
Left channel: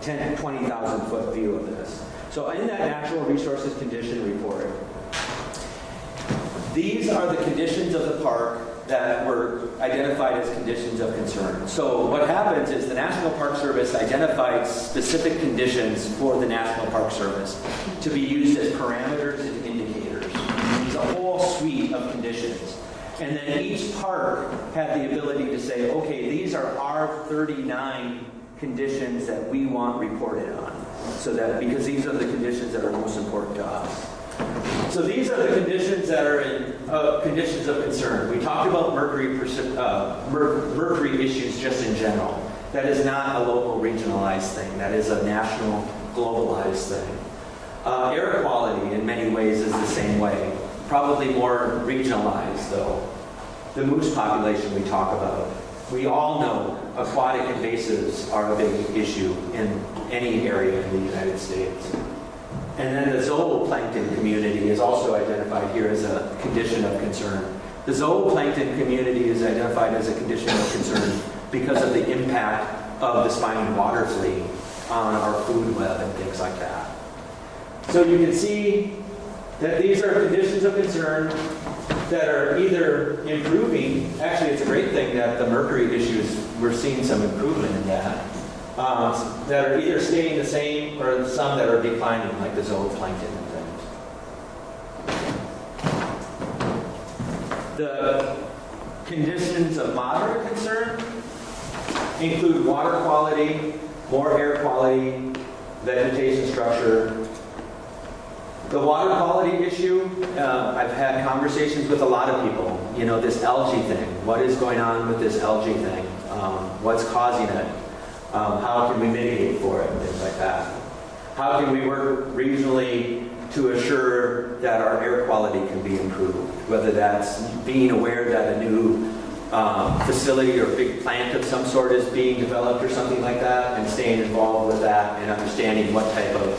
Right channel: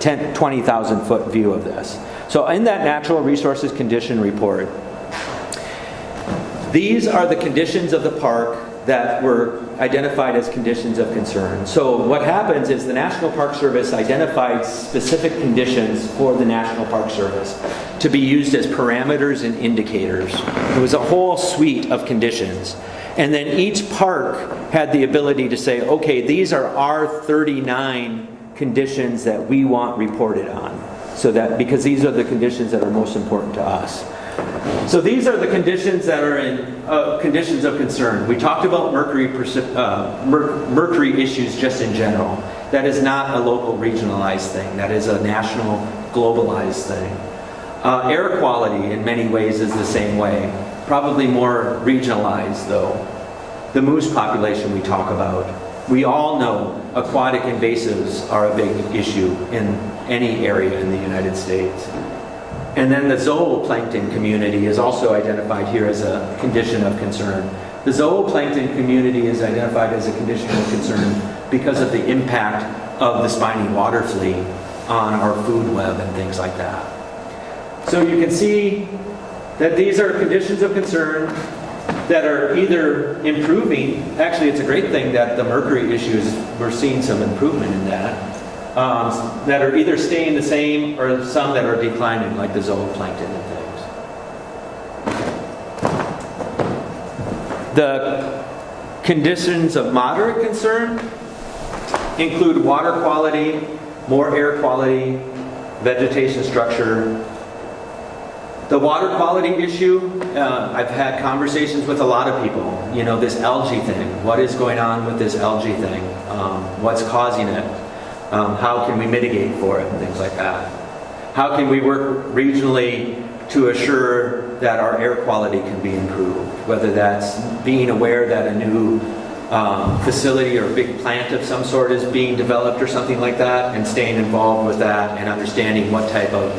20,000 foot view of this. So in that natural resources condition report, these are the conditions of the park that were identified as conditions of concern. So what happens is the National Park Service identified specific conditions for the National Park Service to be used as parameters and indicators. It was a whole suite of conditions. And then each park had the ability to say, okay, these are our 39 conditions that we want reported on. So that, because these are the conditions that are most important to us. So these are the conditions that are in conditions of concern. We talked about mercury issues just in general. That is not a local regionalized thing. That is a national globalized thing. Air quality in many ways is the same way. Probably more regionalized though. The moose population we talk about. We all know aquatic invasives are a big issue in any area in the United States. And then the zooplankton community is also identified here as a condition of concern. The zooplankton community is identified as a condition of concern because of the impact of the spiny water flea on our food web and things like that. So you can see that these are conditions of concern that are either improving. Actually, it's a great thing that the mercury issues, we're seeing some improvement in that. That are either staying the same or some that are declining, like the zooplankton and things. The conditions of moderate concern include water quality, more air quality, vegetation structure. The water quality issue, I've had conversations with a lot of people. You know, this algae thing. What is going on with this algae thing? What's causing it? How can we mitigate for it and things like that? How can we work regionally to assure that our air quality can be improved? Whether that's being aware that a new facility or a big plant of some sort is being developed or something like that, and staying involved with that and understanding what type of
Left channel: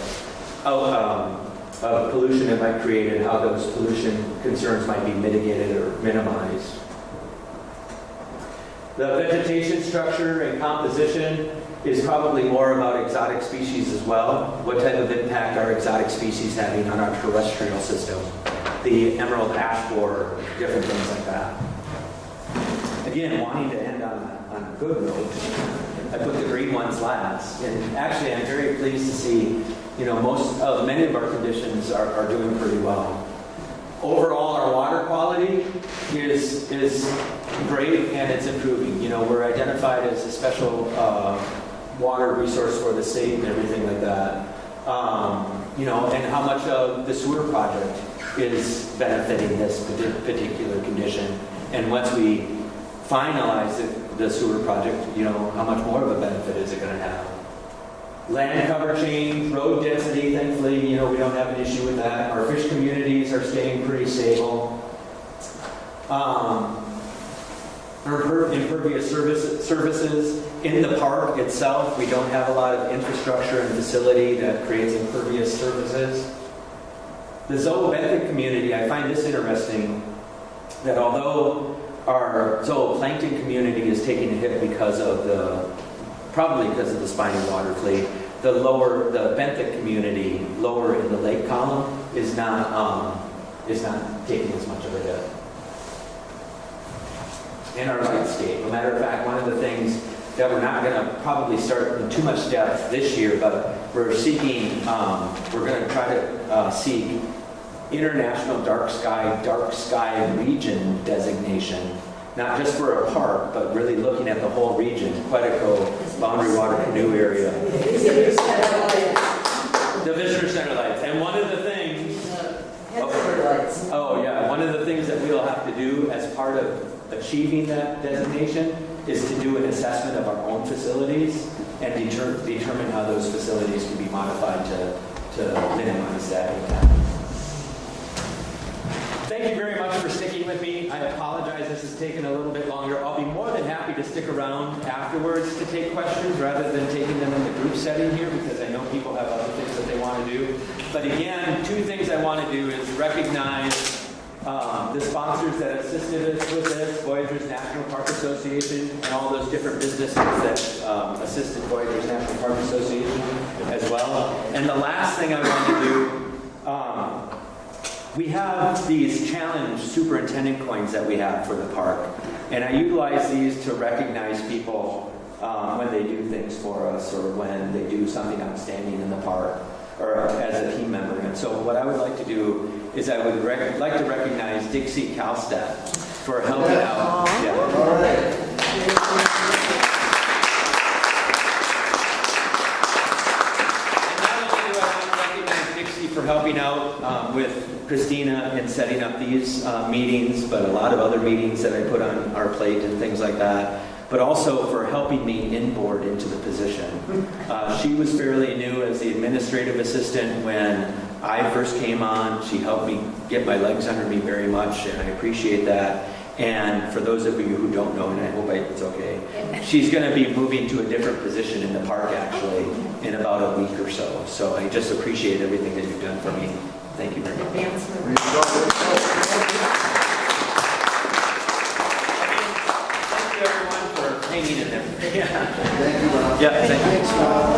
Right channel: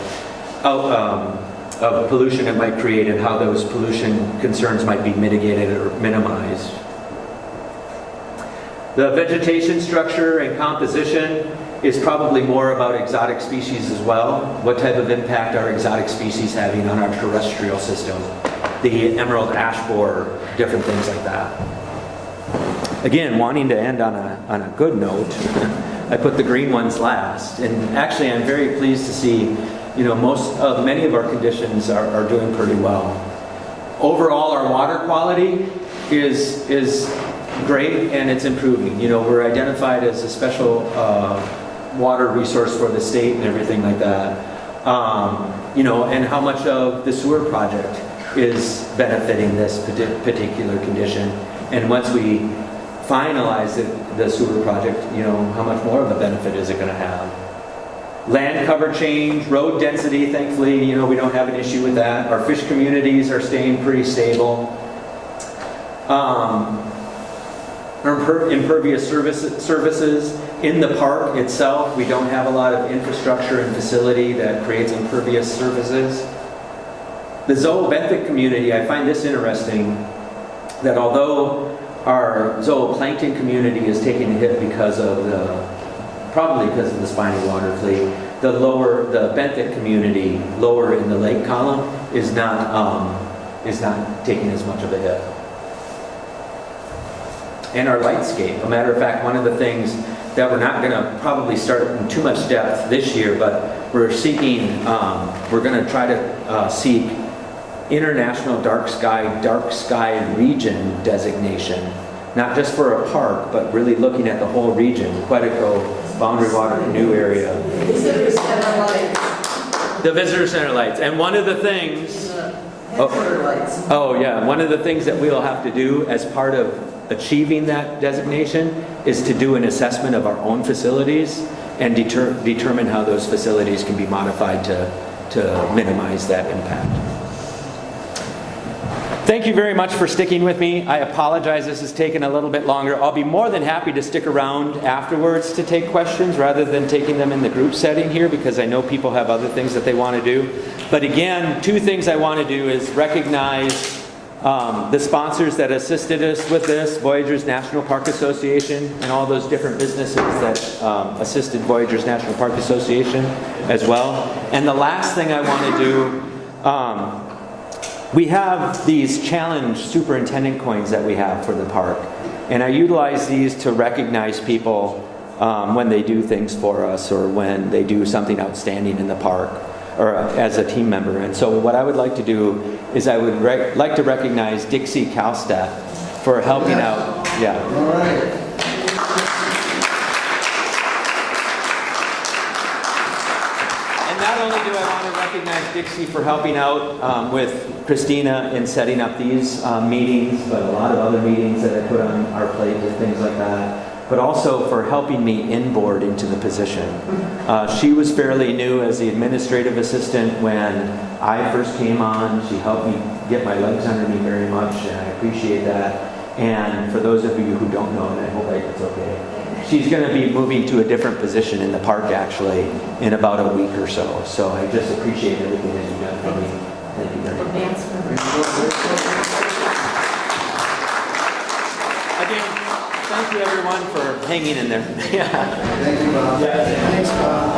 pollution it might create and how those pollution concerns might be mitigated or minimized. The vegetation structure and composition is probably more about exotic species as well. What type of impact are exotic species having on our terrestrial system? The emerald ash borer, different things like that. again, wanting to end on a good note, I put the green ones last. And actually, I'm very pleased to see, many of our conditions are doing pretty well. Overall, our water quality is great and it's improving. We're identified as a special water resource for the state and everything like that. And how much of the sewer project is benefiting this particular condition. And once we finalize the sewer project, how much more of a benefit is it going to have? Land cover change, road density, thankfully, we don't have an issue with that. Our fish communities are staying pretty stable. Impervious services in the park itself, we don't have a lot of infrastructure and facility that creates impervious surfaces. The zooplankton community, I find this interesting, that although our zooplankton community is taking a hit probably because of the spiny water fleet, the benthic community, lower in the lake column, is not taking as much of a hit. And our lightscape. A matter of fact, one of the things that we're not going to probably start in too much depth this year, but we're going to try to seek international dark sky region designation, not just for a park, but really looking at the whole region, Quetico, Boundary Water Canoe area. The visitor center lights. And one of the things, one of the things that we'll have to do as part of achieving that designation is to do an assessment of our own facilities and determine how those facilities can be modified to minimize that impact. Thank you very much for sticking with me. I apologize this has taken a little bit longer. I'll be more than happy to stick around afterwards to take questions rather than taking them in the group setting here, because I know people have other things that they want to do. But again, two things I want to do is recognize the sponsors that assisted us with this, Voyageurs National Park Association, and all those different businesses that assisted Voyageurs National Park Association as well. And the last thing I want to do, we have these challenge superintendent coins that we have for the park. And I utilize these to recognize people when they do things for us or when they do something outstanding in the park or as a team member. And so what I would like to do is I would like to recognize Dixie Kalstadt for helping out. Yeah. All right. And not only do I want to recognize Dixie for helping out with Christina in setting up these meetings, but a lot of other meetings that I put on our plate and things like that, but also for helping me inboard into the position. She was fairly new as the administrative assistant when I first came on. She helped me get my legs under me very much, and I appreciate that. And for those of you who don't know, and I hope it's okay, she's going to be moving to a different position in the park actually in about a week or so. So I just appreciate everything that you've done for me. Thank you very much. Again, thank you everyone for hanging in there. Thank you, Bob. Yeah, thanks, Bob.